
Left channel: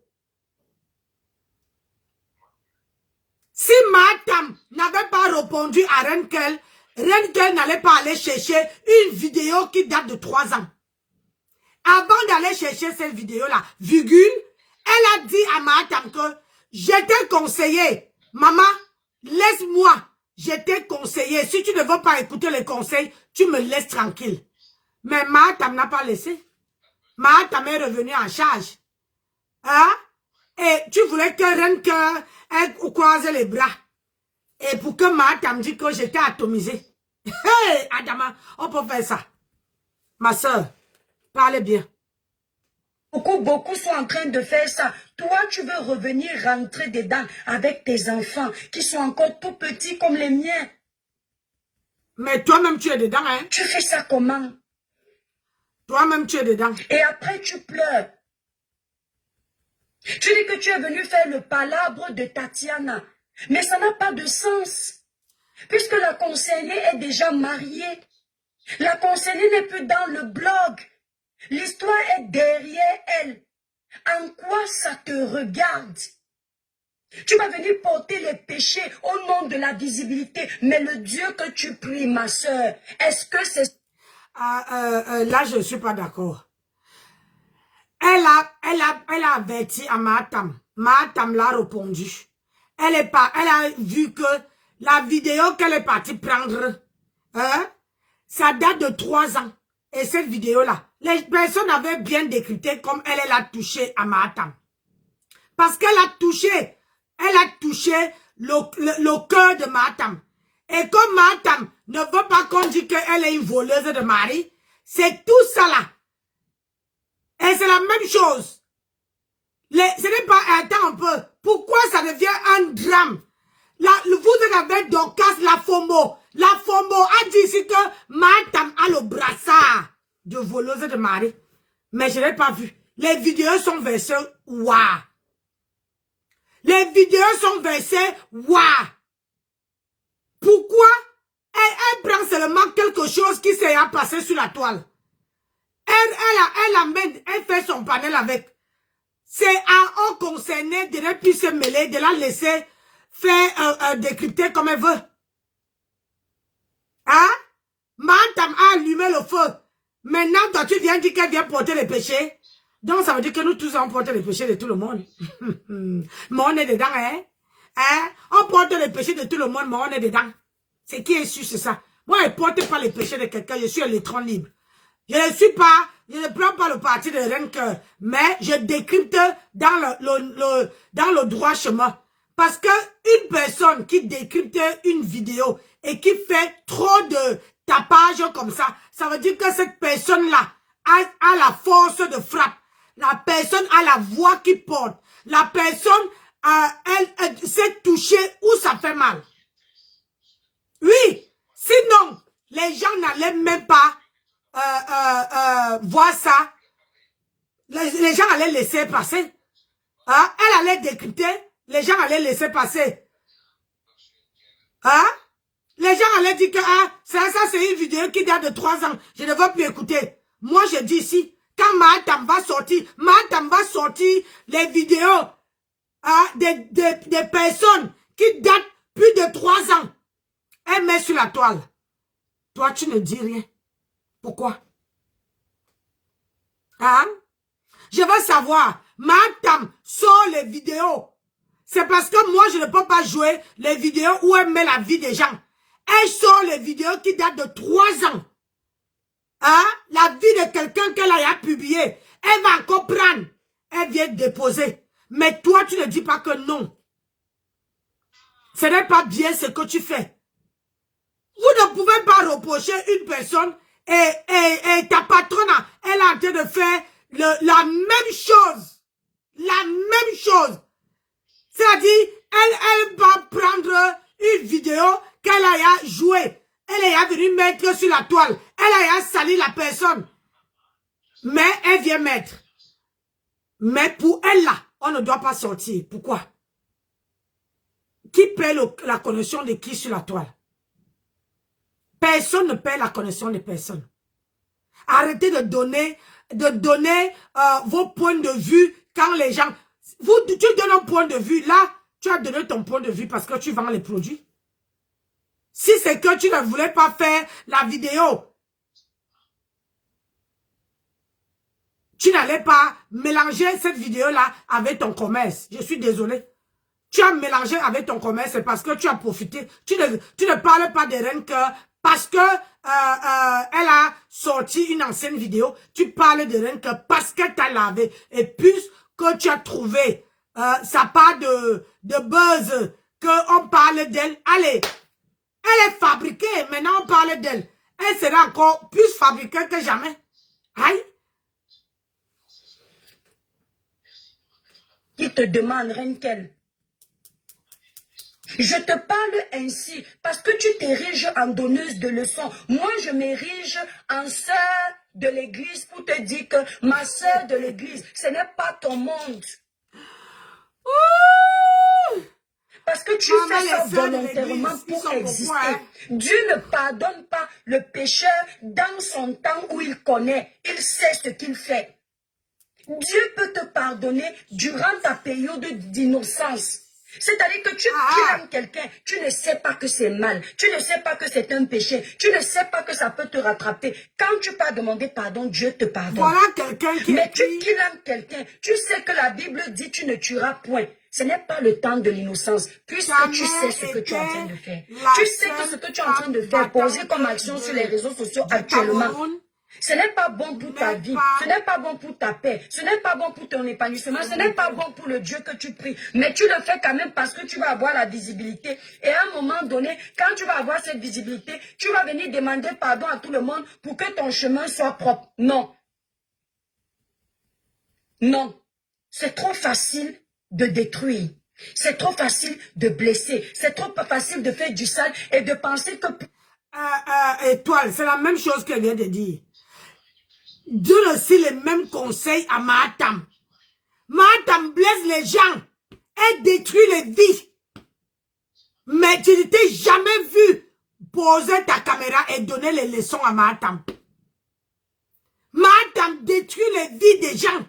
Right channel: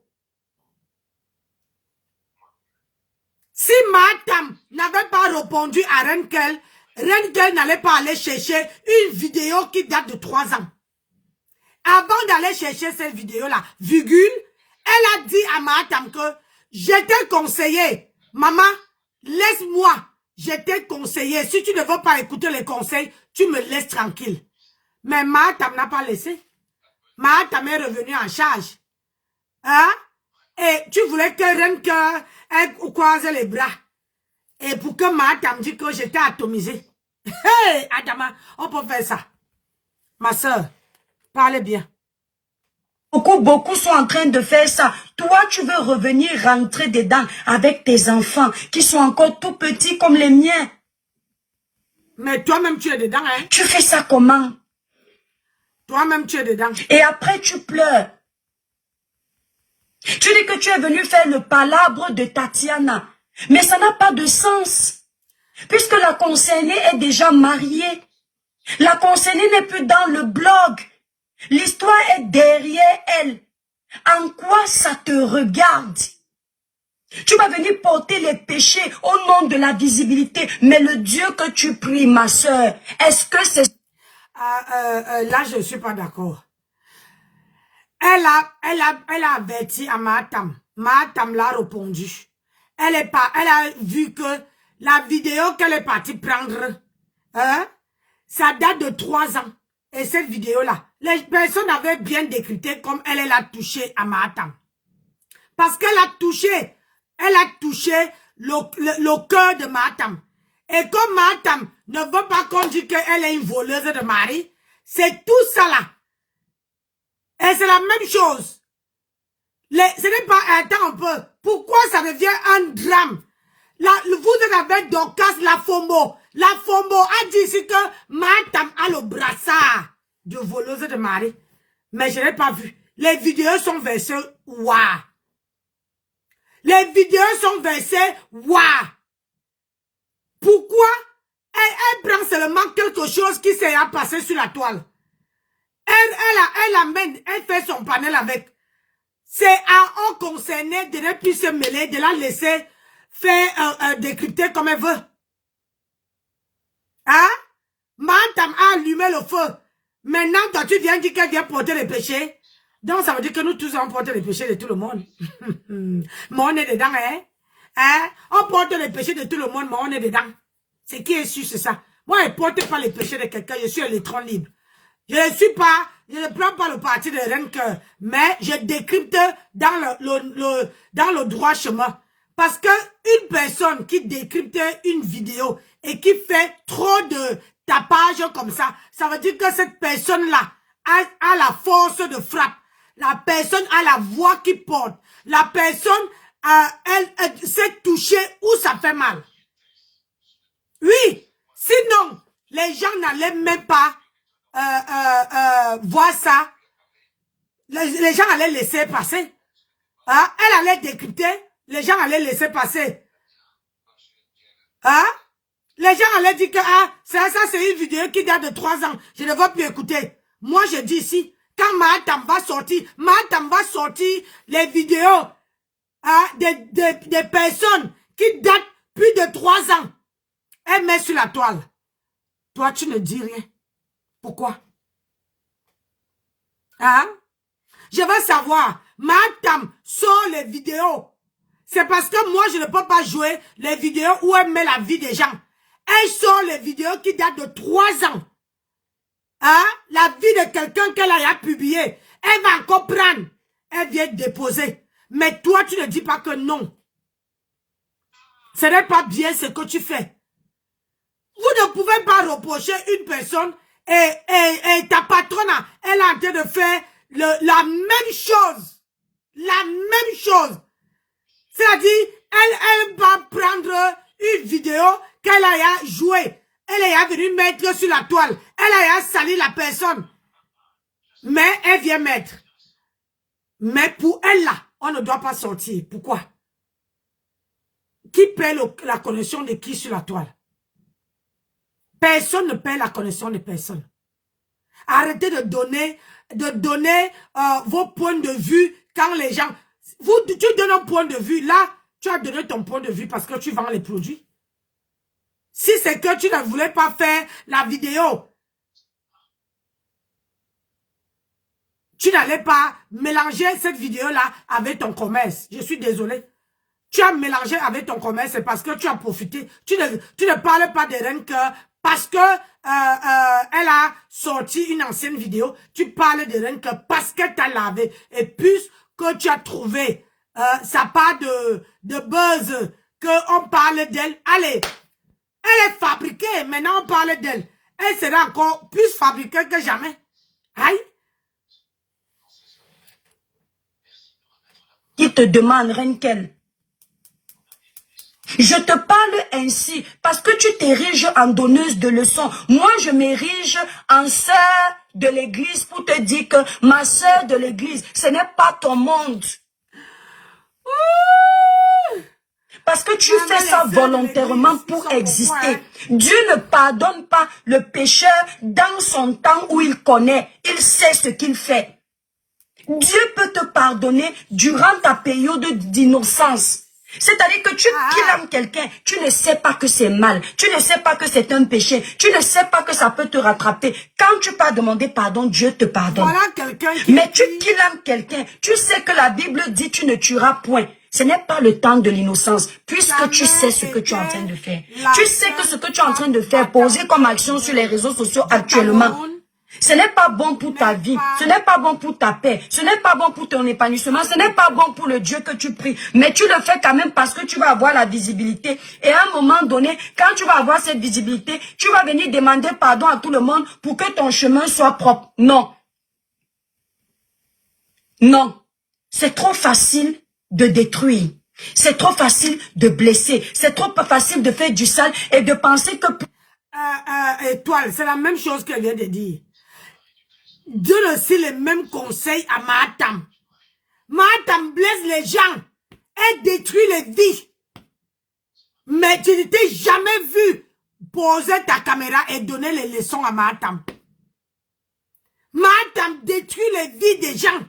Si Mahatam n'avait pas répondu à Renkel, Renkel n'allait pas aller chercher une vidéo qui date de 3 ans. Avant d'aller chercher cette vidéo-là, virgule, elle a dit à Mahatam que je t'ai conseillé, maman, laisse-moi, je t'ai conseillé. Si tu ne veux pas écouter les conseils, tu me laisses tranquille. Mais Mahatam n'a pas laissé. Mahatam est revenu en charge. Hein? Et tu voulais que Renkel croise les bras. Et pour que Mahatam dise que j'étais atomisé. Hey, Adama, on peut faire ça. Ma soeur, parlez bien. Beaucoup sont en train de faire ça. Toi, tu veux revenir rentrer dedans avec tes enfants qui sont encore tout petits comme les miens. Mais toi-même, tu es dedans, hein? Tu fais ça comment? Toi-même, tu es dedans. Et après, tu pleures. Tu dis que tu es venu faire le palabre de Tatiana. Mais ça n'a pas de sens. Puisque la concernée est déjà mariée. La concernée n'est plus dans le blog. L'histoire est derrière elle. En quoi ça te regarde? Tu vas venir porter les péchés au nom de la visibilité. Mais le Dieu que tu pries, ma soeur, est-ce que c'est... Là, je ne suis pas d'accord. Elle a averti à Mahatam. Mahatam l'a répondu. Elle a vu que la vidéo qu'elle est partie prendre, hein, ça date de 3 ans. Et cette vidéo-là, les personnes avaient bien décrypté comme elle a touché à Mahatam. Parce qu'elle a touché le cœur de Mahatam. Et comme Mahatam ne veut pas qu'on dise qu'elle est une voleuse de mari, c'est tout ça là. Et c'est la même chose. Ce n'est pas... Attends un peu. Pourquoi ça devient un drame? Là, vous avez Dorcas la FOMO. La FOMO a dit ici que Mahatam a le brassard de voleuse de mari. Mais je n'ai pas vu. Les vidéos sont versées. Waouh. Les vidéos sont versées. Waouh. Pourquoi elle prend seulement quelque chose qui s'est passé sur la toile? Elle amène, elle fait son panel avec. C'est à eux concernés de ne plus se mêler, de la laisser faire décrypter comme elle veut. Hein? Mahatam a allumé le feu. Maintenant, toi, tu viens dire qu'elle vient porter les péchés. Donc, ça veut dire que nous tous, on porte les péchés de tout le monde. Mais on est dedans, hein? On porte les péchés de tout le monde, mais on est dedans. C'est qui est sûr, c'est ça. Moi, je ne porte pas les péchés de quelqu'un, je suis un électron libre. Je ne prends pas le parti partie de reine cœur, mais je décrypte dans dans le droit chemin. Parce que une personne qui décrypte une vidéo et qui fait trop de tapage comme ça veut dire que cette personne-là a la force de frappe. La personne a la voix qui porte. La personne, elle sait toucher où ça fait mal. Oui, sinon, les gens n'allaient même pas voir ça. Les gens allaient laisser passer. Hein? Elle allait décrypter, les gens allaient laisser passer. Hein? Les gens allaient dire que ça c'est une vidéo qui date de 3 ans. Je ne veux plus écouter. Moi, je dis ici, quand Mahatam va sortir les vidéos des personnes qui datent plus de 3 ans. Elle met sur la toile. Toi, tu ne dis rien. Pourquoi? Hein? Je veux savoir, Mahatam sort les vidéos. C'est parce que moi, je ne peux pas jouer les vidéos où elle met la vie des gens. Elle sort les vidéos qui datent de 3 ans. Hein? La vie de quelqu'un qu'elle a publié. Elle va encore prendre. Elle vient déposer. Mais toi, tu ne dis pas que non. Ce n'est pas bien ce que tu fais. Vous ne pouvez pas reprocher une personne et ta patronne, elle est en train de faire la même chose. La même chose. C'est-à-dire, elle va prendre une vidéo qu'elle a jouée. Elle est venue mettre sur la toile. Elle a sali la personne. Mais elle vient mettre. Mais pour elle là, on ne doit pas sortir. Pourquoi? Qui paie la connexion de qui sur la toile? Personne ne paie la connexion de personne. Arrêtez de donner vos points de vue quand les gens... Tu donnes un point de vue. Là, tu as donné ton point de vue parce que tu vends les produits. Si c'est que tu ne voulais pas faire la vidéo, tu n'allais pas mélanger cette vidéo-là avec ton commerce. Je suis désolé. Tu as mélangé avec ton commerce, c'est parce que tu as profité. Tu ne parles pas de Reine Cœur parce que elle a sorti une ancienne vidéo. Tu parles de Reine Cœur parce que tu as lavé. Et puisque tu as trouvé ça part de buzz, qu'on parle d'elle. Allez, elle est fabriquée. Maintenant, on parle d'elle. Elle sera encore plus fabriquée que jamais. Aïe. Qui te demande, Renkel? Je te parle ainsi parce que tu t'ériges en donneuse de leçons. Moi, je m'érige en sœur de l'église pour te dire que ma sœur de l'église, ce n'est pas ton monde. Parce que tu fais ça volontairement pour exister. Dieu ne pardonne pas le pécheur dans son temps où il connaît. Il sait ce qu'il fait. Dieu peut te pardonner durant ta période d'innocence. C'est-à-dire que tu kilmes quelqu'un, tu ne sais pas que c'est mal, tu ne sais pas que c'est un péché, tu ne sais pas que ça peut te rattraper. Quand tu peux demander pardon, Dieu te pardonne. Voilà quelqu'un qui... Mais tu kilmes quelqu'un, tu sais que la Bible dit tu ne tueras point. Ce n'est pas le temps de l'innocence, puisque tu sais ce que tu es en train de faire. Tu sais que ce que tu es en train de faire, poser comme action sur les réseaux sociaux actuellement, ce n'est pas bon pour ta vie, ce n'est pas bon pour ta paix, ce n'est pas bon pour ton épanouissement, ce n'est pas bon pour le Dieu que tu pries. Mais tu le fais quand même parce que tu vas avoir la visibilité. Et à un moment donné, quand tu vas avoir cette visibilité, tu vas venir demander pardon à tout le monde pour que ton chemin soit propre. Non. Non. C'est trop facile de détruire. C'est trop facile de blesser. C'est trop facile de faire du sale et de penser que... Étoile, c'est la même chose qu'elle vient de dire. Donne aussi les mêmes conseils à Mahatam. Mahatam blesse les gens et détruit les vies. Mais tu ne t'es jamais vu poser ta caméra et donner les leçons à Mahatam. Mahatam détruit les vies des gens.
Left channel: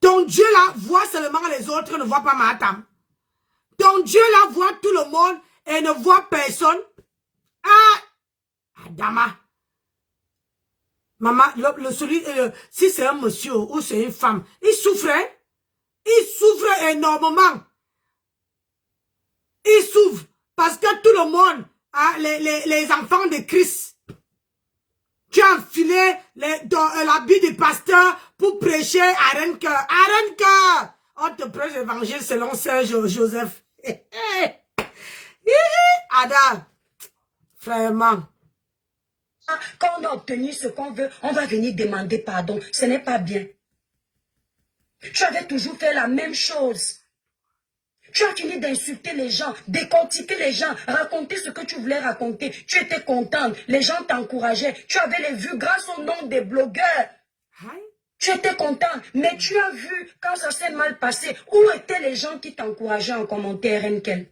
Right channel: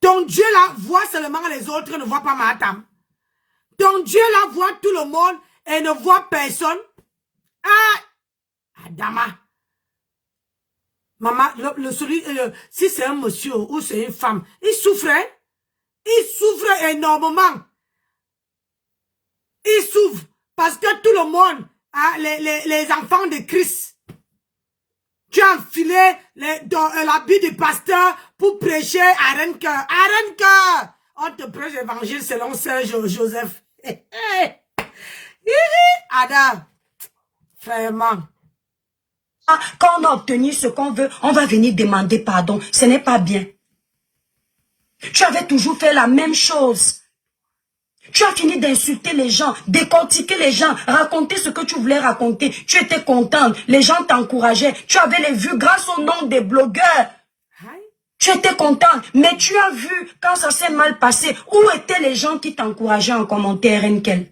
Ton Dieu là voit seulement les autres, ne voit pas Mahatam. Ton Dieu là voit tout le monde et ne voit personne. Adama. Maman, si c'est un monsieur ou c'est une femme, il souffrait. Il souffre énormément. Il souffre parce que tout le monde, les enfants de Christ, Tu as enfilé l'habit de pasteur pour prêcher à Renke. À Renke, on te prêche l'évangile selon Saint Joseph. Ada, vraiment. Quand on a obtenu ce qu'on veut, on va venir demander pardon. Ce n'est pas bien. Tu avais toujours fait la même chose. Tu as fini d'insulter les gens, décortiquer les gens, raconter ce que tu voulais raconter. Tu étais contente, les gens t'encourageaient. Tu avais les vues grâce au nom des blogueurs. Tu étais contente, mais tu as vu quand ça s'est mal passé. Où étaient les gens qui t'encourageaient en commentaire, Renkel?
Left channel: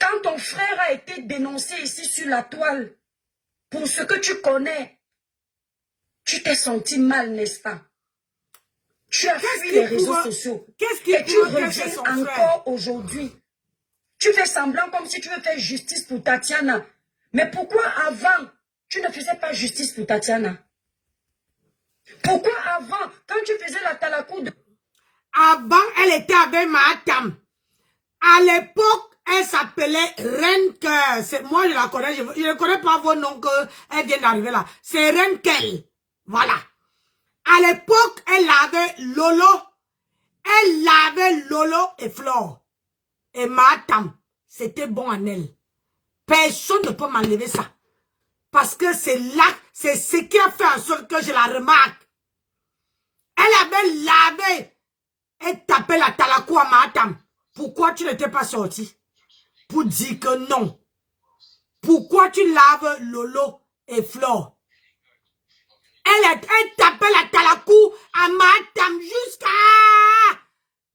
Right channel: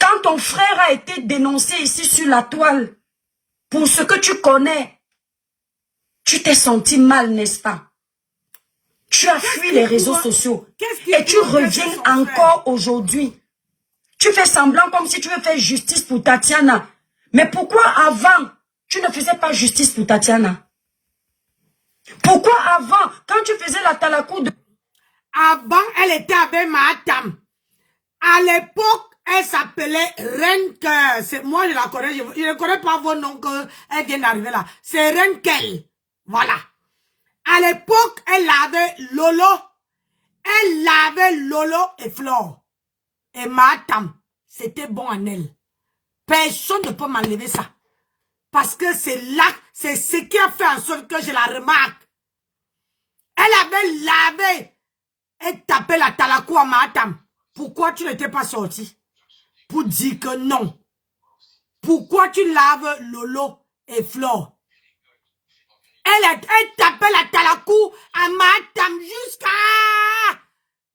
Quand ton frère a été dénoncé ici sur la toile, pour ce que tu connais, tu t'es senti mal, n'est-ce pas? Tu as fui les réseaux sociaux et tu reviens encore aujourd'hui. Tu fais semblant comme si tu veux faire justice pour Tatiana. Mais pourquoi avant, tu ne faisais pas justice pour Tatiana? Pourquoi avant, quand tu faisais la talakou de... Avant, elle était avec Mahatam. À l'époque, elle s'appelait Renke. Moi, je la connais. Je ne connais pas vos noms qu'elle vient d'arriver là. C'est Renkel. Voilà. À l'époque, elle avait Lolo. Elle avait Lolo et Flore. Et Mahatam. C'était bon en elle. Personne ne peut m'enlever ça. Parce que c'est là, c'est ce qui a fait en sorte que je la remarque. Elle avait lavé et tapé la talakou à Mahatam. Pourquoi tu n'étais pas sorti? Pour dire que non. Pourquoi tu laves Lolo et Flore? Elle tapait la talakou à Mahatam jusqu'à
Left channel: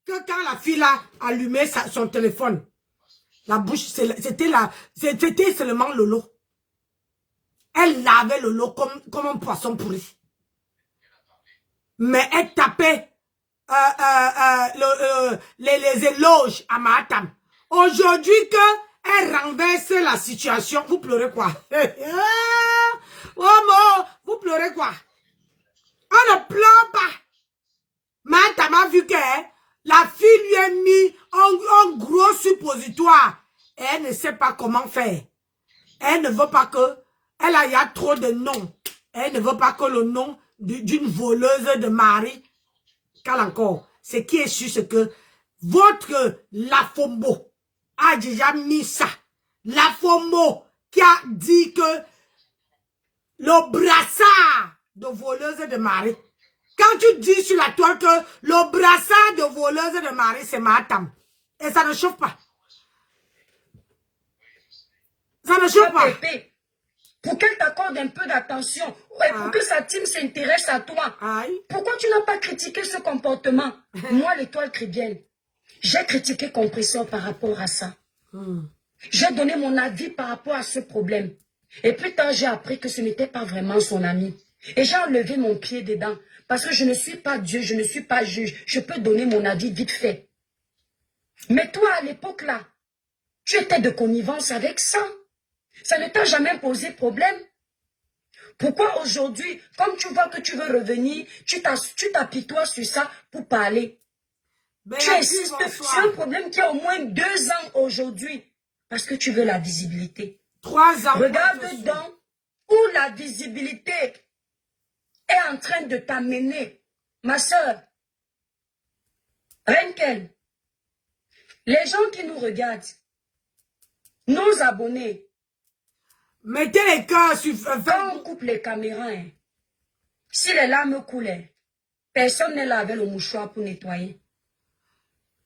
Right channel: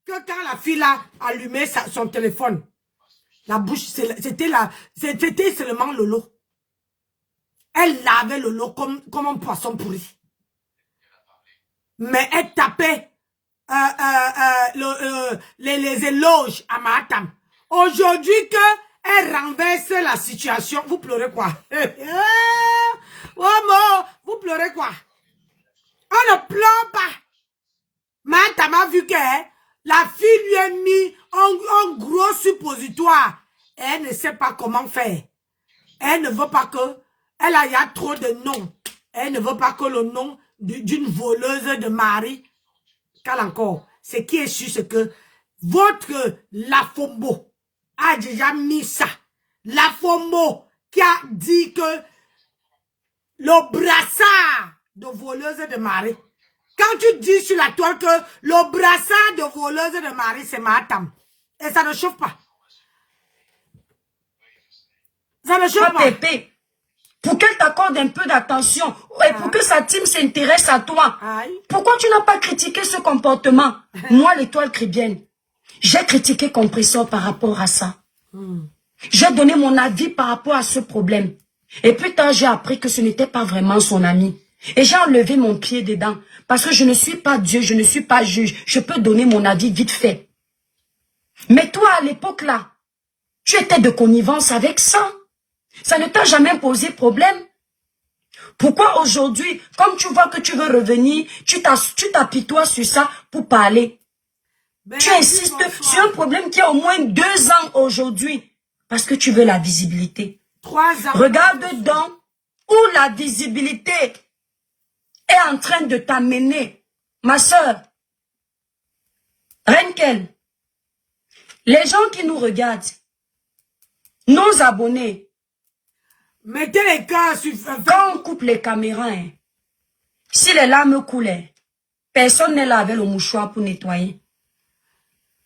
que quand la fille a allumé son téléphone, la bouche, c'était seulement Lolo. Elle lavait Lolo comme un poisson pourri. Mais elle tapait les éloges à Mahatam. Aujourd'hui elle renverse la situation, vous pleurez quoi? Oh, vous pleurez quoi? On ne pleure pas. Mahatam a vu que la fille lui a mis un gros suppositoire. Et elle ne sait pas comment faire. Elle ne veut pas que... il y a trop de noms. Elle ne veut pas que le nom d'une voleuse de mari... Car encore, ce qui est sûr, c'est que votre Lafombo a déjà mis ça. Lafombo qui a dit que le brassard de voleuse de mari... Quand tu dis sur la toile que le brassard de voleuse de mari, c'est Mahatam. Et ça ne chauffe pas. Ça ne chauffe pas. Pour qu'elle t'accorde un peu d'attention et pour que sa team s'intéresse à toi. Pourquoi tu n'as pas critiqué ce comportement? Moi, l'étoile chrétienne, j'ai critiqué Compresseur par rapport à ça. J'ai donné mon avis par rapport à ce problème. Et plus tard, j'ai appris que ce n'était pas vraiment son ami. Et j'ai enlevé mon pied dedans. Parce que je ne suis pas Dieu, je ne suis pas juge. Je peux donner mon avis vite fait. Mais toi, à l'époque là, tu étais de connivence avec ça. Ça ne t'a jamais posé problème. Pourquoi aujourd'hui, comme tu vois que tu veux revenir, tu t'apitoies sur ça pour parler? Tu insistes sur un problème qui a au moins 2 ans aujourd'hui. Parce que tu veux la visibilité. 3 ans. Regarde donc où la visibilité est en train de t'amener. Ma soeur, Renkel, les gens qui nous regardent, nos abonnés, mettez les cœurs sur... Quand on coupe les caméras, si les larmes coulaient, personne n'est là avec le mouchoir pour nettoyer.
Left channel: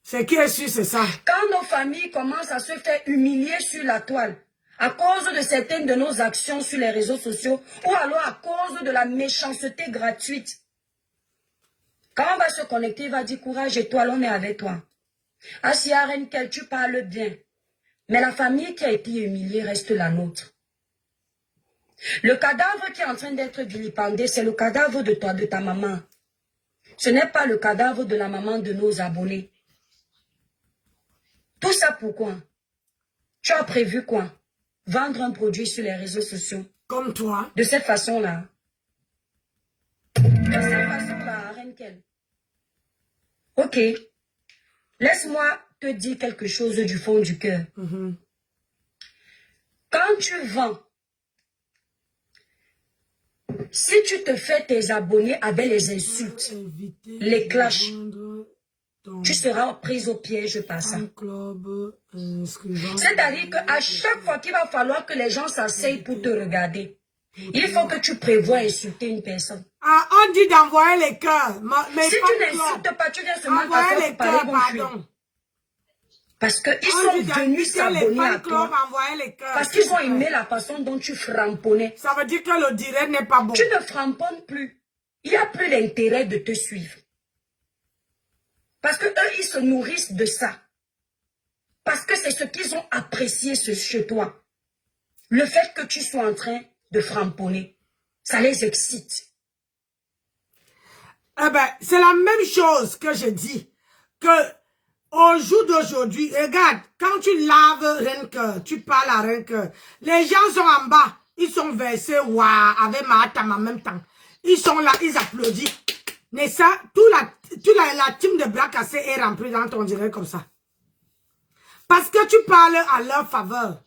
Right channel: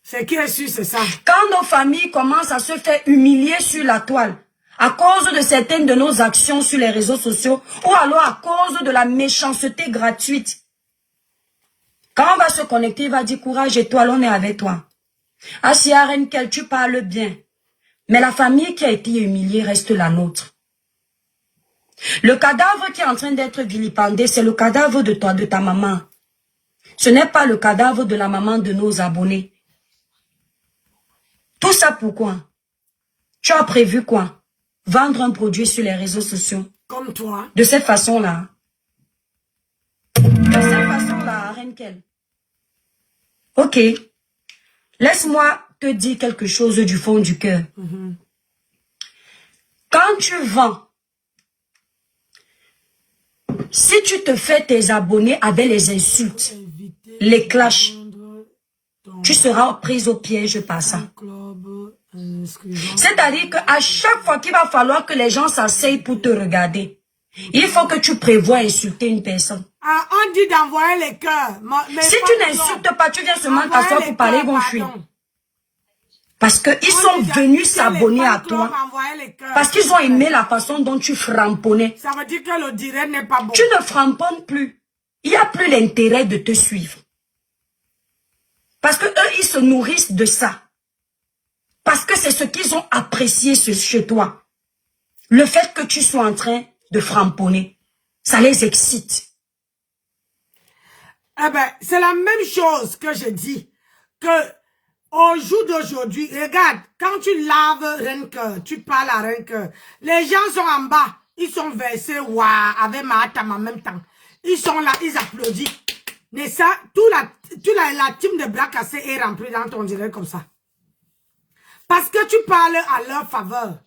Ce qui est sûr, c'est ça. Quand nos familles commencent à se faire humilier sur la toile, à cause de certaines de nos actions sur les réseaux sociaux, ou alors à cause de la méchanceté gratuite, quand on va se connecter, il va dire courage étoile, on est avec toi. Asia Renkel, tu parles bien. Mais la famille qui a été humiliée reste la nôtre. Le cadavre qui est en train d'être vilipendé, c'est le cadavre de toi, de ta maman. Ce n'est pas le cadavre de la maman de nos abonnés. Tout ça pourquoi? Tu as prévu quoi? Vendre un produit sur les réseaux sociaux. Comme toi. De cette façon-là. De cette façon-là, Renkel. Ok. Laisse-moi te dire quelque chose du fond du cœur. Quand tu vends Si tu te fais tes abonnés avec les insultes, les clashs, tu seras prise au piège par ça. C'est-à-dire qu'à chaque fois qu'il va falloir que les gens s'asseyent pour te regarder, il faut que tu prévois insulter une personne. Ah, on dit d'envoyer les cœurs. Si tu n'insultes pas, tu viens seulement t'asseoir pour parler, ils vont fuir. Parce qu'ils sont venus s'abonner à toi. Parce qu'ils ont aimé la façon dont tu framponnais. Ça veut dire que le direct n'est pas bon. Tu ne framponnes plus. Il n'y a plus l'intérêt de te suivre. Parce que eux, ils se nourrissent de ça. Parce que c'est ce qu'ils ont apprécié chez toi. Le fait que tu sois en train de framponner, ça les excite. Eh ben, c'est la même chose que je dis. Que au jour d'aujourd'hui, regarde, quand tu laves Renke, tu parles à Renke, les gens sont en bas, ils sont versés, waouh, avec Mahatam en même temps. Ils sont là, ils applaudissent. Mais ça, la team de bras cassés est remplie dans ton direct comme ça. Parce que tu parles à leur faveur.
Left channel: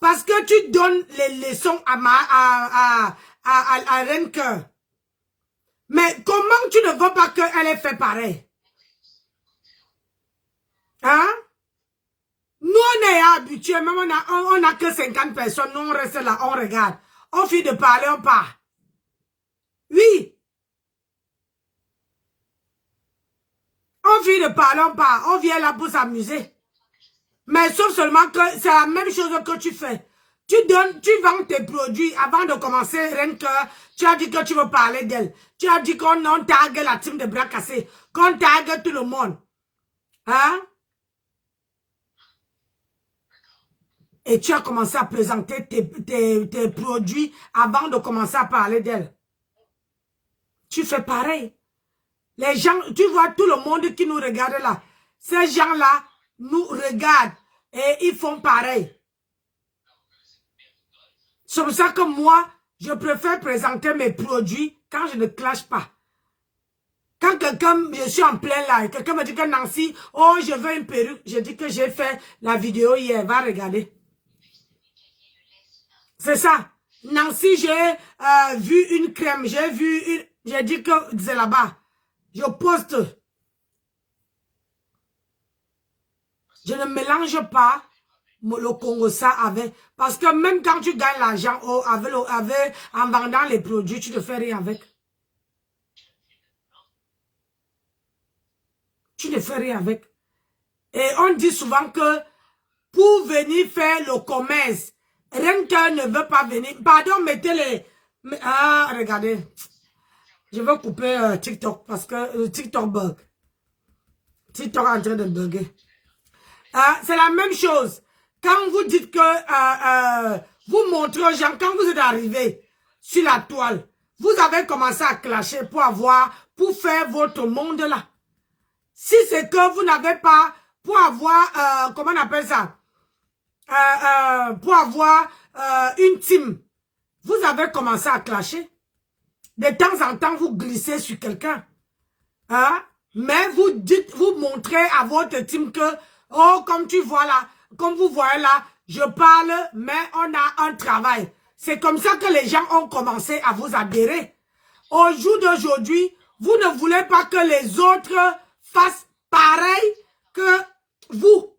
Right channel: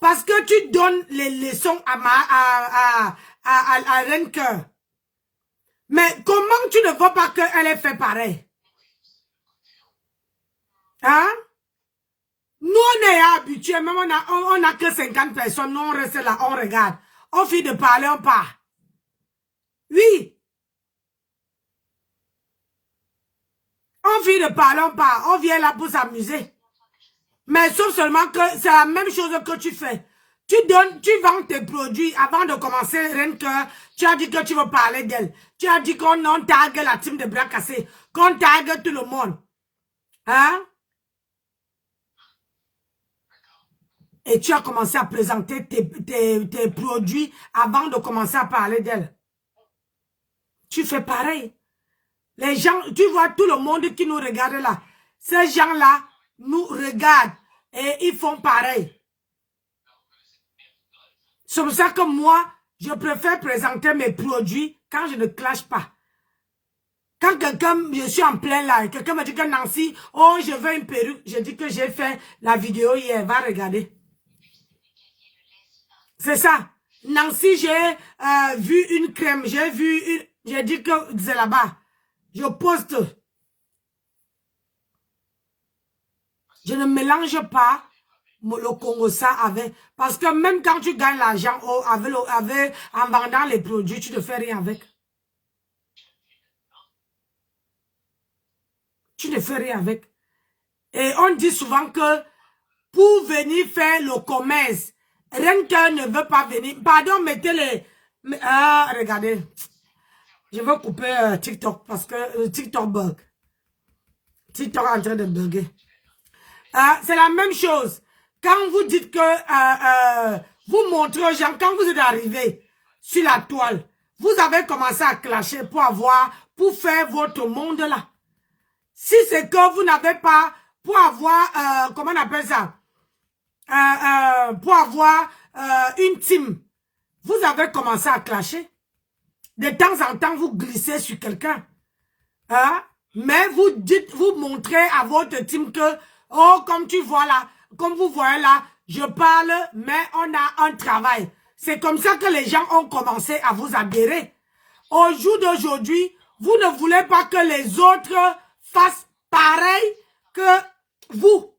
Parce que tu donnes les leçons à Renke. Mais comment tu ne veux pas qu'elle ait fait pareil? Hein? Nous, on est habitués, même on a que 50 personnes, nous on reste là, on regarde. On finit de parler, on part. Oui. On finit de parler, on part. On vient là pour s'amuser. Mais sauf seulement que c'est la même chose que tu fais. Tu vends tes produits avant de commencer, Renke. Tu as dit que tu veux parler d'elle. Tu as dit qu'on tag la team de bras cassés, qu'on tag tout le monde. Hein? Et tu as commencé à présenter tes produits avant de commencer à parler d'elle. Tu fais pareil. Les gens, tu vois tout le monde qui nous regarde là. Ces gens-là nous regardent et ils font pareil. C'est pour ça que moi, je préfère présenter mes produits quand je ne clash pas. Quand quelqu'un, je suis en plein live, quelqu'un me dit que Nancy, oh, je veux une perruque. Je dis que j'ai fait la vidéo hier, va regarder. C'est ça. Nancy, j'ai vu une crème, j'ai dit que c'est là-bas. Je poste. Je ne mélange pas le Congo ça avec. Parce que même quand tu gagnes l'argent en vendant les produits, tu ne fais rien avec. Tu ne fais rien avec. Et on dit souvent que pour venir faire le commerce, Renke ne veut pas venir. Pardon, mettez les... Ah, regardez. Je vais couper TikTok parce que TikTok bug. TikTok est en train de bugger. C'est la même chose. Quand vous dites que vous montrez aux gens, quand vous êtes arrivé sur la toile, vous avez commencé à clasher pour faire votre monde là. Si c'est que vous n'avez pas, pour avoir, comment on appelle ça? Pour avoir une team, vous avez commencé à clasher. De temps en temps, vous glissez sur quelqu'un. Hein? Mais vous montrez à votre team que, oh, comme tu vois là, comme vous voyez là, je parle, mais on a un travail. C'est comme ça que les gens ont commencé à vous adhérer. Au jour d'aujourd'hui, vous ne voulez pas que les autres fassent pareil que vous.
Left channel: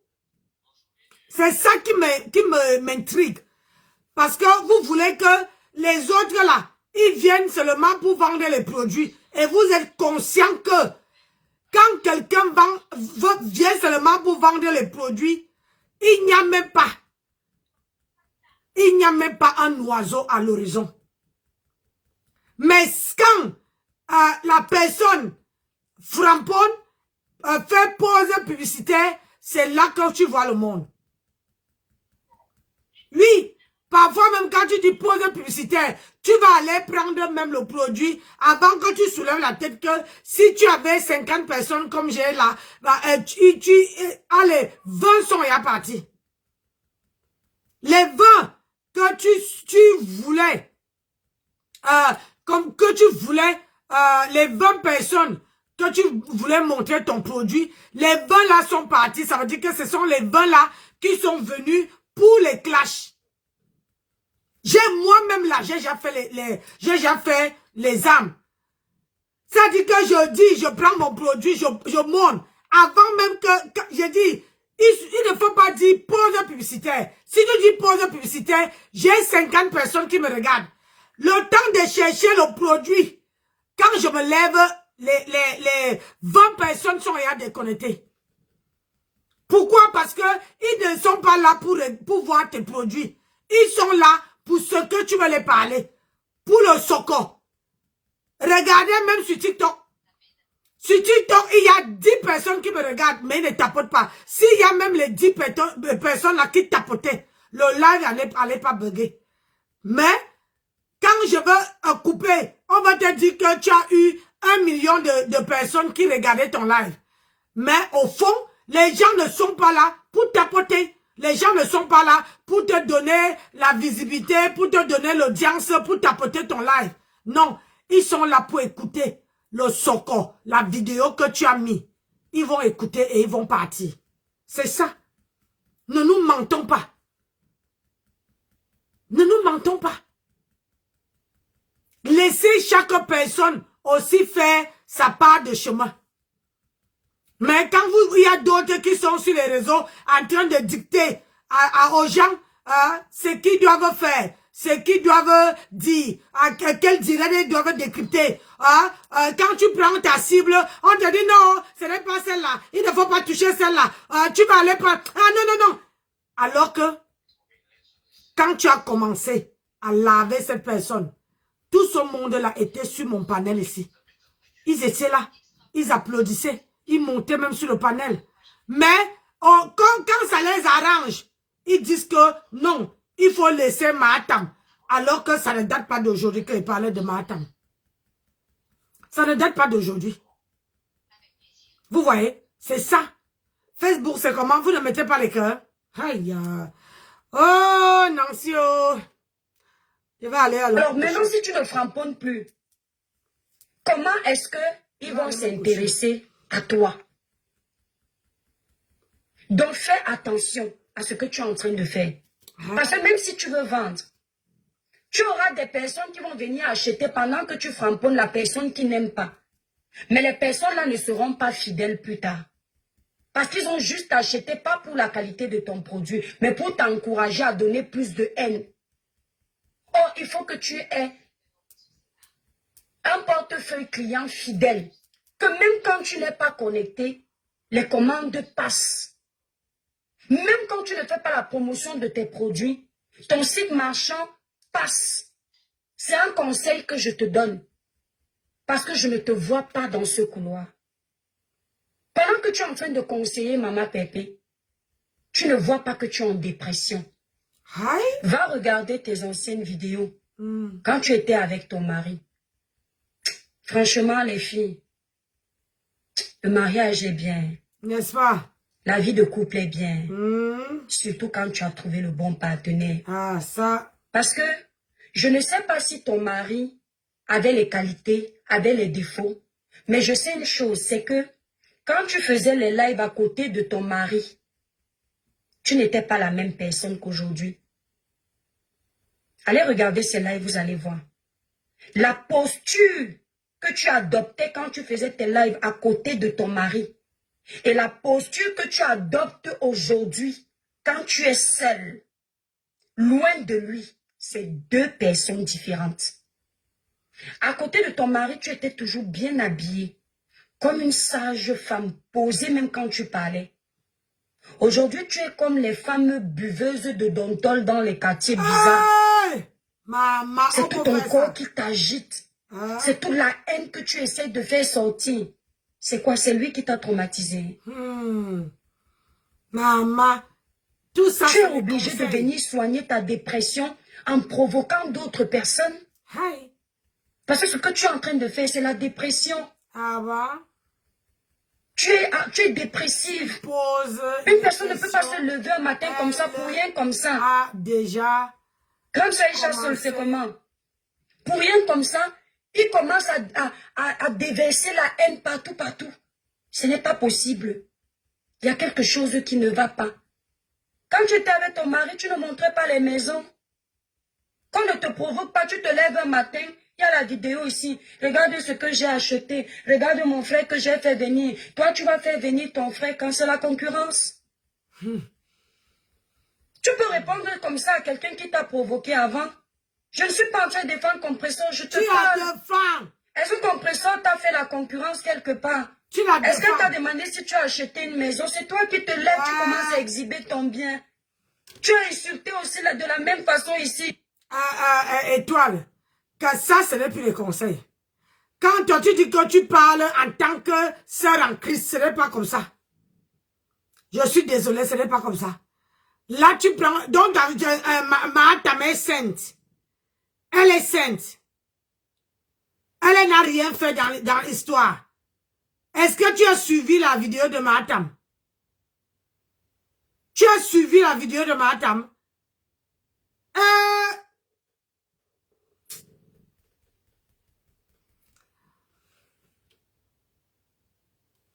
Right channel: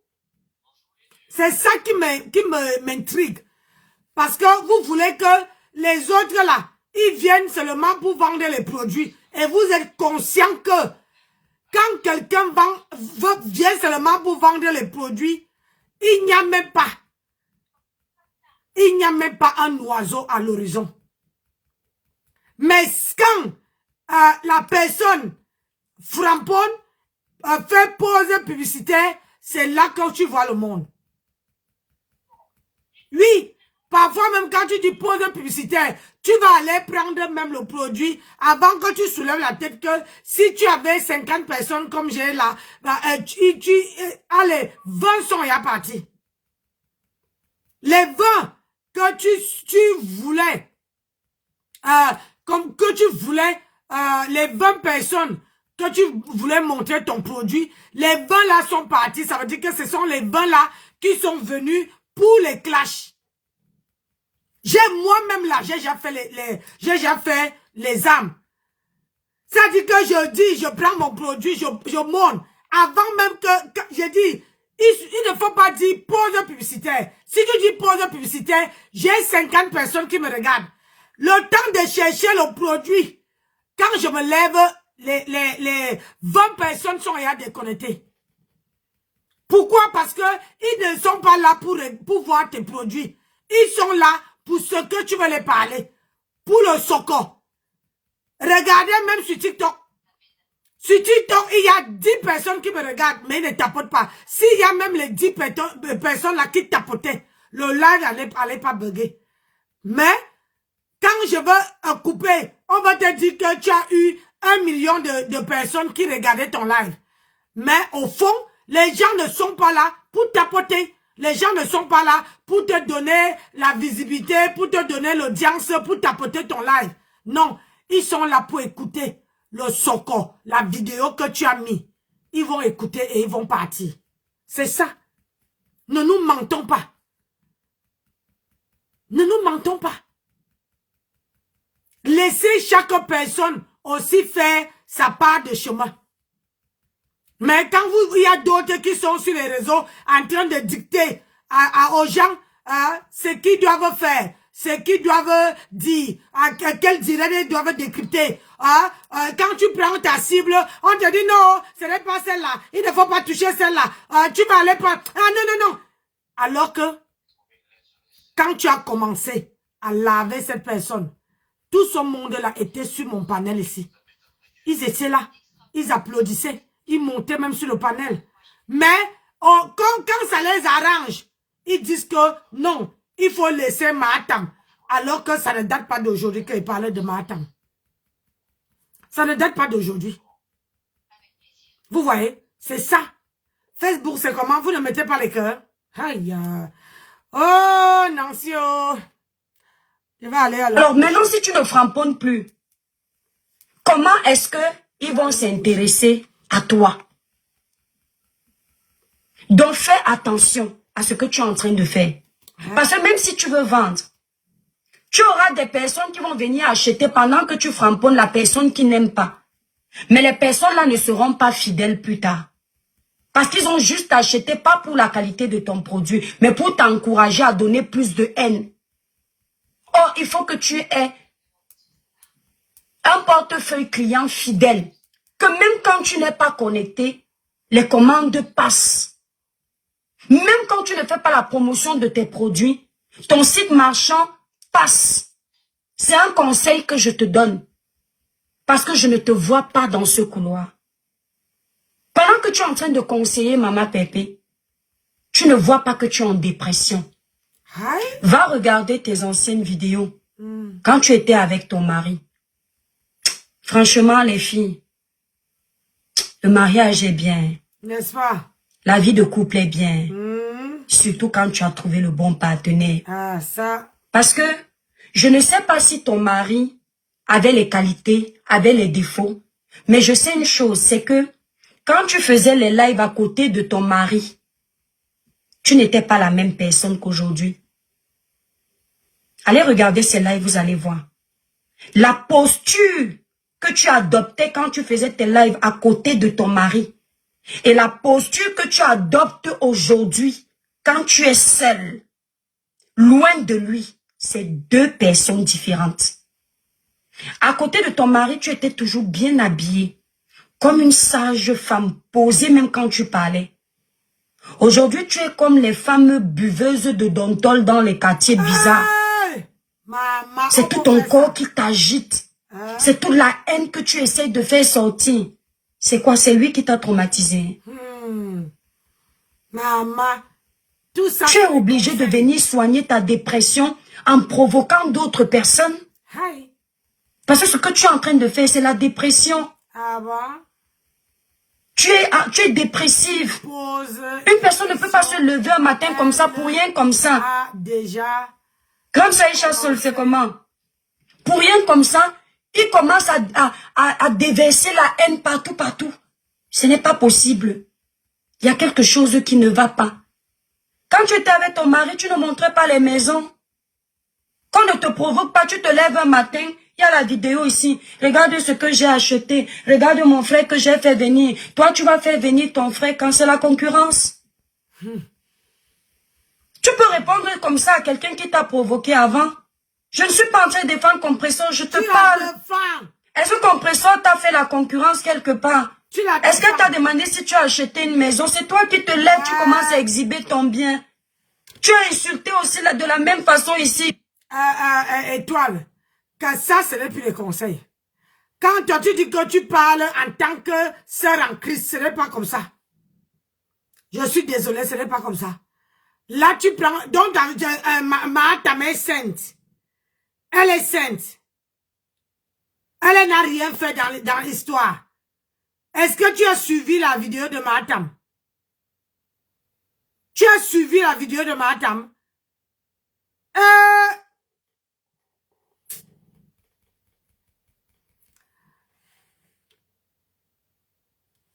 C'est ça qui m'intrigue. Parce que vous voulez que les autres là, ils viennent seulement pour vendre les produits. Et vous êtes conscient que quand quelqu'un vient seulement pour vendre les produits, il n'y a même pas. Il n'y a même pas un oiseau à l'horizon. Mais quand la personne framponne, fait pause publicitaire, c'est là que tu vois le monde. Oui. Parfois, même quand tu dis pause publicitaire, tu vas aller prendre même le produit avant que tu soulèves la tête que si tu avais 50 personnes comme j'ai là, allez, 20 sont y partis. Les 20 que tu voulais, comme que tu voulais, les 20 personnes que tu voulais montrer ton produit, les 20 là sont partis. Ça veut dire que ce sont les 20 là qui sont venus pour les clashs. Moi-même là, j'ai déjà fait les âmes. Ça dit que je dis, je prends mon produit, je monte. Avant même que j'ai dit, il ne faut pas dire pause publicitaire. Si tu dis pause publicitaire, j'ai 50 personnes qui me regardent. Le temps de chercher le produit, quand je me lève, les 20 personnes sont déjà déconnectées. Pourquoi? Parce que ils ne sont pas là pour voir tes produits. Ils sont là pour ce que tu veux les parler. Pour le soko. Regardez même sur TikTok. Sur TikTok, il y a 10 personnes qui me regardent, mais ils ne tapotent pas. S'il y a même les 10 personnes là qui tapotaient, le live n'allait pas bugger. Mais, quand je veux couper, on va te dire que tu as eu 1 million de personnes qui regardaient ton live. Mais au fond, les gens ne sont pas là pour tapoter. Les gens ne sont pas là pour te donner la visibilité, pour te donner l'audience, pour tapoter ton live. Non, ils sont là pour écouter le soko, la vidéo que tu as mis. Ils vont écouter et ils vont partir. C'est ça. Ne nous mentons pas. Ne nous mentons pas. Laissez chaque personne aussi faire sa part de chemin. Mais quand il y a d'autres qui sont sur les réseaux en train de dicter aux gens ce qu'ils doivent faire, ce qu'ils doivent dire, quel direct ils doivent décrypter. Quand tu prends ta cible, on te dit non, ce n'est pas celle-là, il ne faut pas toucher celle-là, tu vas aller pas... Ah non, non, non. Alors que, quand tu as commencé à laver cette personne, tout ce monde-là était sur mon panel ici. Ils étaient là, ils applaudissaient. Ils montaient même sur le panel. Mais quand ça les arrange, ils disent que non, il faut laisser Mahatam. Alors que ça ne date pas d'aujourd'hui qu'ils parlaient de Mahatam. Ça ne date pas d'aujourd'hui. Vous voyez, c'est ça. Facebook, c'est comment? Vous ne mettez pas les cœurs. Aïe. Oh, Nancy, oh. Je vais aller alors. Alors maintenant, si tu ne framponnes plus, comment est-ce qu'ils vont s'intéresser à toi? Donc fais attention à ce que tu es en train de faire. Parce que même si tu veux vendre, tu auras des personnes qui vont venir acheter pendant que tu framponnes la personne qui n'aime pas. Mais les personnes là ne seront pas fidèles plus tard. Parce qu'ils ont juste acheté pas pour la qualité de ton produit, mais pour t'encourager à donner plus de haine. Or, il faut que tu aies un portefeuille client fidèle. Que même quand tu n'es pas connecté, les commandes passent. Même quand tu ne fais pas la promotion de tes produits, ton site marchand passe. C'est un conseil que je te donne. Parce que je ne te vois pas dans ce couloir. Pendant que tu es en train de conseiller Maman Pépé, tu ne vois pas que tu es en dépression. Hi. Va regarder tes anciennes vidéos. Quand tu étais avec ton mari. Franchement, les filles, le mariage est bien. N'est-ce pas? La vie de couple est bien. Surtout quand tu as trouvé le bon partenaire. Ah, ça. Parce que je ne sais pas si ton mari avait les qualités, avait les défauts. Mais je sais une chose, c'est que quand tu faisais les lives à côté de ton mari, tu n'étais pas la même personne qu'aujourd'hui. Allez regarder ces lives, vous allez voir. La posture que tu adoptais quand tu faisais tes lives à côté de ton mari et la posture que tu adoptes aujourd'hui quand tu es seul, loin de lui, c'est deux personnes différentes. À côté de ton mari, tu étais toujours bien habillée, comme une sage femme, posée même quand tu parlais. Aujourd'hui, tu es comme les femmes buveuses de Dontol dans les quartiers bizarres. Hey! Maman, C'est tout ton corps qui t'agite. C'est toute la haine que tu essaies de faire sortir. C'est quoi? C'est lui qui t'a traumatisé. Maman, tout ça... Tu es obligé de venir soigner ta dépression en provoquant d'autres personnes. Hey. Parce que ce que tu es en train de faire, c'est la dépression. Ah bon? Tu es dépressive. Pause. Une personne ne peut pas se lever un matin comme ça pour rien comme ça. Ah, déjà. Comme ça, Aïcha se le fait comment? Pour rien comme ça, il commence à déverser la haine partout, partout. Ce n'est pas possible. Il y a quelque chose qui ne va pas. Quand tu étais avec ton mari, tu ne montrais pas les maisons. Qu'on ne te provoque pas, tu te lèves un matin, il y a la vidéo ici. Regarde ce que j'ai acheté. Regarde mon frère que j'ai fait venir. Toi, tu vas faire venir ton frère quand c'est la concurrence. Tu peux répondre comme ça à quelqu'un qui t'a provoqué avant. Je ne suis pas en train de défendre Compressor, je te parle. Est-ce que Compressor t'a fait la concurrence quelque part? Est-ce que tu as demandé si tu as acheté une maison? C'est toi qui te lèves, tu commences à exhiber ton bien. Tu as insulté aussi là, de la même façon ici. Étoile, que ça, ce n'est plus les conseils. Quand toi, tu dis que tu parles en tant que sœur en Christ, ce n'est pas comme ça. Je suis désolée, ce n'est pas comme ça. Là, tu prends... Donc, ta mère est sainte. Elle est sainte. Elle n'a rien fait dans l'histoire. Est-ce que tu as suivi la vidéo de Matam? Tu as suivi la vidéo de Matam?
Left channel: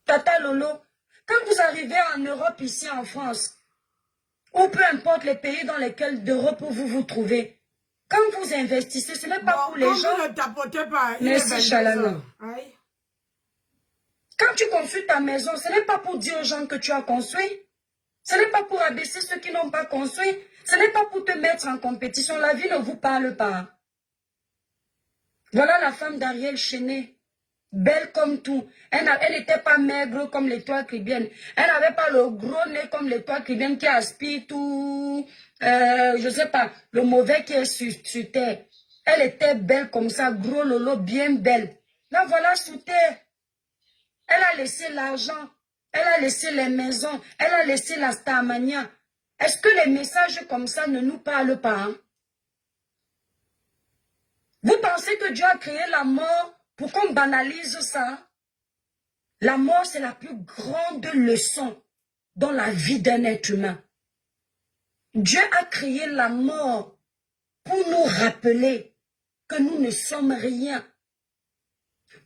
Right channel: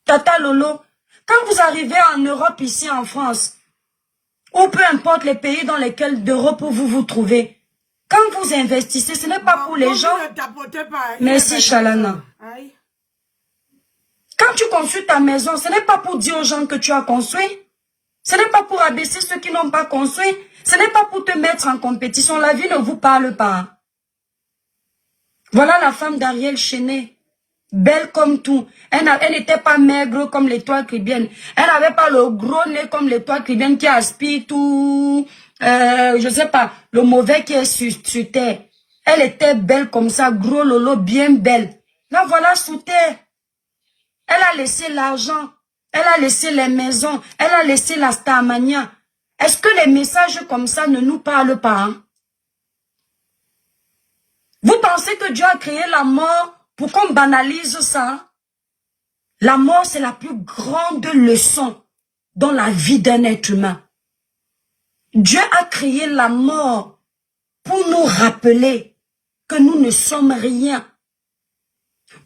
Tata Lolo, quand vous arrivez en Europe, ici en France, ou peu importe les pays dans lesquels d'Europe vous vous trouvez, quand vous investissez, ce n'est pas pour les gens... Merci, Chalana. Quand tu construis ta maison, ce n'est pas pour dire aux gens que tu as construit. Ce n'est pas pour abaisser ceux qui n'ont pas construit. Ce n'est pas pour te mettre en compétition. La vie ne vous parle pas. Voilà la femme d'Ariel Chenet. Belle comme tout. Elle n'était pas maigre comme l'étoile caribéenne. Elle n'avait pas le gros nez comme l'étoile caribéenne qui aspire tout, je sais pas, le mauvais qui est sur terre. Elle était belle comme ça, gros lolo, bien belle. Là, voilà sous terre. Elle a laissé l'argent. Elle a laissé les maisons. Elle a laissé la Starmania. Est-ce que les messages comme ça ne nous parlent pas? Hein? Vous pensez que Dieu a créé la mort pour qu'on banalise ça? La mort, c'est la plus grande leçon dans la vie d'un être humain. Dieu a créé la mort pour nous rappeler que nous ne sommes rien.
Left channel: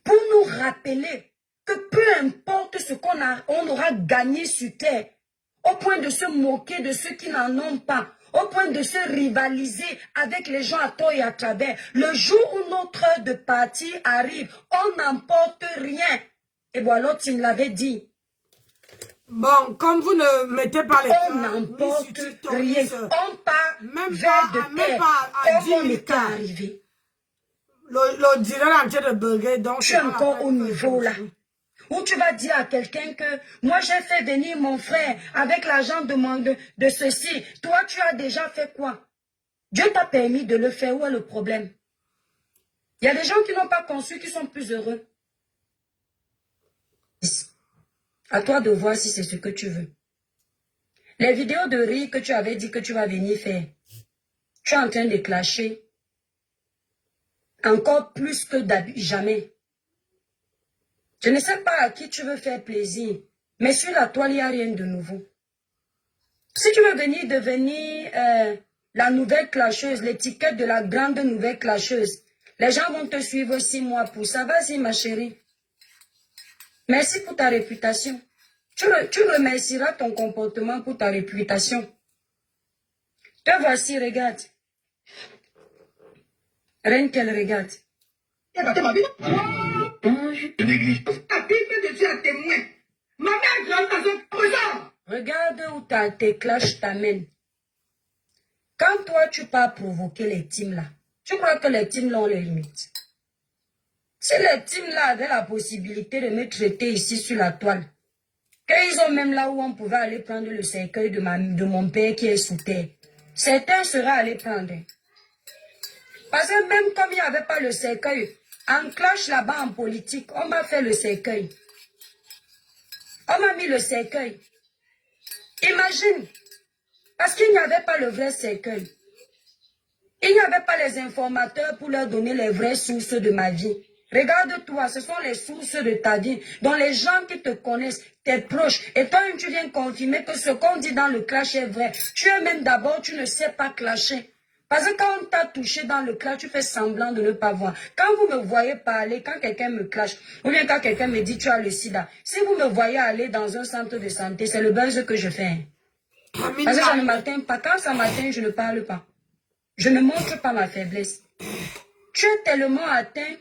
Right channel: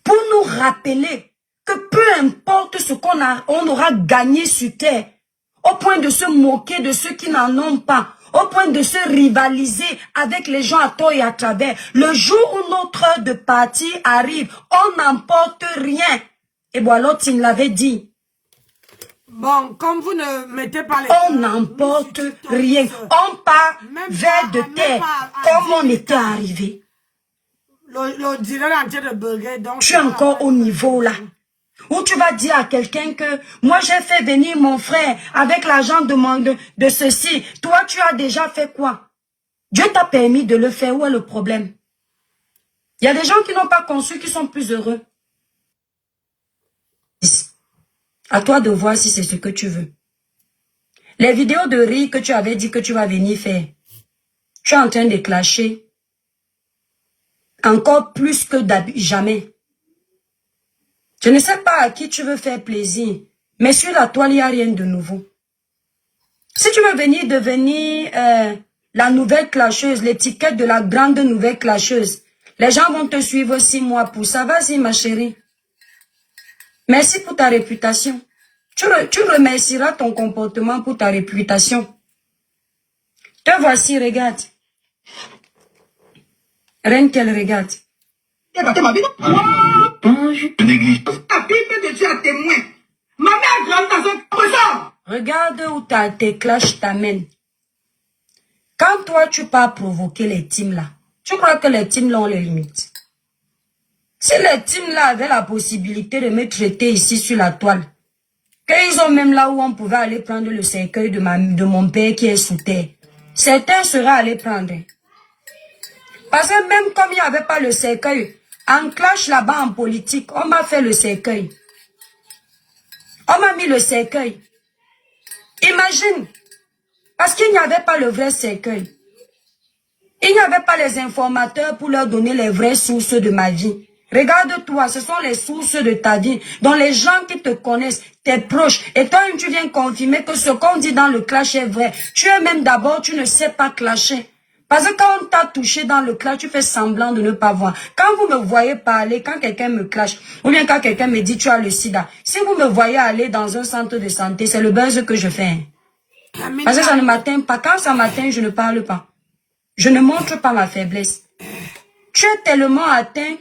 Pour nous rappeler que peu importe ce on aura gagné sur terre, au point de se moquer de ceux qui n'en ont pas, au point de se rivaliser avec les gens à tort et à travers. Le jour où notre heure de partie arrive, on n'emporte rien. Et voilà, tu l'avais dit. Bon, comme vous ne mettez pas les... On n'emporte rien. On part vers de terre, comme on était arrivé. Le dirait entier de burger, donc... Tu es encore au niveau là. Où tu vas dire à quelqu'un que moi j'ai fait venir mon frère avec l'argent de ceci. Toi tu as déjà fait quoi? Dieu t'a permis de le faire. Où est le problème? Il y a des gens qui n'ont pas conçu qui sont plus heureux. À toi de voir si c'est ce que tu veux. Les vidéos de riz que tu avais dit que tu vas venir faire. Tu es en train de clasher. Encore plus que jamais. Je ne sais pas à qui tu veux faire plaisir, mais sur la toile, il n'y a rien de nouveau. Si tu veux venir devenir la nouvelle clasheuse, l'étiquette de la grande nouvelle clasheuse, les gens vont te suivre 6 mois pour ça. Vas-y, ma chérie. Merci pour ta réputation. Tu remercieras ton comportement pour ta réputation. Te voici, regarde. Rien qu'elle regarde. Regarde où tes clashs t'amènent. Quand toi, tu pars provoquer les teams là, tu crois que les teams là ont les limites? Si les teams là avaient la possibilité de me traiter ici sur la toile, qu'ils ont même là où on pouvait aller prendre le cercueil de mon père qui est sous terre, certains seraient allés prendre. Parce que même comme il n'y avait pas le cercueil, en clash là-bas en politique, on m'a fait le cercueil. On m'a mis le cercueil. Imagine, parce qu'il n'y avait pas le vrai cercueil. Il n'y avait pas les informateurs pour leur donner les vraies sources de ma vie. Regarde-toi, ce sont les sources de ta vie, dont les gens qui te connaissent, tes proches. Et toi, tu viens confirmer que ce qu'on dit dans le clash est vrai. Tu es même d'abord, tu ne sais pas clasher. Parce que quand on t'a touché dans le clash, tu fais semblant de ne pas voir. Quand vous me voyez parler, quand quelqu'un me clash, ou bien quand quelqu'un me dit tu as le sida, si vous me voyez aller dans un centre de santé, c'est le buzz que je fais. Parce que ça ne m'atteint pas. Quand ça m'atteint, je ne parle pas. Je ne montre pas ma faiblesse. Tu es tellement atteint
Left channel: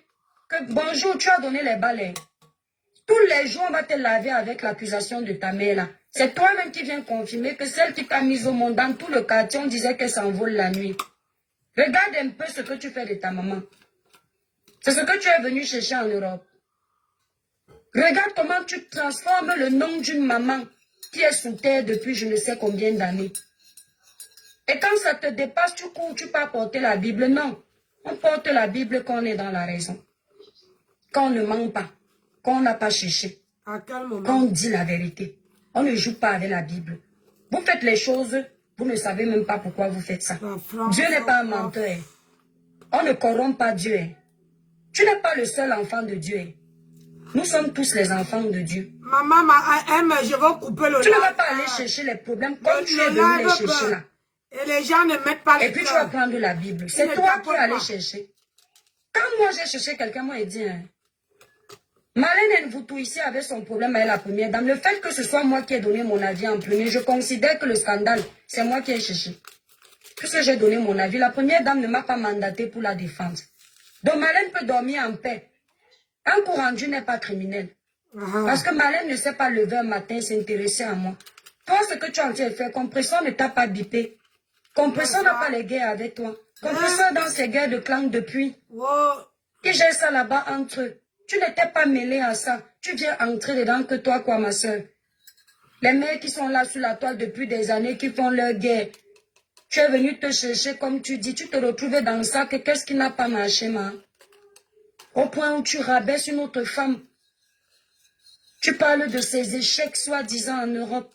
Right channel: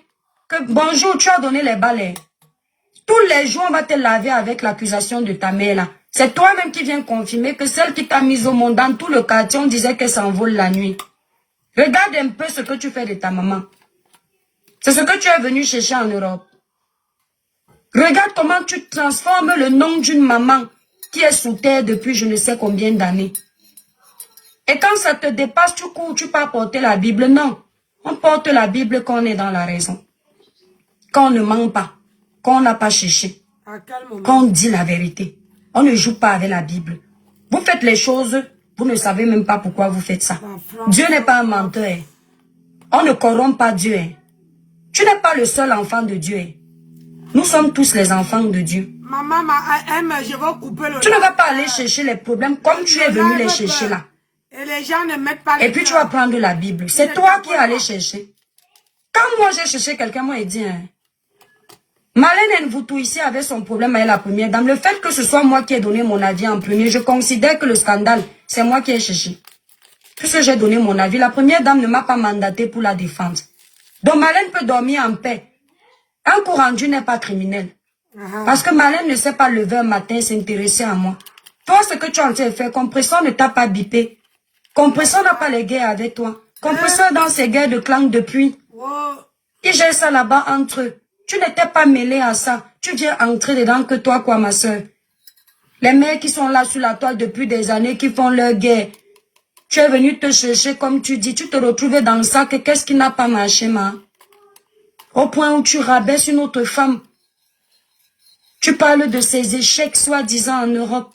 que bonjour, tu as donné les balais. Tous les jours, on va te laver avec l'accusation de ta mère là. C'est toi-même qui viens confirmer que celle qui t'a mise au monde dans tout le quartier, on disait qu'elle s'envole la nuit. Regarde un peu ce que tu fais de ta maman. C'est ce que tu es venu chercher en Europe. Regarde comment tu transformes le nom d'une maman qui est sous terre depuis je ne sais combien d'années. Et quand ça te dépasse, tu cours, tu pars porter la Bible. Non, on porte la Bible quand on est dans la raison. Quand on ne ment pas, quand on n'a pas cherché, quand on dit la vérité. On ne joue pas avec la Bible. Vous faites les choses, vous ne savez même pas pourquoi vous faites ça. Dieu n'est pas un menteur. On ne corrompt pas Dieu. Tu n'es pas le seul enfant de Dieu. Nous sommes tous les enfants de Dieu. Maman, je vais couper le... Tu ne vas pas aller chercher les problèmes comme tu es venu les chercher là. Et les gens ne mettent pas les... Et puis tu vas prendre la Bible. C'est toi qui es allé chercher. Quand moi j'ai cherché quelqu'un, moi il dit... Marlène Nvoutou ici avait son problème avec la première dame. Le fait que ce soit moi qui ai donné mon avis en premier, je considère que le scandale, c'est moi qui ai cherché. Puisque j'ai donné mon avis, la première dame ne m'a pas mandaté pour la défendre. Donc Marlène peut dormir en paix. Un coup rendu n'est pas criminel. Parce que Marlène ne s'est pas lever un matin et s'intéresser à moi. Toi, ce que tu as en train de faire, Compresseur ne t'a pas bipé. Compresseur n'a pas les guerres avec toi. Compresseur dans ses guerres de clan depuis. Il gère ça là-bas entre eux. Tu n'étais pas mêlé à ça. Tu viens entrer dedans que toi, quoi, ma soeur. Les mères qui sont là sur la toile depuis des années, qui font leur guerre. Tu es venu te chercher, comme tu dis. Tu te retrouvais dans le sac. Qu'est-ce qui n'a pas marché, ma? Au point où tu rabaisses une autre femme. Tu parles de ces échecs, soi-disant, en Europe.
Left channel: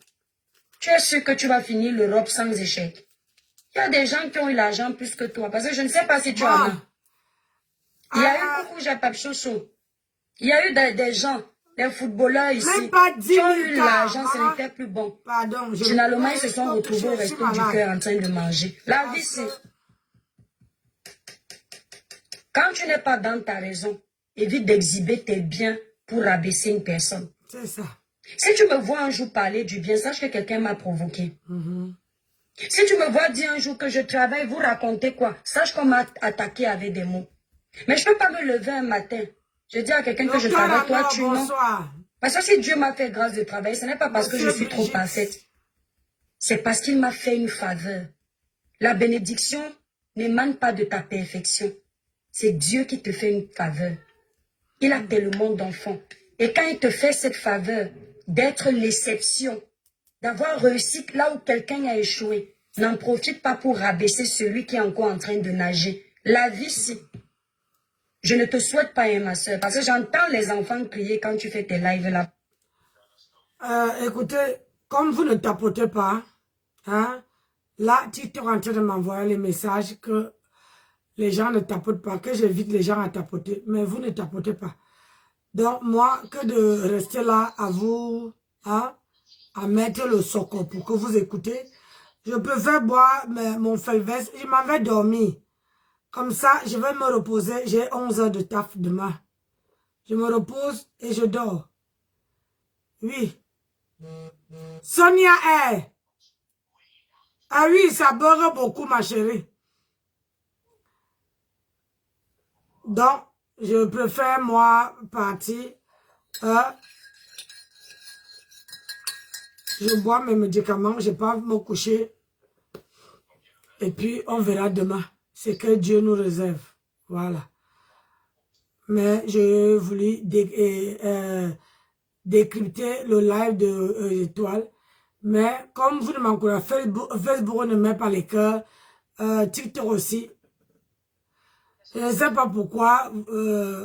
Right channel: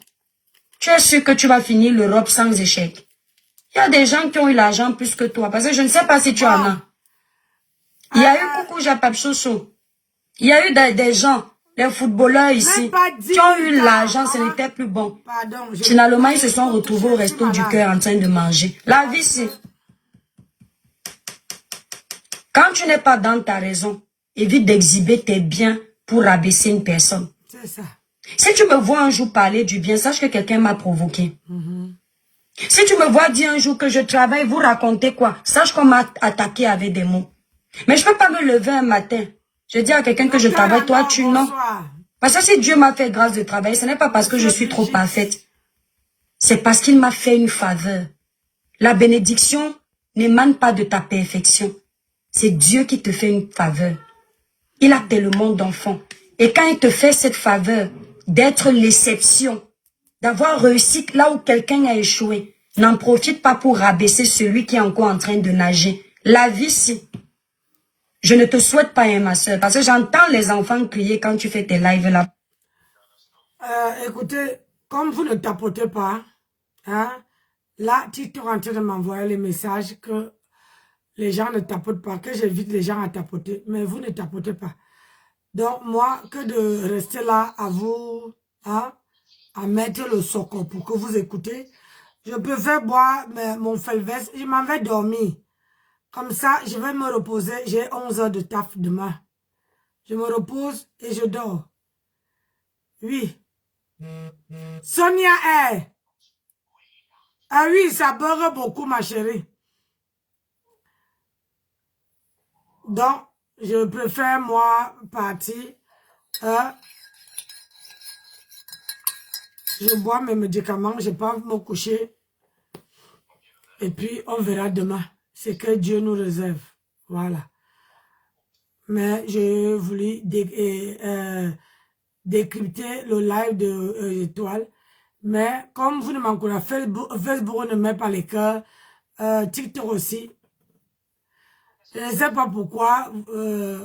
Tu es sûr que tu vas finir l'Europe sans échec. Il y a des gens qui ont eu l'argent plus que toi. Parce que je ne sais pas si tu en as. Il y a eu Coucou Japap Chouchou. Il y a eu des gens, les footballeurs ici, qui ont eu l'argent, ce n'était plus bon. Finalement, ils se sont retrouvés au resto du cœur en train de manger. La vie, c'est... Quand tu n'es pas dans ta raison, évite d'exhiber tes biens pour rabaisser une personne. C'est ça. Si tu me vois un jour parler du bien, sache que quelqu'un m'a provoqué. Si tu me vois dire un jour que je travaille, vous racontez quoi? Sache qu'on m'a attaqué avec des mots. Mais je ne peux pas me lever un matin. Je dis à quelqu'un que je travaille, toi tu non. Parce que si Dieu m'a fait grâce de travailler, ce n'est pas parce que je suis trop parfaite. C'est parce qu'il m'a fait une faveur. La bénédiction n'émane pas de ta perfection. C'est Dieu qui te fait une faveur. Il a tellement d'enfants. Et quand il te fait cette faveur d'être l'exception, d'avoir réussi là où quelqu'un a échoué, n'en profite pas pour rabaisser celui qui est encore en train de nager. La vie, si. Je ne te souhaite pas, ma soeur, parce que j'entends les enfants crier quand tu fais tes lives là. Écoutez, comme vous ne tapotez pas, hein, là, tu es en train de m'envoyer les messages que les gens ne tapotent pas, que j'invite les gens à tapoter, mais vous ne tapotez pas. Donc, moi, que de rester là à vous, hein, à mettre le soco pour que vous écoutez, je préfère boire mon felvès, je m'en vais dormir. Comme ça, je vais me reposer. J'ai 11 heures de taf demain. Je me repose et je dors. Oui. Sonia est. Ah oui, ça beurre beaucoup, ma chérie. Donc, je préfère, moi, partir. Je bois mes médicaments, je ne vais pas me coucher. Et puis, on verra demain. C'est que Dieu nous réserve. Voilà. Mais je voulais décrypter le live de Étoile. Mais comme vous ne m'encouragez, Facebook ne met pas les cœurs. TikTok aussi. Je ne sais pas pourquoi.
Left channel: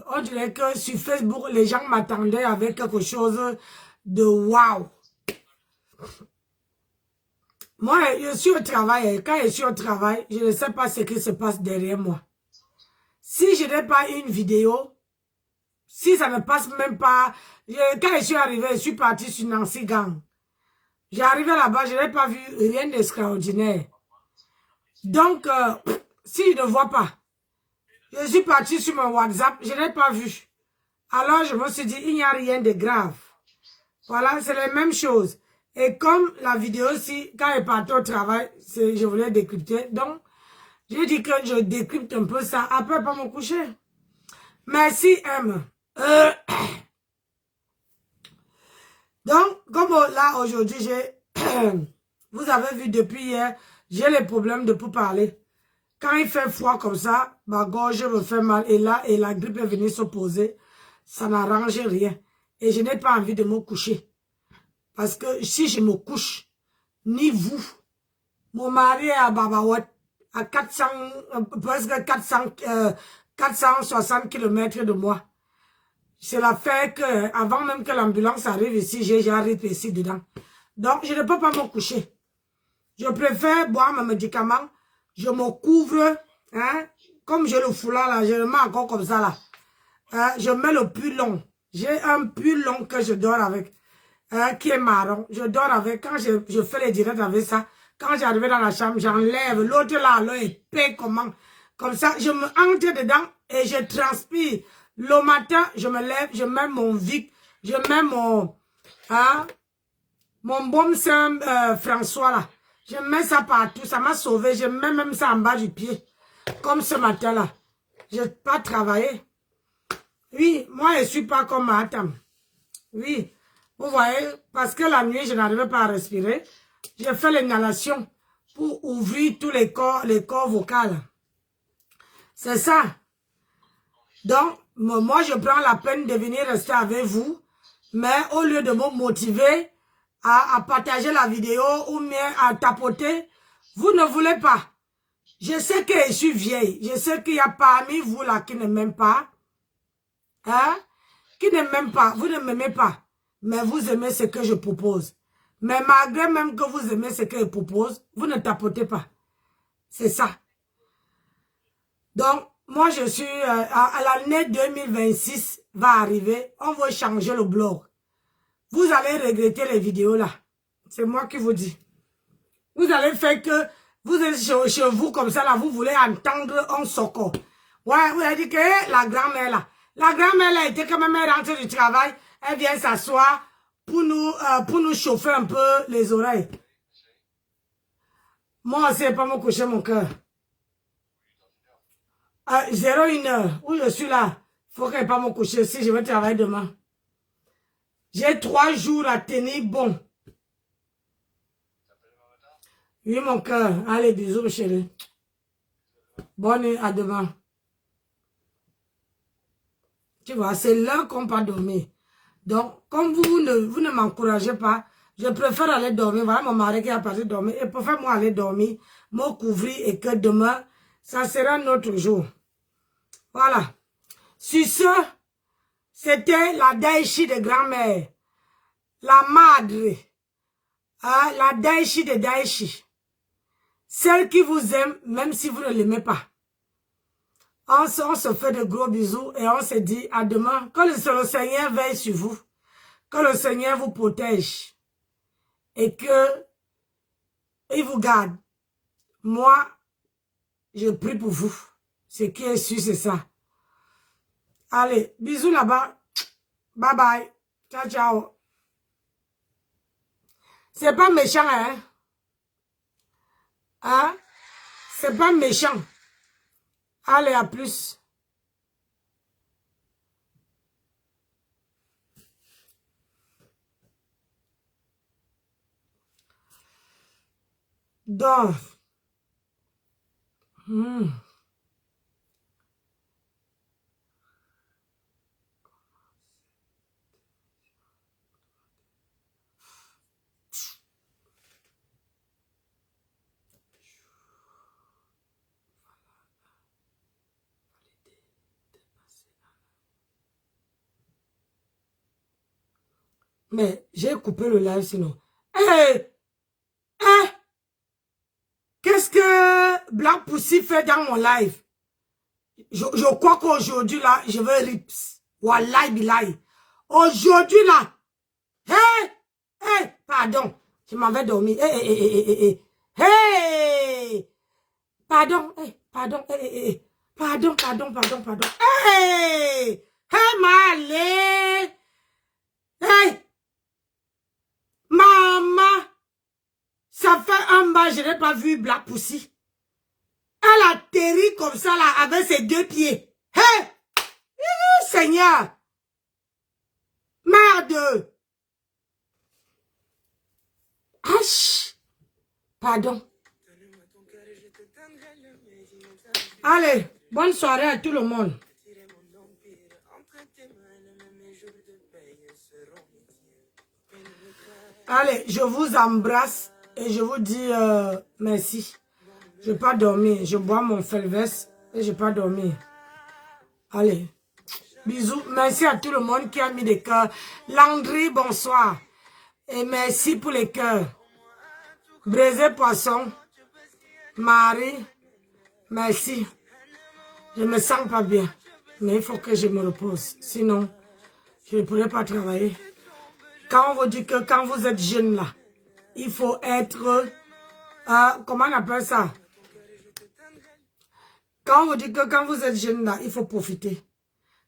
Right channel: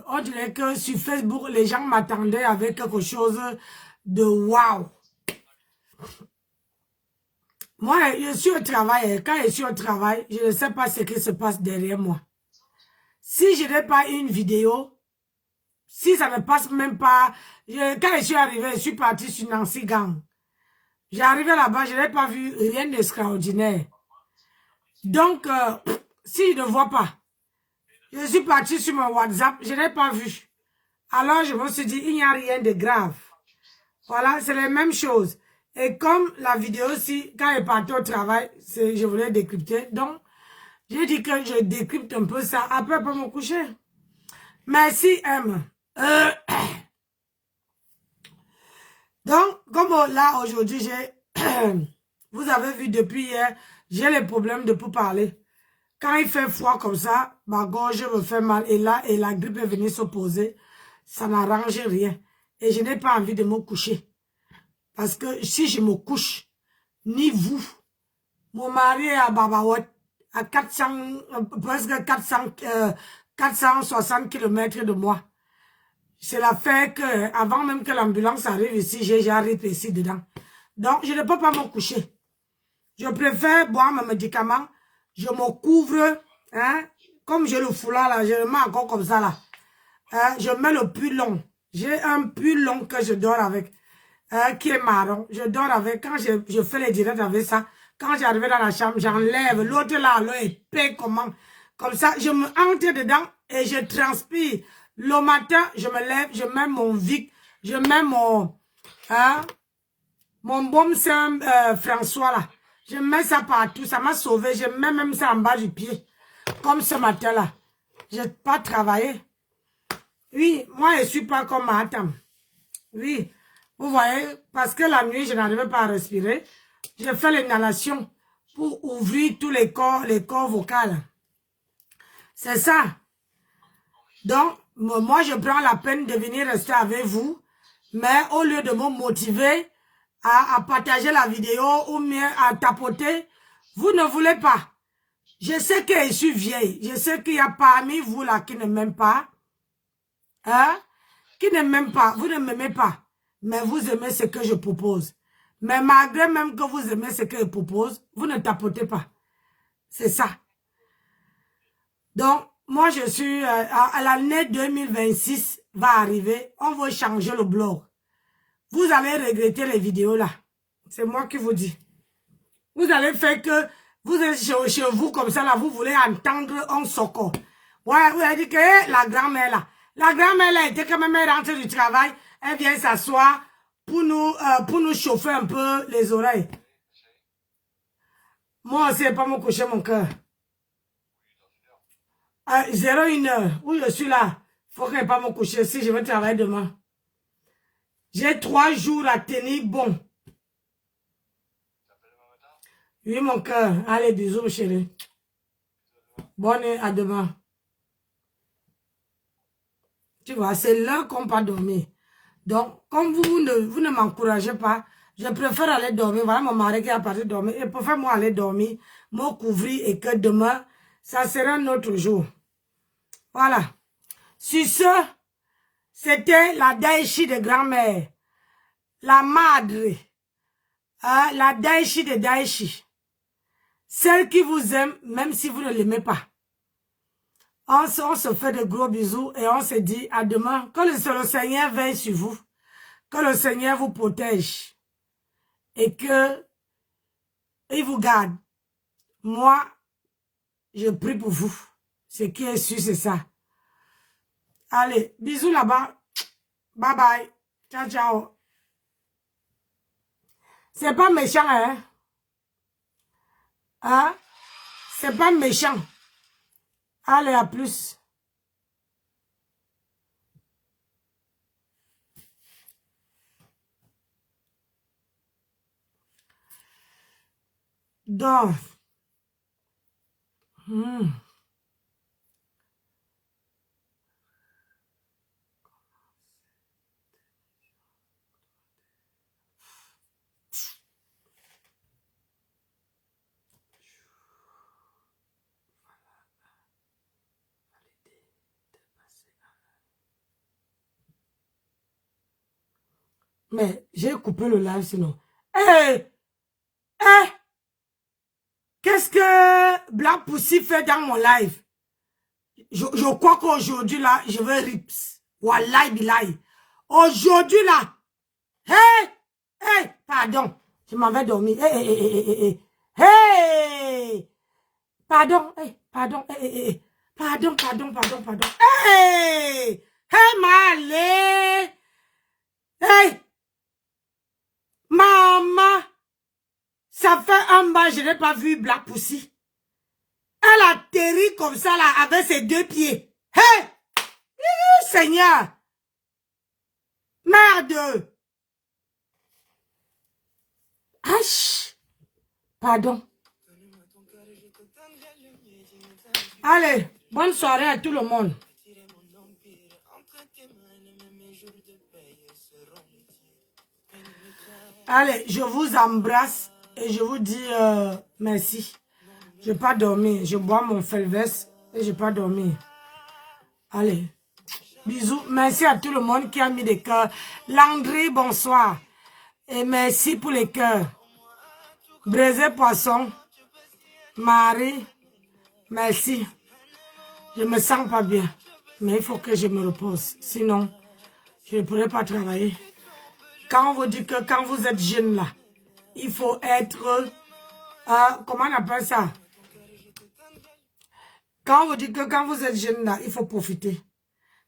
On dirait que sur Facebook, les gens m'attendaient avec quelque chose de waouh. Moi, je suis au travail. Quand je suis au travail, je ne sais pas ce qui se passe derrière moi. Si je n'ai pas une vidéo, si ça ne passe même pas... quand je suis arrivé, je suis parti sur Nancy Gang. J'ai arrivé là-bas, je n'ai pas vu rien d'extraordinaire. Donc, si je ne vois pas, je suis parti sur mon WhatsApp, je n'ai pas vu. Alors, je me suis dit, il n'y a rien de grave. Voilà, c'est la même chose. Et comme la vidéo aussi, quand elle partait au travail, je voulais décrypter. Donc, Je dis que je décrypte un peu ça. Après, pas me coucher. Merci, M. Donc, comme là, aujourd'hui, vous avez vu depuis hier, j'ai les problèmes de pour parler. Quand il fait froid comme ça, ma gorge me fait mal. Et là, et la grippe est venue s'opposer. Ça n'arrange rien. Et je n'ai pas envie de me coucher. Parce que si je me couche, ni vous, mon mari est à Babawet, à 400, presque 460 km de moi. Cela fait que, avant même que l'ambulance arrive ici, j'ai arrivé ici dedans. Donc, je ne peux pas me coucher. Je préfère boire mes médicaments. Je me couvre, hein, comme j'ai le foulard là, je le mets encore comme ça là. Je mets le pull long. J'ai un pull long que je dors avec, qui est marron. Je dors avec, quand je fais les directs avec ça, quand j'arrive dans la chambre, j'enlève. L'autre là, l'épée, comme ça, je me entre dedans et je transpire. Le matin, je me lève, je mets mon Vic, je mets mon baume Saint François là. Je mets ça partout, ça m'a sauvé. Je mets même ça en bas du pied. Comme ce matin là. Je n'ai pas travaillé. Oui, moi je ne suis pas comme Matam. Oui, vous voyez, parce que la nuit, je n'arrivais pas à respirer. J'ai fait l'inhalation pour ouvrir tous les corps vocaux. C'est ça. Donc, moi, je prends la peine de venir rester avec vous. Mais au lieu de me motiver à partager la vidéo ou bien à tapoter, vous ne voulez pas. Je sais que je suis vieille. Je sais qu'il y a parmi vous là qui ne m'aiment pas. Hein? Qui ne m'aiment pas. Vous ne m'aimez pas. Mais vous aimez ce que je propose. Mais malgré même que vous aimez ce que je propose, vous ne tapotez pas. C'est ça. Donc, moi je suis à l'année 2026 va arriver. On va changer le blog. Vous allez regretter les vidéos là. C'est moi qui vous dis. Vous allez faire que vous êtes chez vous comme ça là, vous voulez entendre un soco. Ouais, vous avez dit que la grand-mère là. La grand-mère là était quand même rentrée du travail. Elle vient s'asseoir pour nous chauffer un peu les oreilles. Moi aussi, pas me coucher mon cœur. 01 heure, où je suis là. Faut que je ne pas me coucher si je vais travailler demain. J'ai 3 jours à tenir bon. Oui, mon cœur. Allez, bisous, chérie. Bonne nuit, à demain. Tu vois, c'est l'heure qu'on peut dormir. Donc, comme vous ne m'encouragez pas, je préfère aller dormir. Voilà mon mari qui est parti dormir. Et préfère moi aller dormir, me couvrir et que demain, ça sera un autre jour. Voilà. Sur ce, c'était la Daichi de grand-mère. La madre. La Daichi de Daichi. Celle qui vous aime, même si vous ne l'aimez pas. On se fait de gros bisous et on se dit à demain. Que le Seigneur veille sur vous. Que le Seigneur vous protège. Et que il vous garde. Moi, je prie pour vous. Ce qui est sûr, c'est ça. Allez, bisous là-bas. Bye bye. Ciao, ciao. C'est pas méchant, hein? Hein? C'est pas méchant. Allez, à plus. Donc. Mais j'ai coupé le live sinon. Qu'est-ce que Black Pussy fait dans mon live? Je crois qu'aujourd'hui là, je vais rips. Wallahi billahi. Aujourd'hui là. Pardon. Je m'en vais dormir. Pardon. Pardon. Pardon. Malé. Maman. Ça fait un mois, je n'ai pas vu Black Pussy. Elle atterrit comme ça, là, avec ses 2 pieds. Hé! Seigneur! Merde! Aïe! Pardon. Allez, bonne soirée à tout le monde. Allez, je vous embrasse et je vous dis merci. Je n'ai pas dormi. Je bois mon Felves et je n'ai pas dormi. Allez, bisous. Merci à tout le monde qui a mis des cœurs. Landry, bonsoir. Et merci pour les cœurs. Braisé Poisson. Marie, merci. Je me sens pas bien. Mais il faut que je me repose. Sinon, je ne pourrai pas travailler. Quand on vous dit que quand vous êtes jeune là, il faut être... comment on appelle ça? Quand on vous dit que quand vous êtes jeune là, il faut profiter.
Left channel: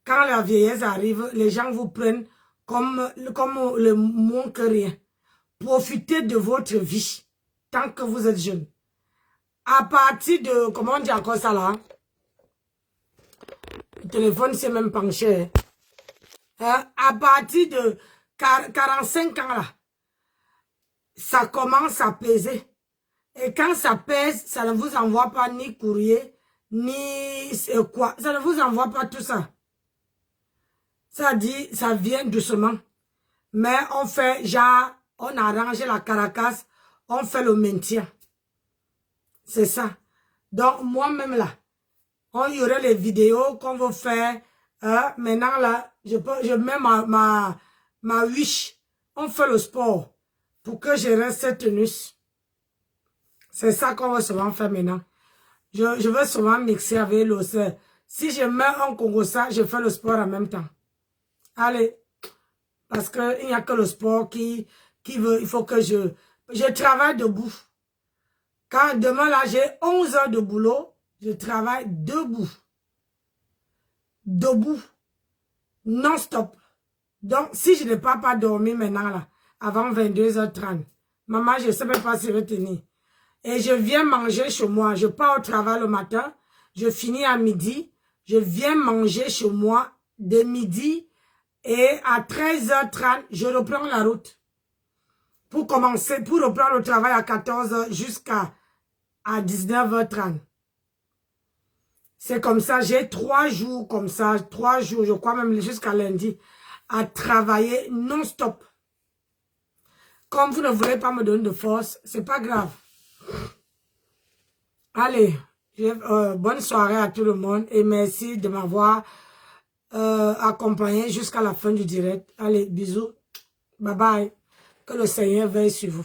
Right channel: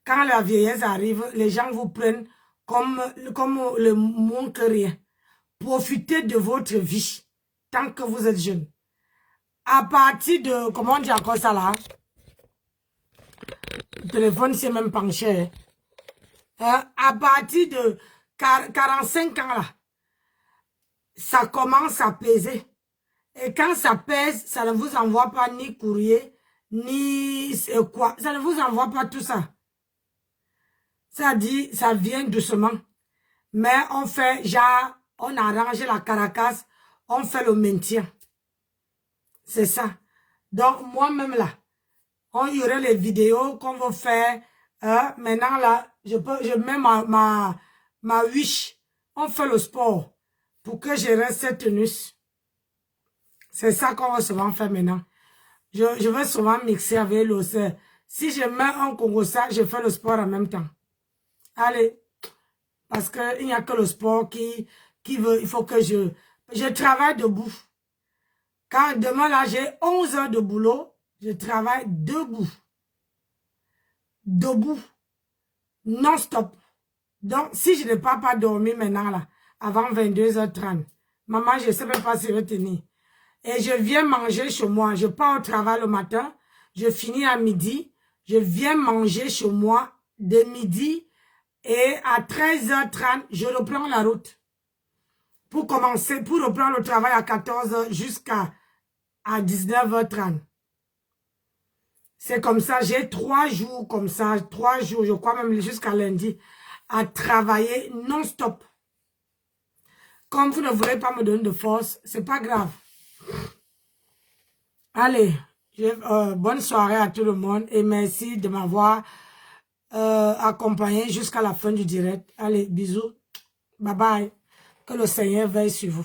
Quand la vieillesse arrive, les gens vous prennent comme le moins que rien. Profitez de votre vie tant que vous êtes jeune. À partir de... Comment on dit encore ça là? Le téléphone c'est même penché. À partir de 45 ans là, ça commence à peser. Et quand ça pèse, ça ne vous envoie pas ni courrier, ni quoi. Ça ne vous envoie pas tout ça. Ça dit, ça vient doucement. Mais on fait, genre, on arrange la caracasse, on fait le maintien. C'est ça. Donc, moi-même là, on y aurait les vidéos qu'on va faire. Maintenant là, je mets ma wish. On fait le sport pour que je reste tenus. C'est ça qu'on va souvent faire maintenant. Je vais souvent mixer avec le... Si je mets un Congossa, je fais le sport en même temps. Allez. Parce qu'il n'y a que le sport qui veut... Il faut que je travaille debout. Quand demain là, j'ai 11 heures de boulot, je travaille debout. Debout. Non-stop. Donc, si je n'ai pas dormi maintenant là, avant 22h30, maman, je ne sais même pas si je vais tenir. Et je viens manger chez moi. Je pars au travail le matin. Je finis à midi. Je viens manger chez moi de midi. Et à 13h30, je reprends la route. Pour commencer, pour reprendre le travail à 14h jusqu'à 19h30. C'est comme ça. J'ai 3 jours comme ça. 3 jours, je crois même jusqu'à lundi. À travailler non-stop. Comme vous ne voulez pas me donner de force, c'est pas grave. Allez, bonne soirée à tout le monde et merci de m'avoir accompagné jusqu'à la fin du direct. Allez, bisous. Bye bye. Que le Seigneur veille sur vous.